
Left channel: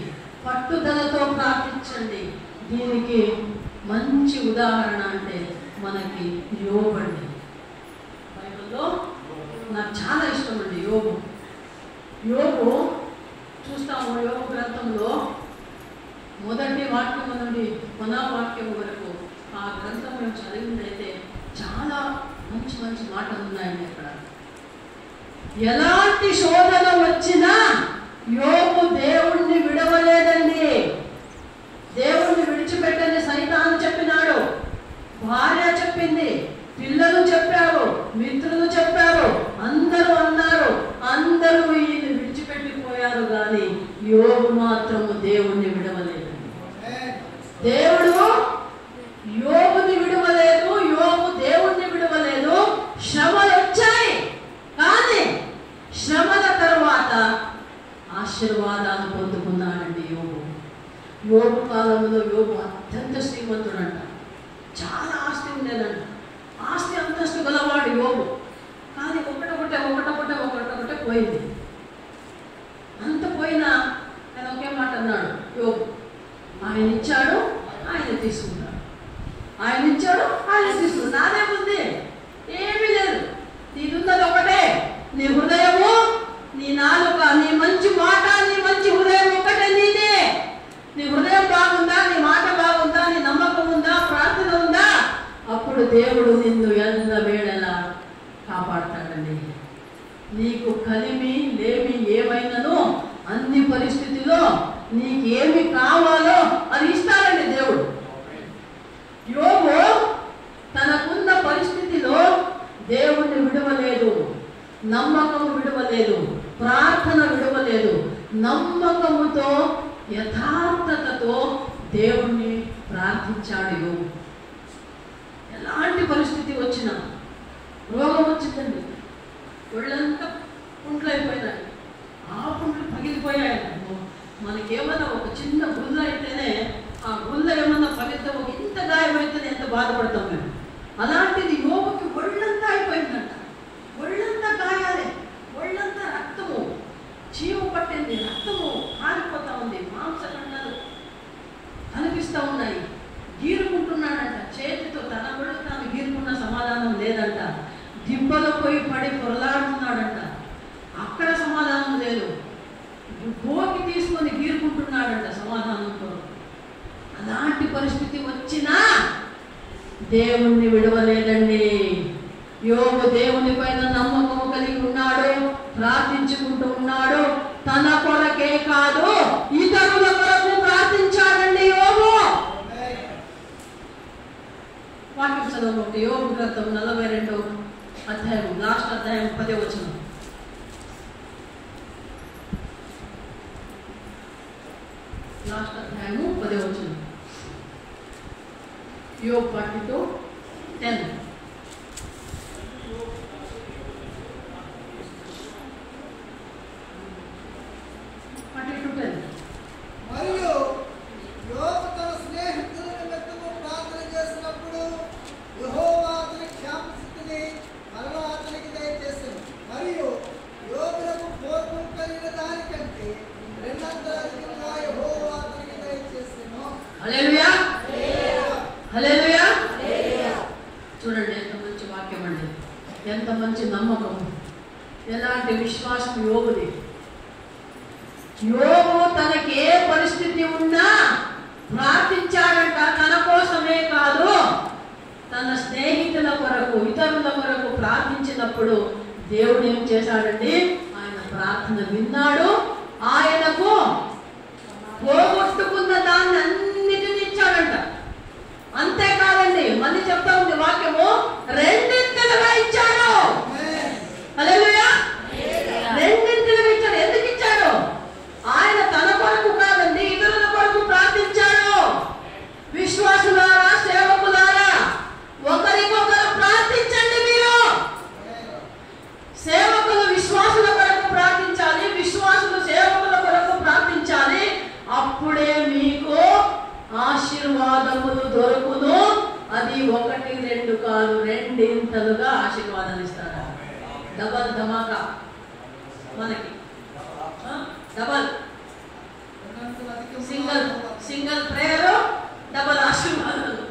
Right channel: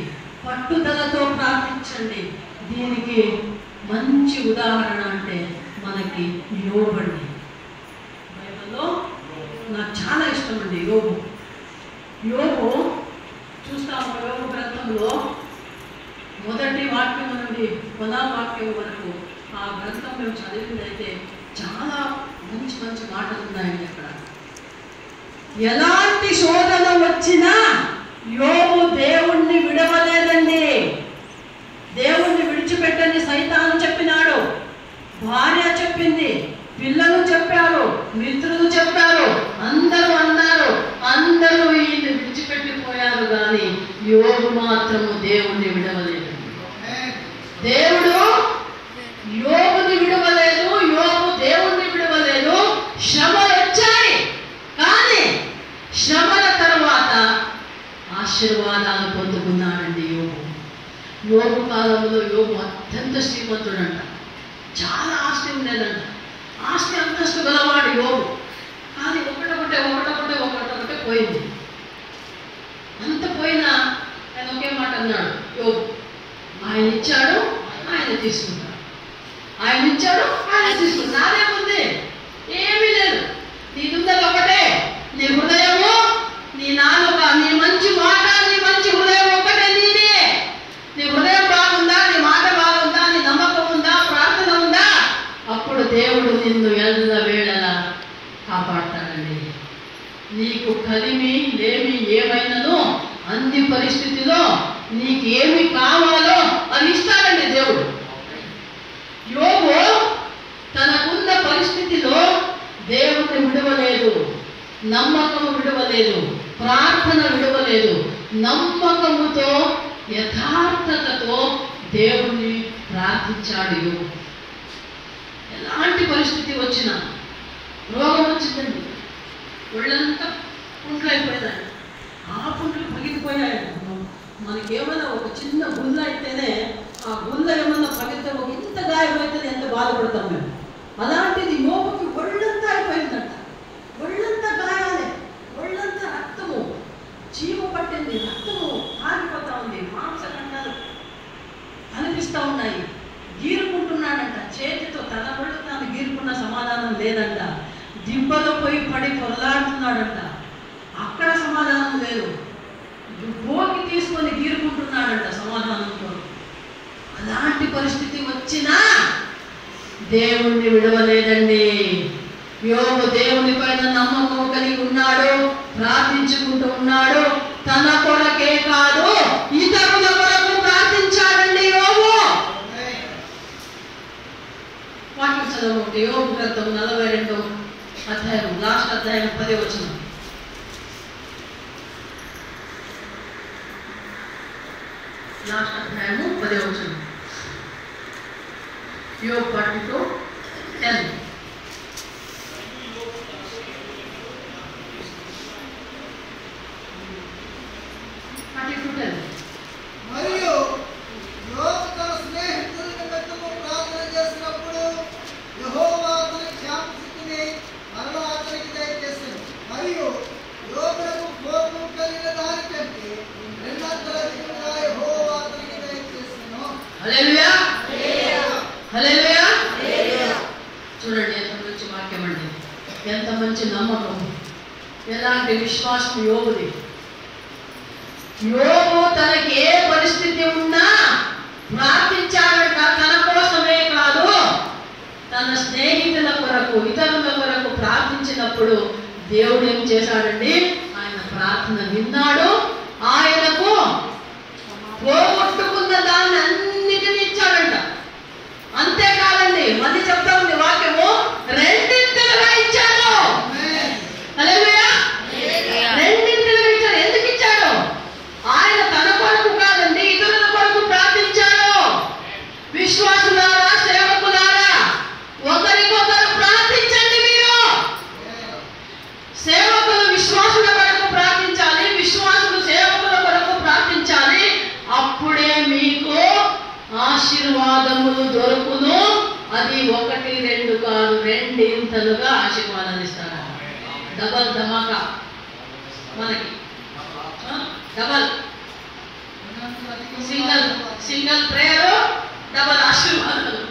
పట్టుదలతో ప్రార్థించండి. దీనికి మంచి ఉదాహరణ అంటే మనకి యోబండి. బైబిల్లో నాకు చాలా ఇష్టం అండి యోబు చూస్తాము. యోబు గ్రంథంలో మొదటి వాక్యం నుండి కొనా వాక్యం వరకు ఆ గ్రంథం మేము చదివిందైతే చాలా మంచి మాటలు ఉన్నాయండి. అక్కడ ఎలాంటి శోధన వచ్చినా యోబు దేవుణ్ణి విడవలేదండి. దేవుణ్ణి విడిచిపెట్టని సైతాను చెప్పినాడు, భార్య చెప్పింది, పిల్లలు చెప్పారు, మిత్రులు చెప్పారు, అందరూ అన్నారు. అందరూ ఈయన విడిచిపెట్టిపోయారు, కానీ యోబు మాత్రము దేవుణ్ణి విడవలేదు. దేవుడు యోబుని విడవలేదు, యోబు ఆశీర్వాదాలు పొందుకున్నాడండి యోబు. యోబు కాలంలో యోబు అత్యంత శ్రీమంతుడంట. చాలా ఆస్తి ఉండేదంట. ఆస్తి అంతస్తు గలవాడు యోబు. కానీ ఒకటొకటే పోయింది. అంత పోయినా ఆయన ఒకే మాట అన్నాడు యోబు, ఆయన ఇచ్చాడు, ఆయన తీసుకున్నాడు. ఆయన ఇచ్చాడు, ఆయన తీసుకున్నాడు. నాదేముంది? ఏమీ లేదు. నీదున్నది ఒకటే, నీ హృదయము, నీ నాలుక, నీ మంచి మాట, నీ మంచి హృదయం ఒకటే నీదే. నీ హృదయం బాగుందా, నీ మాట బాగుందా, నీ నమ్మకం ఉందా, ప్రార్థన ఉందా, అప్పుడు దేవుడు నిన్ను ఎల్ల వేళలా కాపాడతాడండి. నీకు కలిమి లేమి ఏమైనానో అన్ని పరిస్థితిలో నీకు ఏమి కావాలో అది ఇస్తాడండి దేవుడు. యోబు తనకున్న పరిస్థితిలో దేవుణ్ణి విడవలేదు, నమ్మకము విడవలేదు, ప్రార్థన విడవలేదు. నమ్మకముతో యథార్థతతో దేవుణ్ణి ప్రార్థించాడు యోబు. ఎలాంటి పరిస్థితి వచ్చినా, రోగం వచ్చిందండి, ఒళ్ళంతా పుండ్లు అయిపోయిందండి, ఆ పుండ్లు పగిలిపోయాయండి. మనకేమైనా ఒక చిన్న గుల్ల అయితేనే ఆ గుల్ల ఏమన్నా పగిలితే ఒక ఇంత గాయమైతేనే ఎంత బాధపడతాం మేము. అలాంటిది యోబుకి ఒళ్ళంతా అయిపోయిందంట. ఒళ్ళంతా గాయాలే, ఒళ్ళంతా రక్తము, చీమ పట్టింది, రక్తము ఆరిపోతా ఉంది, మాంసఖండాలు కనిపిస్తూ ఉన్నాయి. గీరుకుంటున్నాడంట చేతితో, తన ఒళ్ళు తాను గీరుకున్న సమాధానం లేదంట. దిబ్బలో పోయి పడి పొరలాడుతున్నాడంట, అక్కడ సమాధానం లేదు. భోగి తీసుకొని గీరుకుంటున్నాడంట సమాధానంతో. అలాంటి పరిస్థితి వచ్చినా దేవుణ్ణి విడవలేదండి. యోబు దేవుని పైన నమ్మకం కలిగి ఉన్నాడు, ప్రార్థించుకుంటూ ఉన్నాడు. తన కొరకే కాదు, ఇతరుల కొరకు ప్రార్థించాడండి యోబు. వాక్యం చదవండి. యోబు గ్రంథం 42వ అధ్యాయం, లాస్ట్ అధ్యాయం 10వ వచనం. లాస్ట్ అధ్యాయము 10వ వచనం. యోబు 42:10. మరియు యోబు తన స్నేహితుల నిమిత్తము ప్రార్థన చేసినప్పుడు యెహోవా అతనికి క్షామస్థితిని మరలా అతనికి దయచేసెను. మరియు యోబునకు కోపం కలిగిన దానికంటే రెండంతల అధికముగా యెహోవా అతనికి దయచేసెను. హల్లెలూయా, హల్లెలూయా. చూడండి ఎంత మంచి వాక్యం అండి, ఎంత మంచి నమ్మకం, ఎలాంటి విశ్వాసం యోబుది. యోబు తనకి ఏ పరిస్థితి ఉన్నా ప్రార్థించాడట. తన కోసమే కాదు, తన స్నేహితుల కొరకు, ఇతరుల కొరకు ప్రార్థించినప్పుడు దేవుడు ఏం చేశాడండి? ఆయన ప్రార్థన విన్నాడు, ఆయనకు పోగొట్టుకున్న దాన్ని అన్నిటినీ ఇచ్చాడంట. అంతేకాదండి, మళ్ళీ చెప్తా ఉంది వాక్యము, రెండింతలుగా ఇచ్చాడు. హల్లెలూయా, రెండింతలుగా ఇచ్చాడు. ఎందుకు ఇచ్చాడు? ఆయన తన కొరకు కాదండి, ఇతరుల కొరకు ప్రార్థించాడు. విశ్వాసులారా, సేవకులారా, ఒకరికొకరు ప్రార్థించండి. మీరు సేవకులు విశ్వాసుల కొరకు ప్రార్థించాలి, విశ్వాసులు సేవకుల కొరకు ప్రార్థించాలి. అప్పుడే మీకు ఆశీర్వాదములు దొరుకును. అది 1, 2 కాదు, రెండింతలుగా ఆశీర్వాదాలు ఇస్తాడు. డబల్ ధమాకా మనకి, డబల్ సింగల్ ప్రేయర్, డబల్ ఆశీర్వాదాలు,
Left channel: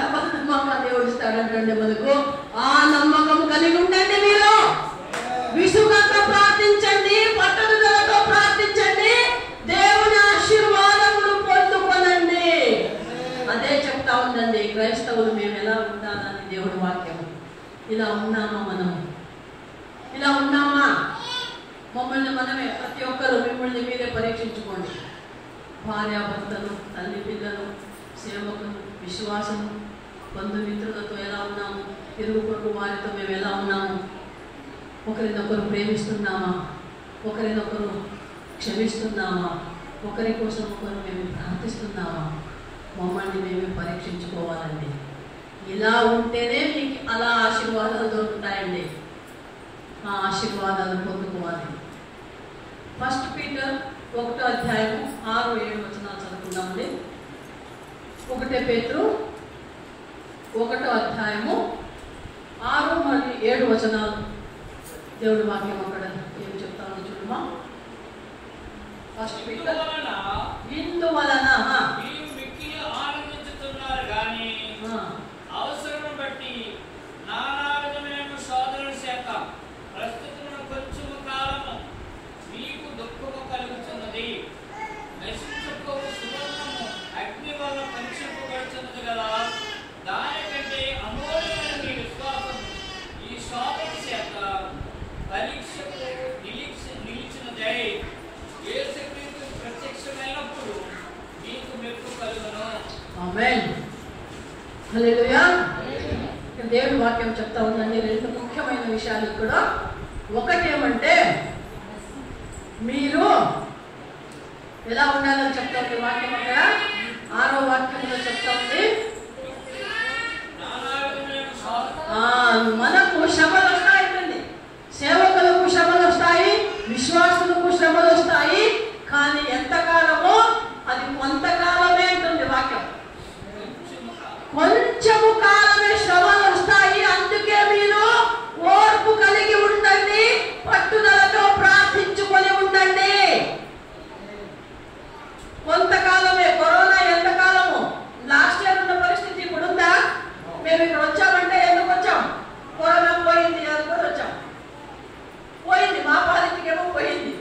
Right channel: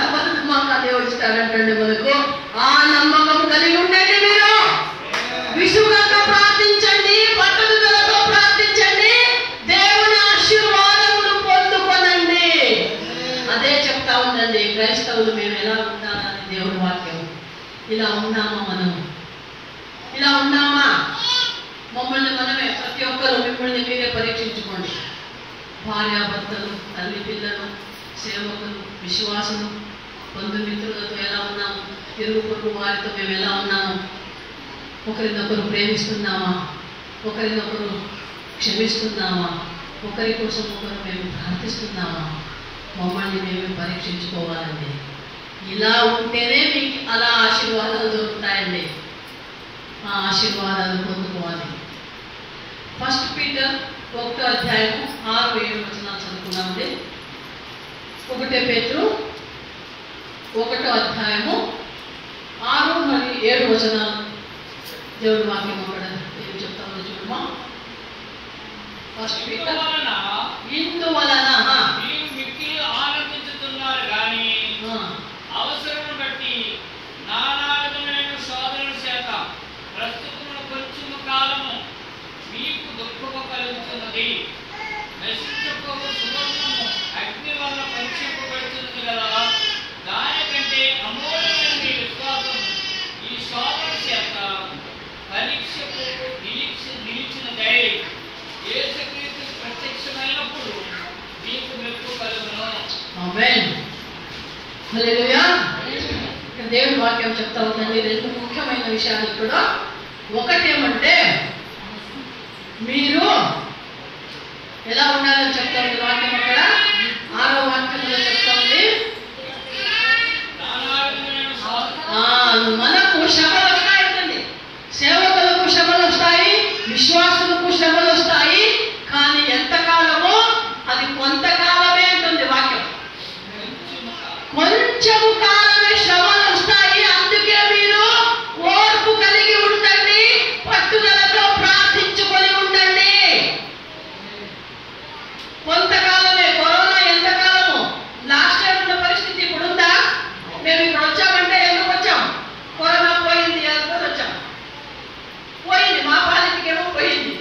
డబల్ ధమాకా దేవుడు ఇస్తాడంటే మనకు. ఆ నమ్మకం కలిగి ఉండండి. మీరు విసుగక ప్రార్థించండి, పట్టుదలతో ప్రార్థించండి, దేవుని ఆశీర్వాదములు పొందుకొనండి. అదే చెప్తా ఉందండి క్రైస్తవులు మేము ఎలా ఉండాలని దేవుని వాక్యం. ఇలా ఉన్నామా మనం? ఇలా ఉన్నామా? మమ్మల్ని మనమే, ప్రతి ఒక్కరు మిమ్మల్ని మీరే పరీక్షించుకోండి. భార్యాభర్తలు, తల్లి పిల్లలు, సేవకులు, విశ్వాసులు, బంధుమిత్రులతో ఎలా ఉన్నాము? ఇరుగు పొరుగు వారితో మేము ఎలా ఉన్నాము? ఒకరినొకరు ప్రేమిస్తున్నామా? ఒకరినొకరు క్షమిస్తున్నామా? ఒకరి కోసం ఒకరు మేము ప్రార్థిస్తున్నామా? మమ్మల్ని మేము పరీక్షించుకోవాలండి. ఇలా ఉంటేనే మీకు అలా ఆశీర్వాదాలు దొరుకుతాయండి. ఆ ఆశీర్వాదాలు పొందుకోవాలి. ఫస్ట్ పీటర్ 1వ అధ్యాయం 6-7 వచనాలు చదువుకున్నామండి. 1 పేతురు 1వ అధ్యాయము 6 మరియు 7 వచనాలు దేవుడి వాక్యం అక్కడ ఏం చెప్తామో చూడమా. ఫస్ట్ పీటర్ ఇందువలన మీరు మిక్కిలి ఆనందించుతున్నారు కానీ అవసరం బట్టి నానా విధమైన శోధనల చేత ప్రస్తుతమున కొంచెం కాలము మీకు దుఃఖము కలుగుతున్నది. నశించుకోవు సువర్ణము అగ్ని వల్ల పంచింపబడుతున్నది కదా, దానికంటే అమూల్యమైన మీ విశ్వాసం ఈ శోధన చేత పరీక్షకు నిలిచినదై యేసుక్రీస్తు ప్రత్యక్షమైనప్పుడు మీకు మెప్పు కలుగును. ఆమేన్. హల్లెలూయా. దేవుని వాక్యం చెప్తా ఉందండి 2 ముఖ్యమైన విషయాలు కూడా. ఒకటేమంటే మీరు ఎలా ఉండాలని చెప్తారు వాక్యం అక్కడ 6వ వాక్యంలో చెప్తా ఉంది. మనకు శ్రమలు వస్తాయండి, సేవకులకు శ్రమలు వస్తాయి, విశ్వాసులకు శ్రమలు వస్తాయి. కానీ ఎంతకాలమో అది కొంతకాలమే ఉంటుంది వాక్యం. కొంచెము కాలమే శ్రమలు వస్తాయి. అందుకే మీరు ఓర్పు కలిగి ఉండండి, పట్టుదలతో ప్రార్థించుకొని ఉండండి. కొంతకాలమే. కరోనా ఎంతకాలము? లాస్ట్ ఇయర్ ఉన్న పరిస్థితి ఇప్పుడు ఉందా? మేము ఇప్పుడు వచ్చామంటే ఎందుకు వచ్చాం? కరోనా పోయింది అనుకొని వచ్చాం. పోయింది, మా పాలిటికేమో పోయింది.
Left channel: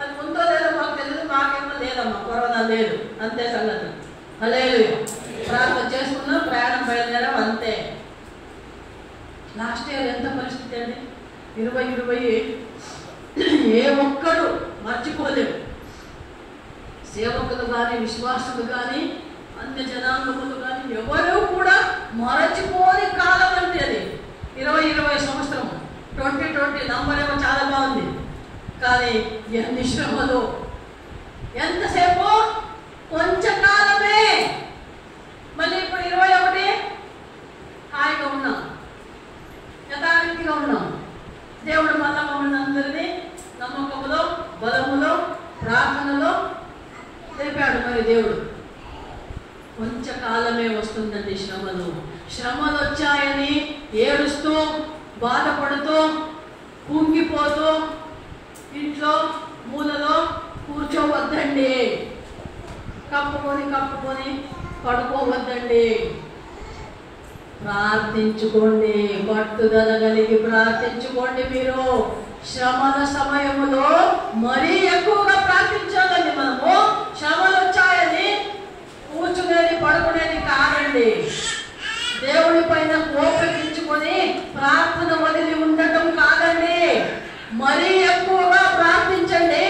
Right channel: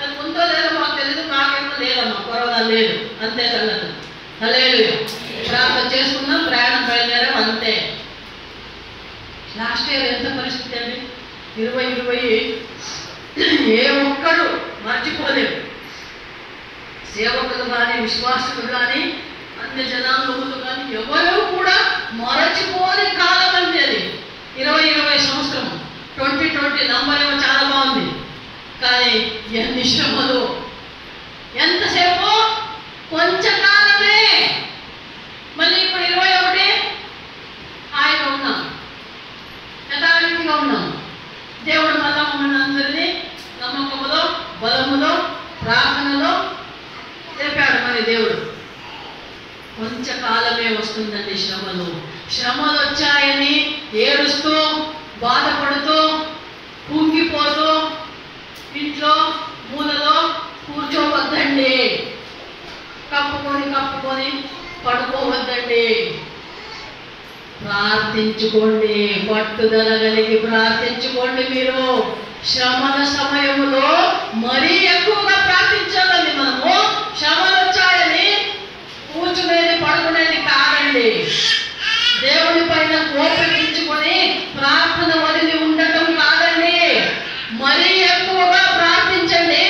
అది ఉందో లేదో మాకు తెలియదు, మాకేమో లేదమ్మా, కరోనా లేదు, అంతే సంగతి. హల్లెలూయా. ప్రార్థన చేసుకున్నాం, ప్రయాణం బయలుదేరాం, అంతే. లాస్ట్ ఇయర్ ఎంత పరిస్థితి అండి? 2020 ఏ ఒక్కరు మర్చిపోలేరు. సేవకులు కానీ, విశ్వాసులు కానీ, అన్ని జనాంగములు కానీ ఎవరు కూడా మరచిపోని కాలం అంటే అది 2020 సంవత్సరం. 2020 నంబర్ ఏమో చాలా బాగుంది, కానీ ఎన్ని శ్రమలు, ఎంతసేపు? కొంచెంకాలమే. మళ్ళీ ఇప్పుడు 21 హాయిగా ఉన్నాం, యథావిధిగా ఉన్నాం. దేవుడు మళ్ళా మమ్మల్ని అందరినీ నమ్మకములో, బలములో, ప్రార్థనలో తెలిపాడు. మరి దేవుడు కొంచెంకాలమే వస్తుందండి శ్రమలు. శ్రమలు వచ్చాయని ఏడుస్తూ, బాధపడుతూ, కుంగిపోతూ ఇంట్లో మూలలో కూర్చోవద్దండి. కప్పుకొని పడుకోవద్దండి. ప్రార్థించుకోండి, పట్టుదల కలిగి ప్రార్థించుకోండి. మీరు శ్రమల సమయంలో మరీ ఎక్కువగా ప్రార్థించాలండి. మనము శ్రమలు వచ్చాయని కూర్చునేది, పడుకునేది కాదండి. దేవుని పైన కోపగించుకొని ప్రార్థన వదిలి ఉండటం కాదండి. మరీ ఎక్కువగా ప్రార్థించండి.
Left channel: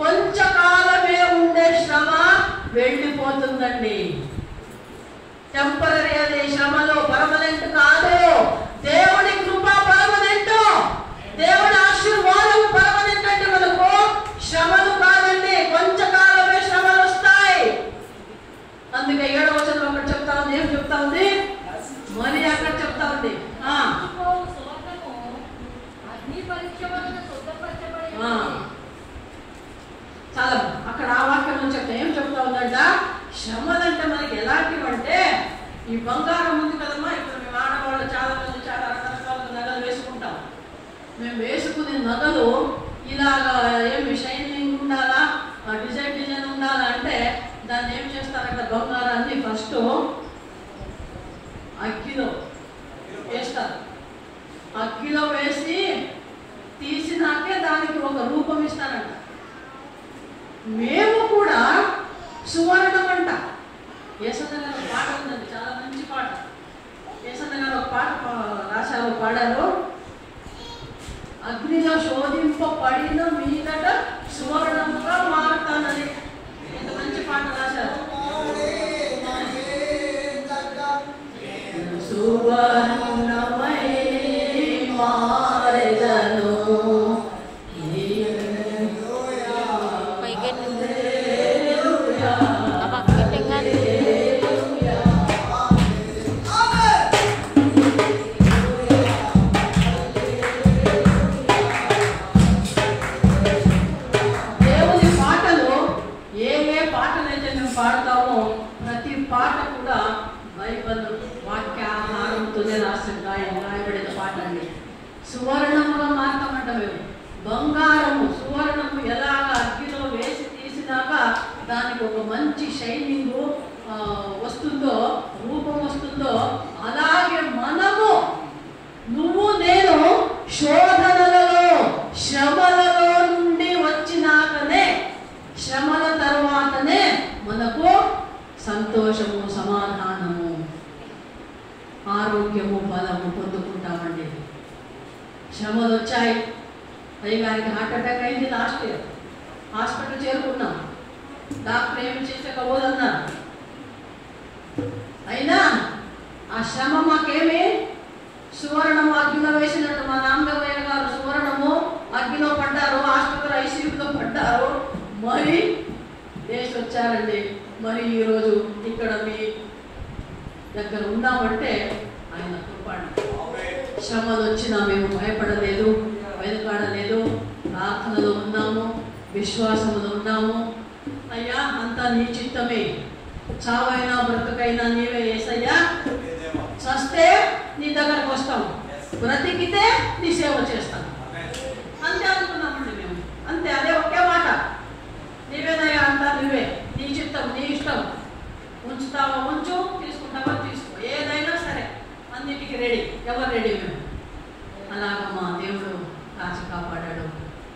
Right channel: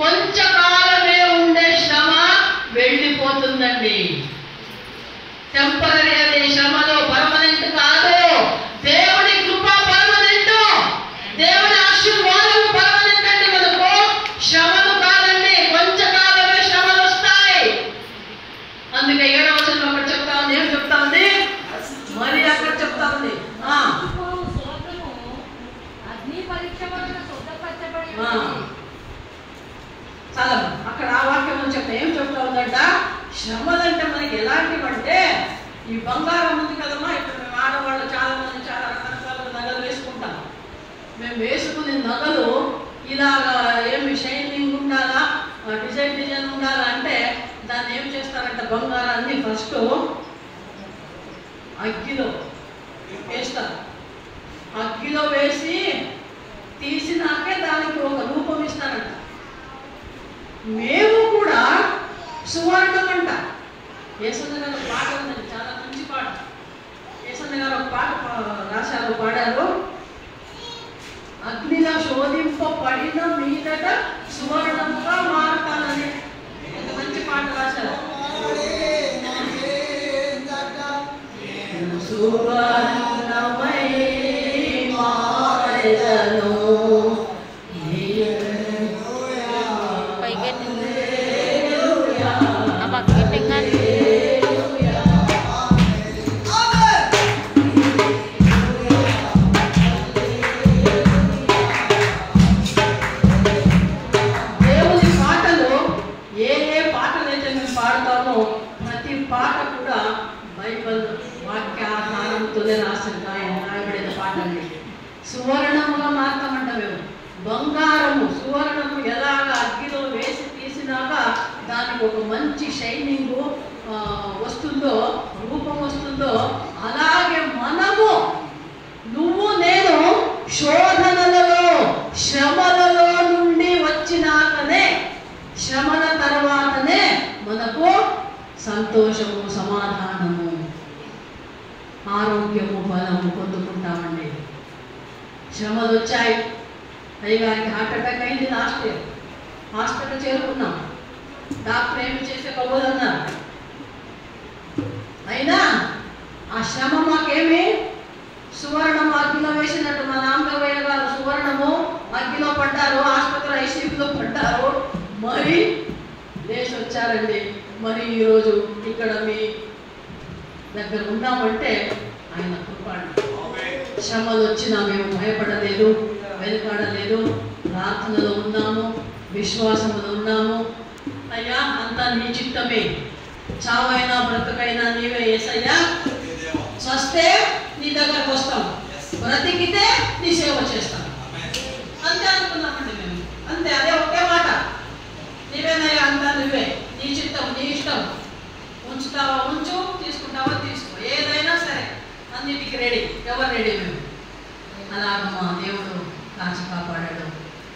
కొంచెంకాలమే ఉండే శ్రమ వెళ్ళిపోతుందండి. టెంపరీ అనే శ్రమలో పర్మనెంట్ కాదు. దేవుని కృప పర్మనెంట్, దేవుని ఆశీర్వాదం పర్మనెంట్ అంటే మనకు శ్రమలు కాదండి, కొంచెంకాలమే శ్రమలు వస్తాయి. అందుకే 7వ వచనంలో అక్కడ చెప్తా ఉంది. ఏం చెప్తా ఉంది? మరి అక్కడ చెప్తా ఉంది, అగ్ని పరీక్ష వలన శుద్ధపరచబడి చాలా అక్కడ ఆ వాక్యం చెప్తా. ఏం చెప్తా ఉందంట? శ్రమలంటే మనకి ఎలాంటివంటే, ఈ బంగారం ఉంది కదమ్మా, ఇప్పుడు మేము ఆడవాళ్ళు చాలా మంది చాలా రకరకాల నగలు వేసుకుంటాం. మేము వేసుకునే నగలు ఇలాగా ఏమి షైనింగ్ ఉండాలా, డిజైన్ ఉండాలా అంటే దాన్ని ఏం చేస్తారంటే బంగారాన్ని ఫస్ట్ అగ్గిలో వేస్తారు. అగ్గిలో వేసి తీసినాకే దానికి ఒక రూపం ఇస్తారంట. మేము కూడా సువర్ణం అంట. యేసన్న గారు ఒక పాట ఉందండి, చాలా మంచి పాట. యేసన్న గారు ఒక పాట రాశారు, పాడారు. అగ్నిలో శోధింపబడిన మీదట సువర్ణంగా మారతానని. ఎంత మంచి పాట రాశారు. సువర్ణమై మారెదను దేవుని సువర్ణముగా మారతామంట మేము. బంగారము సువర్ణము ఎలాగ అగ్గిలో వేసి తీసినాక దానికి ఒక మంచి షైనింగ్ వస్తుందో, రూపం వస్తుందో, అలాగే మనము నువ్వు నేను శోధనలలో శ్రమలలో నుండి వచ్చినాకనే, శ్రమల తర్వాతనే మనకు సంతోషము, సమాధానము, ఆరోగ్యము, బలము పొందుకుంటామండి. శ్రమలు వచ్చాయి. అయ్యగారికి హార్ట్ అటాక్ అయింది లాస్ట్ ఇయర్. హాస్పిటల్ చేరుకున్నాం. డాక్టర్ ఏమి చేసే కబోదన్నారు. అయినా ఆ శ్రమ మాకేమి సువర్ణము అగ్గిలో వేసినట్టు మా నాన్నయ్య గారు సువర్ణము అగ్గిలో పడ్డారు, ఆసుపత్రి ఐసీయూలో పడ్డారు, మరి లేచి వచ్చారండి. మరి ఈరోజు ఇక్కడ మీ దగ్గర ఉన్నామంటే ఆయన కృపండి. శ్రమలు వచ్చినా మేము భయపడలేదు, వెనుకాడలేదు, ప్రార్థనలో ఉన్నాము, విశ్వాసంలో ఉన్నాము. అయ్యా అంతా నీ చిత్తమే, చావైనా బ్రతుకైనా నీవే యేసయ్యా. చస్తే నీ దగ్గరకు వస్తాం, బ్రతికితే నీ సేవ చేస్తాం. అంతే అనుకున్నామండి మేము. అంతే, అదే ఒకే మాట. నీవేనయ్యా, అంతా నువ్వే, నీ చిత్తం, నీ ఇష్టం. ఉంచుతావా ఉంచు, తీసుకుంటావా తీసుకో, ఏదైనా సరే అన్నిటికీ రెడీ. ఎవరు రెడీ? మేము. అలాగ మా దేవుడు కాచి కాపాడాడు.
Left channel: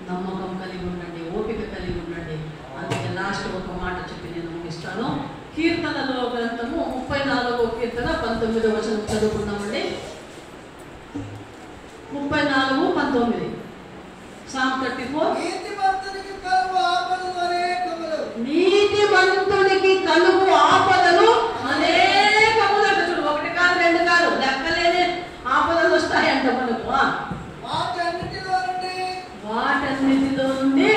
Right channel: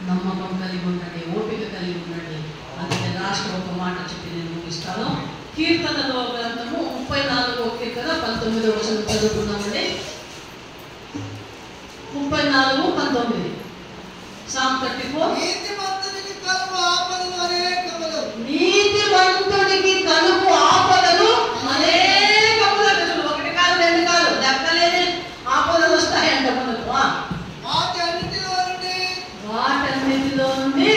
నమ్మకం కలిగి ఉండండి, ఓపిక కలిగి ఉండండి. అందుకే లాస్ట్ ఒక మాట చెప్పి నేను ముగిస్తాను. కీర్తనలో గ్రంథము 34వ కీర్తన 19వ వచనం చదువుకున్నామండి. 34:19. Psalm 34. నీతిమంతునికి కలుగు ఆపదలు అనేకములు. నీతిమంతునికి కలుగు ఆపదలు అనేకములు. ఒకటి కాదు, రెండు కాదు, లెక్కలేని ఆపదలు వస్తాయంట మనకు. వాటన్నిటిలో నుండి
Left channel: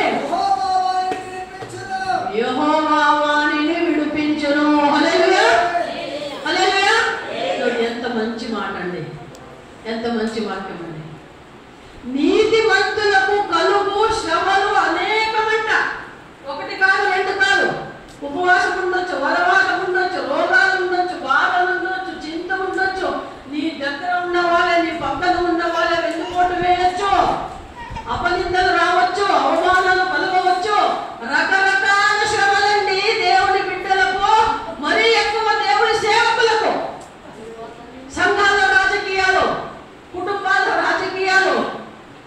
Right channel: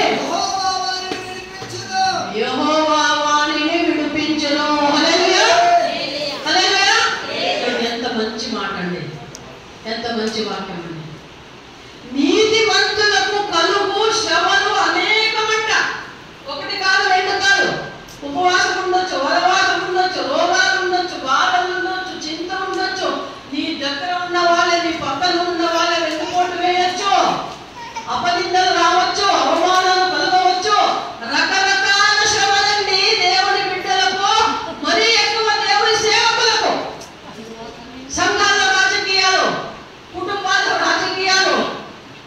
యెహోవా వారిని విడిపించును. హల్లెలూయా, హల్లెలూయా. ఎంత మంచి మాట అండి, ఎంత మంచి వాక్యం అండి. నీతిమంతులకు కలుగు శ్రమలు అనేకమంట. ఒకటి కాదు, రెండు కాదు. ఉపవాసం ఉండొచ్చు, వరవాసం ఉండొచ్చు, రోగాలు ఉండొచ్చు, బాధలు ఉండొచ్చు, చింత ఉండొచ్చు. నీ దగ్గర ఉన్న వాళ్ళే, నీ పక్కన ఉన్న వాళ్ళే వెన్నుపోటు వేయొచ్చు, అపనిందలు రావచ్చు, అవమానాలు కలగవచ్చు. రకరకాల శ్రమలండి దేవుని బిడ్డలకు, మరీ ఎక్కువ దేవుని సేవకులకు. సంఘాల రాజకీయాలు, కుటుంబాల రాజకీయాలు,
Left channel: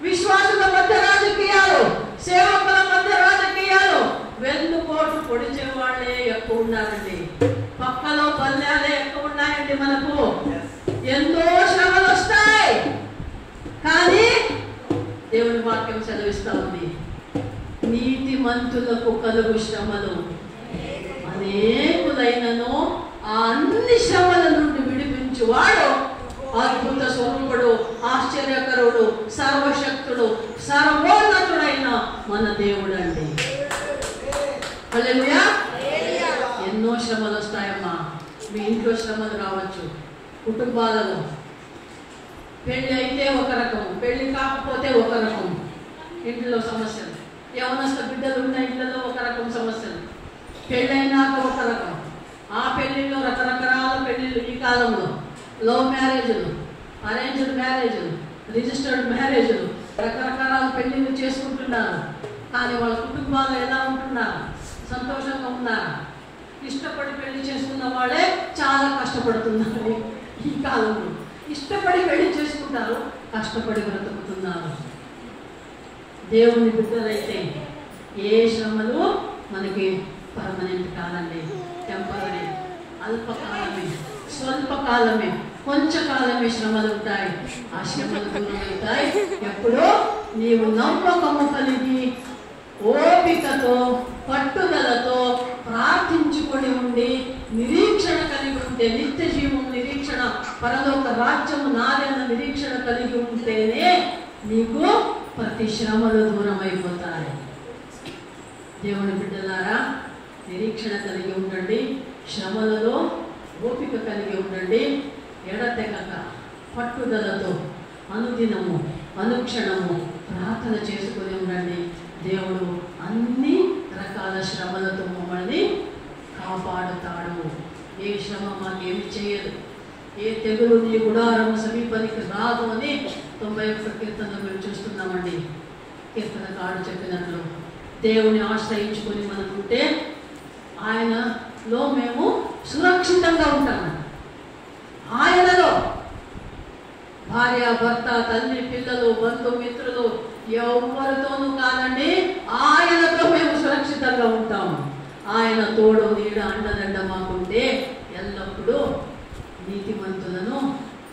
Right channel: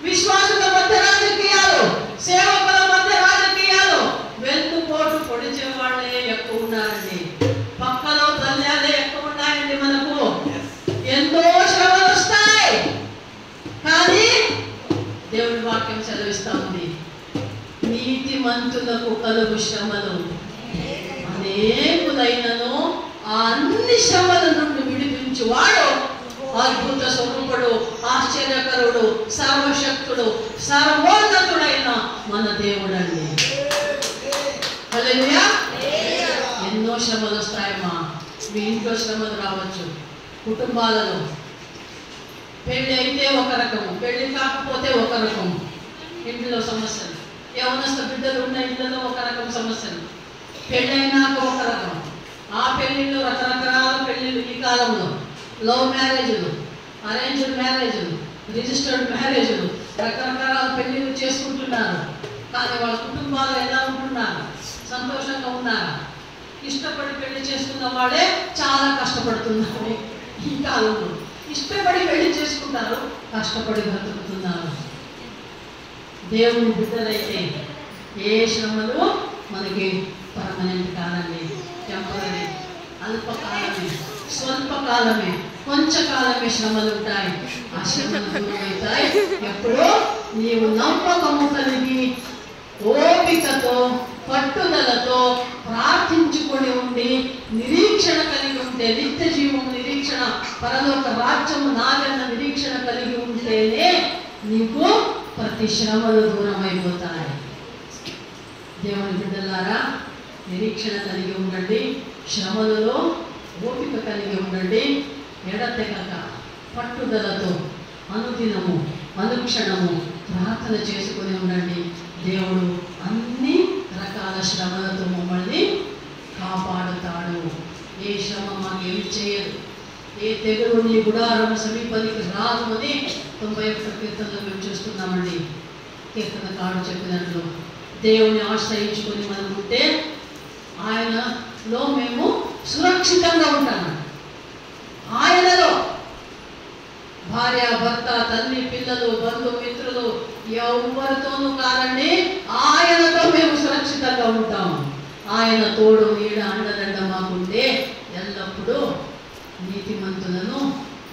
విశ్వాసుల మధ్య రాజకీయాలు, సేవకుల మధ్య రాజకీయాలు. వెన్నుపోటు పొడిచే వాళ్ళే ఎక్కువ ఉన్నారండి. పక్కలో పల్లెలే ఎక్కువ ఉన్నాయండి. మనకు ఎంతో శ్రమలు వస్తాయి, కానీ దేవుని వాక్యం సెలవిస్తా ఉంది, నీతిమంతులకు కలుగు శ్రమలు అనేకులైనను ఆ అన్ని శ్రమల నుండి విడిపించువాడు అద్భుత స్వరూపుడు, ఆశ్చర్యకరుడు, సర్వశక్తుడు, సర్వోన్నతుడైన మన దేవుడు అండి. హల్లెలూయా. ఎన్నో శ్రమలు వస్తాయమ్మా. మీ ఇంట్లో శ్రమలు రావచ్చు, కుటుంబాలలో. పెళ్ళి అయితే ఒక రకము, పెళ్ళి కాకపోతే ఒక రకము. ఇంట్లో సమస్యలు, యవనస్థ బిడ్డలు ఉన్న ఇంట్లో ఒక రకం సమస్యలు, పెళ్ళైనాక ఒక రకం. ఆ పెళ్ళిలో రకరకాల పెళ్ళిళ్ళు ఈ కాలంలో. లవ్ మ్యారేజ్లు, అరేంజ్డ్ మ్యారేజ్లు, రిజిస్టర్డ్ మ్యారేజ్లు, రకరకాల పెళ్ళిళ్ళు చేసుకుంటున్నారు. కానీ వాళ్ళ కుటుంబాలు ఎలా ఉంటున్నారు? సంతోషంగా ఉన్నారు? ఇష్టపడి పెళ్లి చేసుకున్న వాళ్ళే చాలా కష్టపడుతున్నారు ఈ కాలంలో. ఇష్టపడి పెళ్లి చేసుకుంటారు, కష్టపడి బ్రతుకుతున్నారు. దేవుని బిడ్డలైతే ఏ శ్రమలు మనకి పర్మనెంట్ కాదండి, టెంపరీ, అల్పకాలమే, స్వల్పకాలమే, కొంచెంకాలమే శ్రమలు ఉంటాయి. ఆ శ్రమలు దూరమవుతాయి ఎప్పుడో నీవు నమ్మకము కలిగి ఓపికతో పట్టుదలతో ప్రార్థించుకొని ఉండి నిరీక్షణ కలిగి ఉంటే, నిత్య జీవము నిరీక్షణ, పరలోక రాజ్యము నాదన్న నిరీక్షణ కలిగి ఉంటేనే నీకు ప్రతి శ్రమలు దూరం అయిపోతాయి. దేవుని బిడ్డలారా, నిరీక్షణ కలిగి ఉండండి, శ్రమలలో ఓపిక కలిగి ఉండండి. ఎడతెగక పట్టుదలతో అనుదినము అనుక్షణము ప్రార్థన చేసుకొని ఉండండి. దేవుడు అన్ని రకాల శ్రమలతో మమ్మల్ని కాపాడుతాడు. ఏ శ్రమ మాకేమి చేయదు, ఏ తెగులు నీ గుడారం సమీపానికి రాదు అని 91వ కీర్తనలో మేము చూస్తున్నామండి. కీర్తనకారుడు చెప్పినట్లు దేవుని ఆశ్రయించుకొని మనం ఉంటే ఆయనలో మేము సురక్షితంగా ఉంటాము. ఆయనలో భార్య, భర్త, తల్లి, పిల్లలు, బంధుమిత్రులు ఎవరితోనూ కాదండి, ఆయనతో మేము సురక్షితంగా ఉంటాము. ఆయన తోడు నీడ అండదండ మాకుంటే ఎల్లప్పుడూ నీతిమంతులను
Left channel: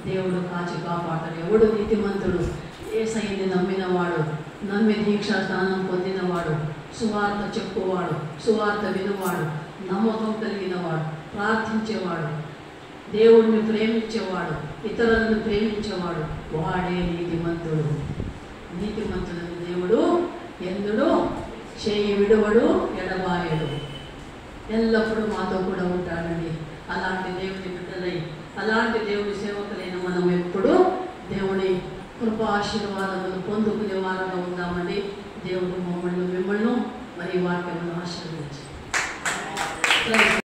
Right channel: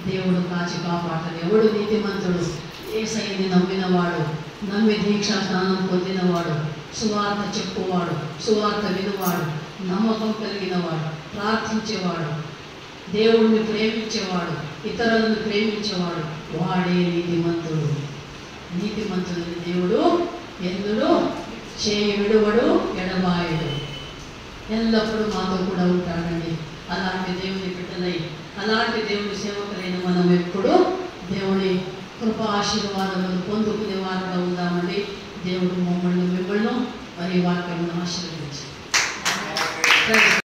దేవుడు కాచి కాపాడతాడు. ఎవడు నీతిమంతుడు? యేసయ్యని నమ్మినవాడు, నమ్మి దీక్షా స్నానం పొందినవాడు, సువార్త చెప్పువాడు, సువార్త వినువాడు, నమ్మకం కలిగినవాడు, ప్రార్థించేవాడు, దేవుడిని ప్రేమించేవాడు, ఇతరులను ప్రేమించేవాడు, వాడే నీతిమంతుడు. నీతిమంతులని దేవుడు ఎన్నుడు చేయి విడువడు, ఎడబాయడు, ఎల్లప్పుడూ మాతో కూడా ఉంటాడండి. అలాంటి దేవుని బిడ్డలై, అలాంటి దేవుని సేవకులైన మనం ఎప్పుడు దేవుని కృపా ఆశీర్వాదములు పొందుకునే వారుగా ఉందామండి. దేవుడు మిమ్మల్ని మరి వాక్యమును ఆశీర్వదించును.